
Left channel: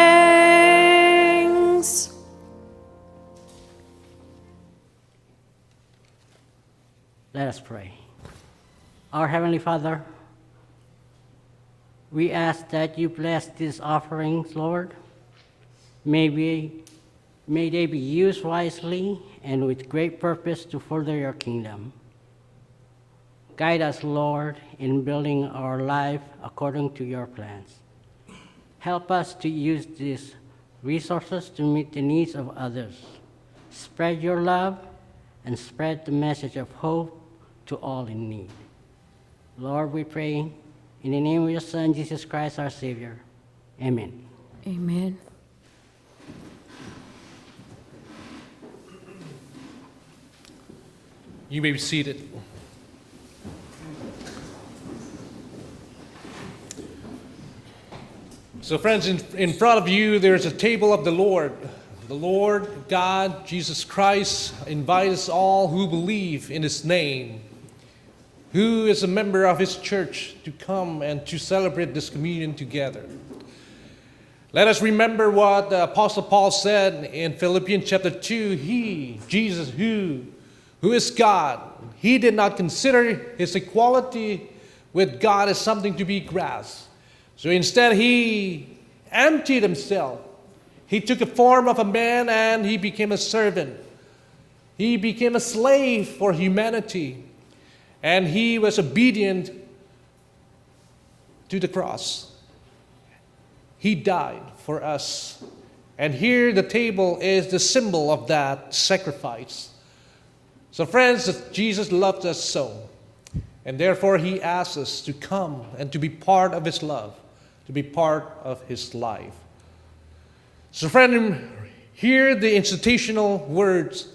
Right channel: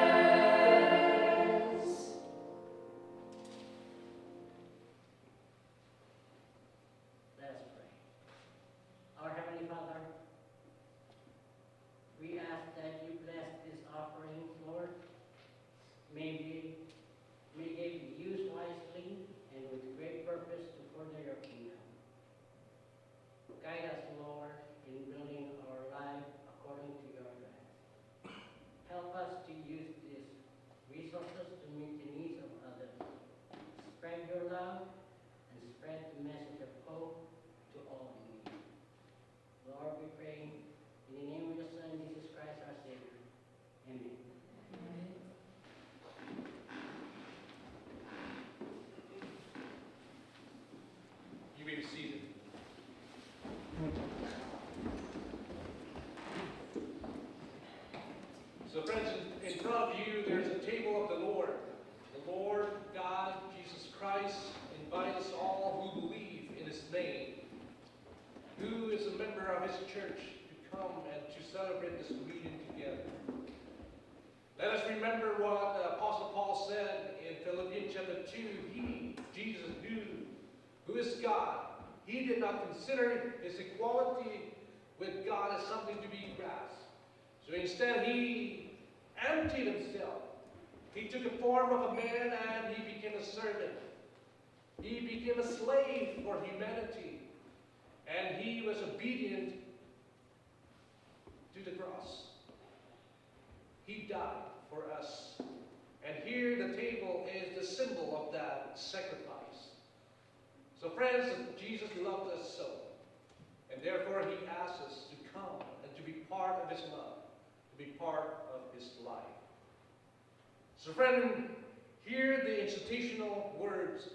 Let us pray. Our Heavenly Father, we ask that you bless these offerings, Lord. May they be used wisely and with great purpose to further your kingdom. Guide us, Lord, in building our life according to your plans. Help us to use these resources to meet the needs of others. Spread your love and spread the message of hope to all in need. Lord, we pray in the name of your Son, Jesus Christ, our Savior. Amen. Amen. You may be seated. So, friends, in front of you, there's a table of the Lord. The Lord God, Jesus Christ, invites all who believe in His name, who is a member of His church, to come and to celebrate this communion together. Let us remember what the Apostle Paul said in Philippians chapter 2. He, Jesus, who is God, He did not consider His equality with God as something to be grasped. So instead, He emptied Himself. He took the form of a man and He became a servant. He became a slave for humanity. And He was obedient to the cross. He died for us. And here the table is the symbol of that sacrifice. So friends, Jesus loved us so. And therefore He asks us to come and to be part of His love, to be part of His life. So friend, hear the institutional words.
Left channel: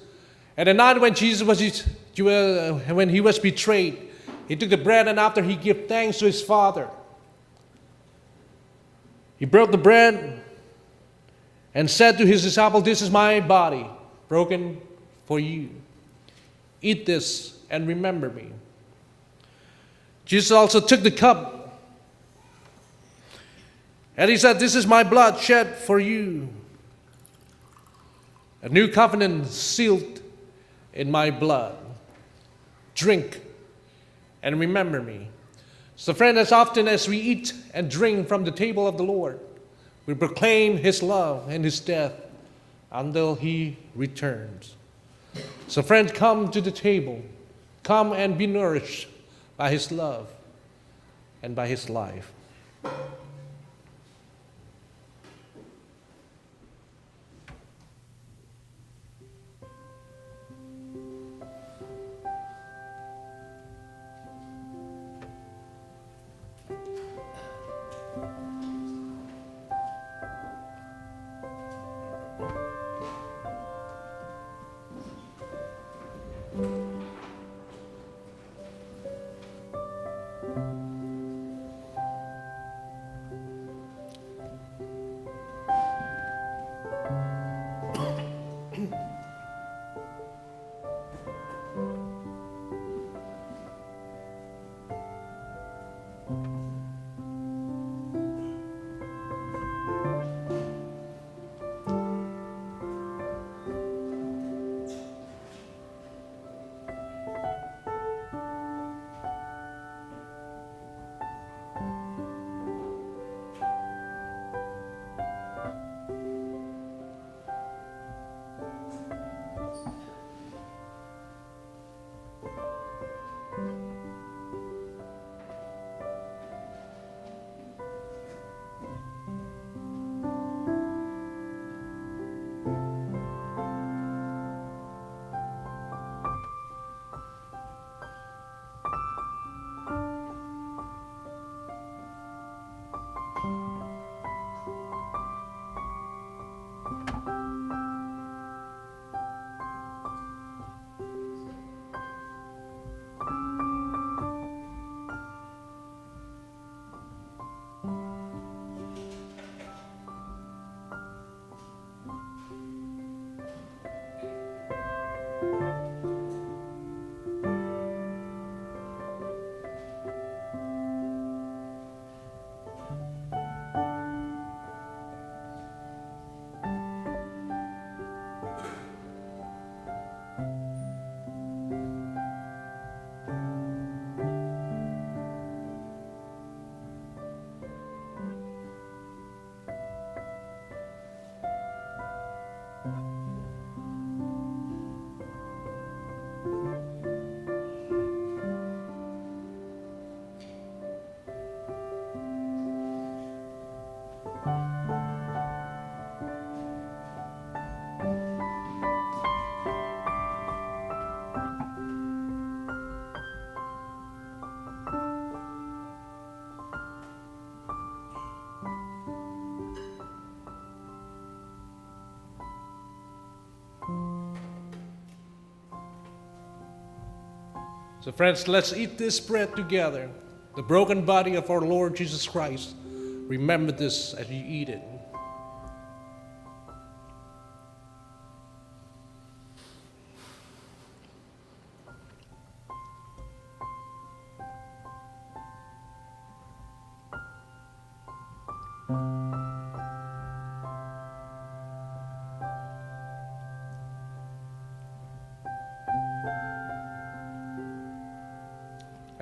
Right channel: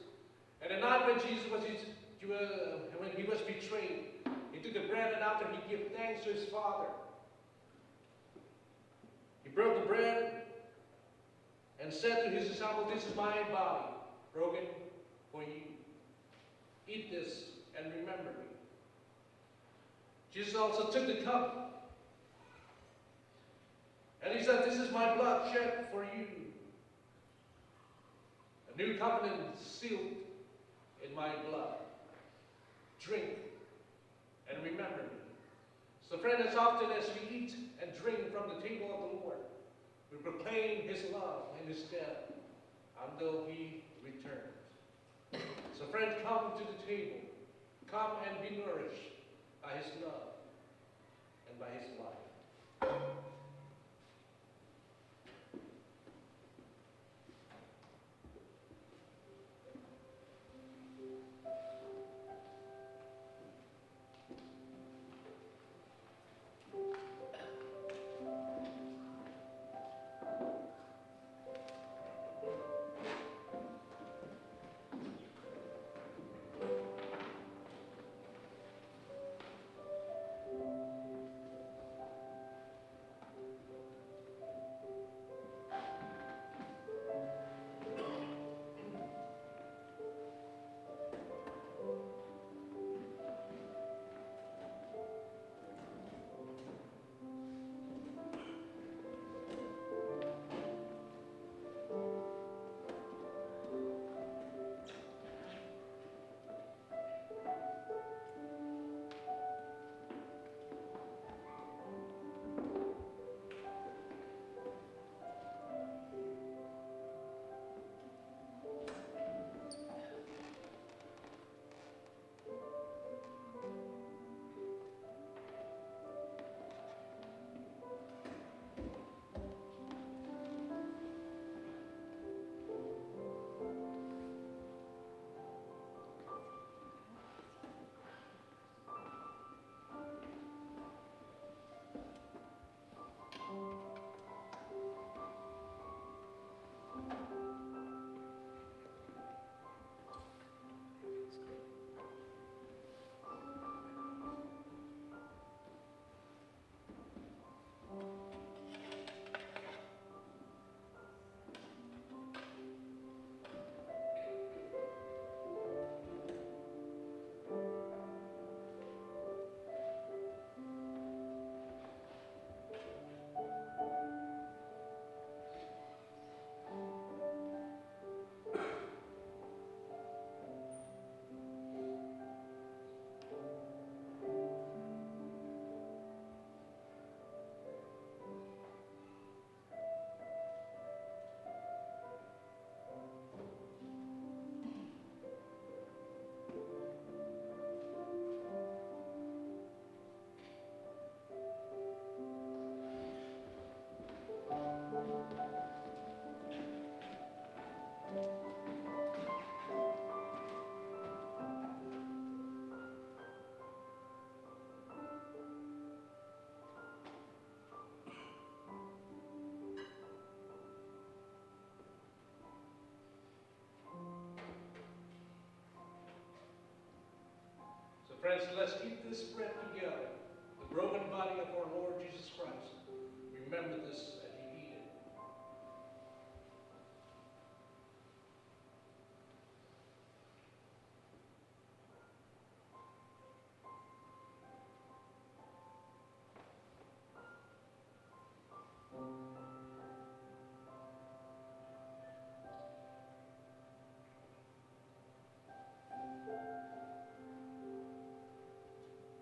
At the night when Jesus was when he was betrayed, he took the bread and after he gave thanks to his Father, he broke the bread and said to his disciples, "This is my body, broken for you. Eat this and remember me." Jesus also took the cup and he said, "This is my blood shed for you. A new covenant sealed in my blood. Drink and remember me." So friend, as often as we eat and drink from the table of the Lord, we proclaim his love and his death until he returns. So friends, come to the table. Come and be nourished by his love and by his life. So friends, let's eat this bread together, the broken body of our Lord Jesus Christ. Remember this as you eat it.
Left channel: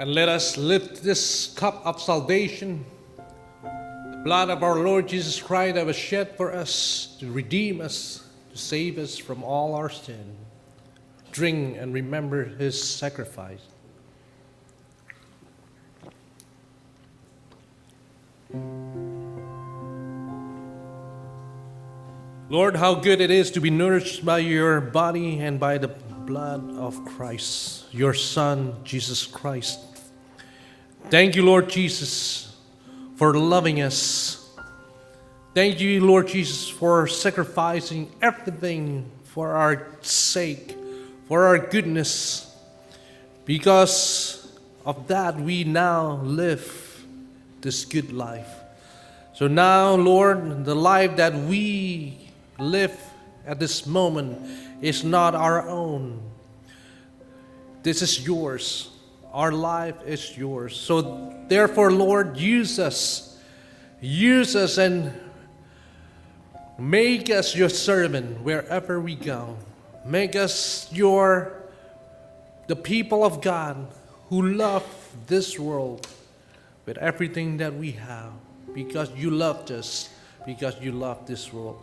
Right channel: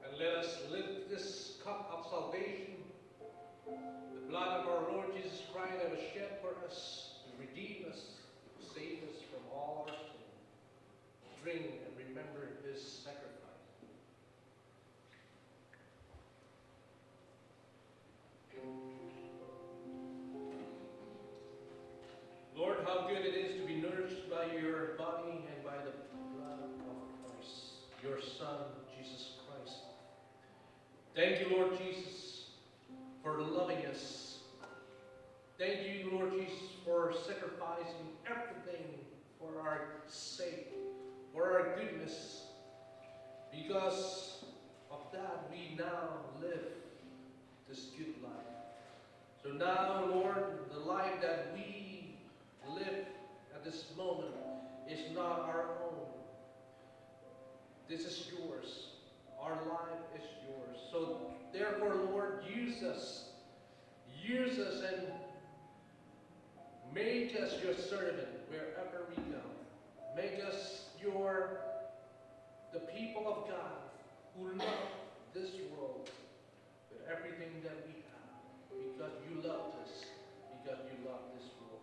And let us lift this cup of salvation, the blood of our Lord Jesus Christ that was shed for us to redeem us, to save us from all our sin. Drink and remember his sacrifice. Lord, how good it is to be nourished by your body and by the blood of Christ, your Son, Jesus Christ. Thank you, Lord Jesus, for loving us. Thank you, Lord Jesus, for sacrificing everything for our sake, for our goodness. Because of that, we now live this good life. So now, Lord, the life that we live at this moment is not our own. This is yours. Our life is yours. So therefore, Lord, use us. Use us and make us your servant wherever we go. Make us the people of God who love this world with everything that we have, because you loved us, because you love this world.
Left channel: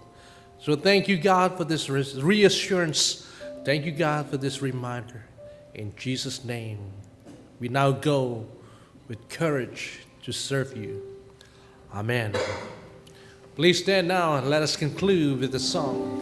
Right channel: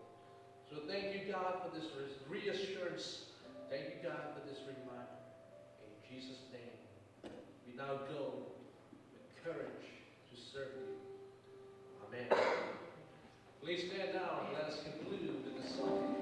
So thank you, God, for this reassurance. Thank you, God, for this reminder. In Jesus' name, we now go with courage to serve you. Amen. Please stand now and let us conclude with a song.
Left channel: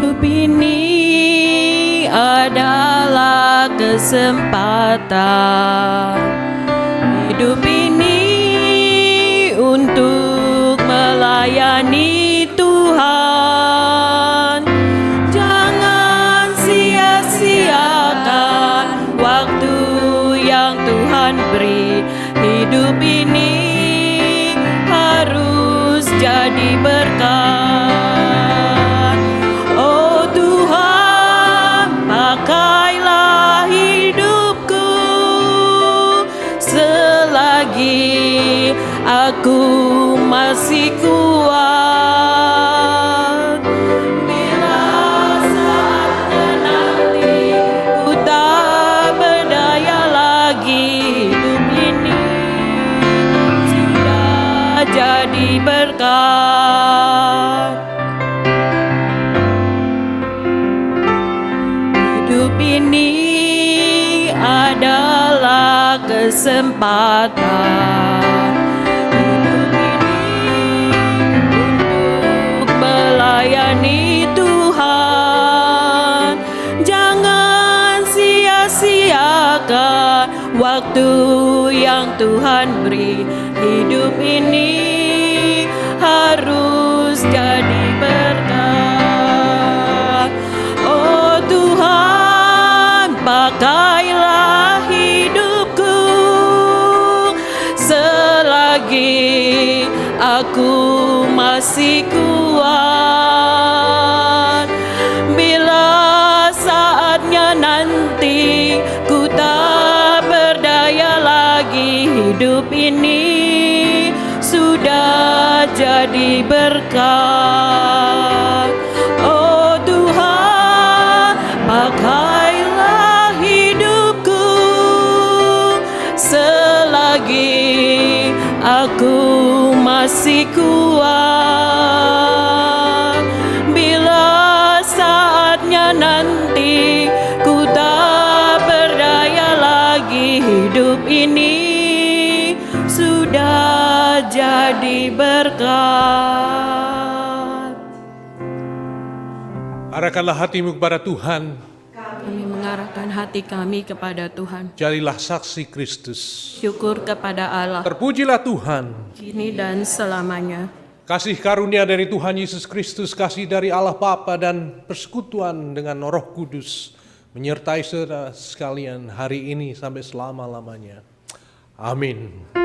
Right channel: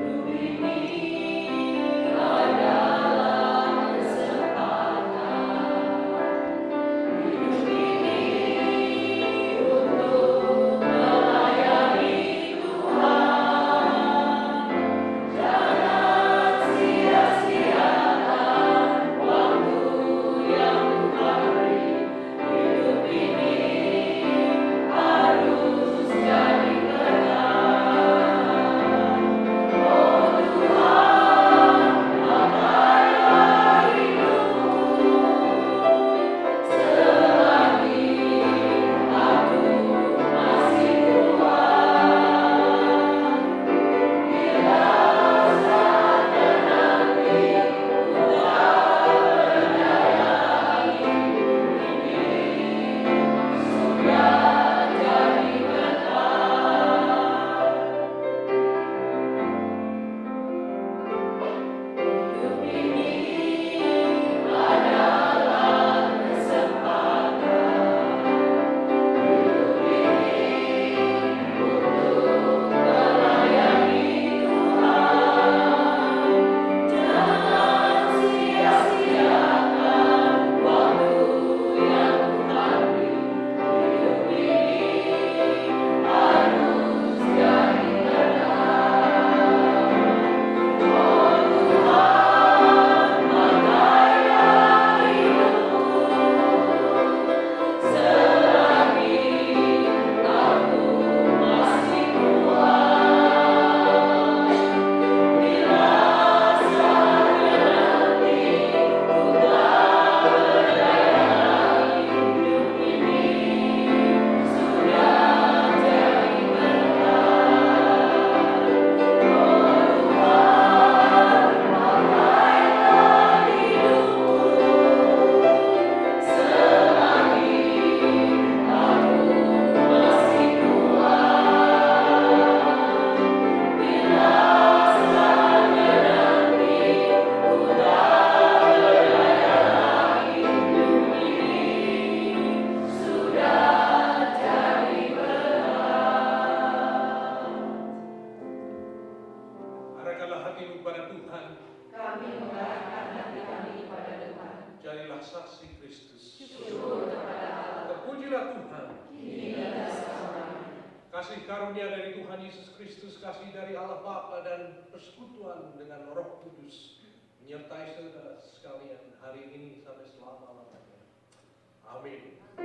Hidup ini adalah kesempatan. Hidup ini untuk melayani Tuhan. Jangan sia-siakan waktu yang Tuhan beri. Hidup ini harus jadi berkat. Oh Tuhan, pakailah hidupku selagi aku masih kuat. Bila saatnya nanti ku tak berdaya lagi, hidup ini sudah jadi berkat. Hidup ini adalah kesempatan. Hidup ini untuk melayani Tuhan. Jangan sia-siakan waktu yang Tuhan beri. Hidup ini harus jadi berkat. Oh Tuhan, pakailah hidupku selagi aku masih kuat. Bila saatnya nanti ku tak berdaya lagi, hidup ini sudah jadi berkat. Oh Tuhan, pakailah hidupku selagi aku masih kuat. Bila saatnya nanti ku tak berdaya lagi, hidup ini sudah jadi berkat. Arahkanlah hatimu kepada Tuhan. Kami mengarahkan hati kami kepada Tuhan. Jadilah saksi Kristus. Syukur kepada Allah, Terpujilah Tuhan. kini dan selamanya. Kasih karunia dari Tuhan Yesus Kristus, kasih dari Allah Bapa dan persekutuan dengan Roh Kudus menyertai saudara sekalian hari ini sampai selama-lamanya. Amin.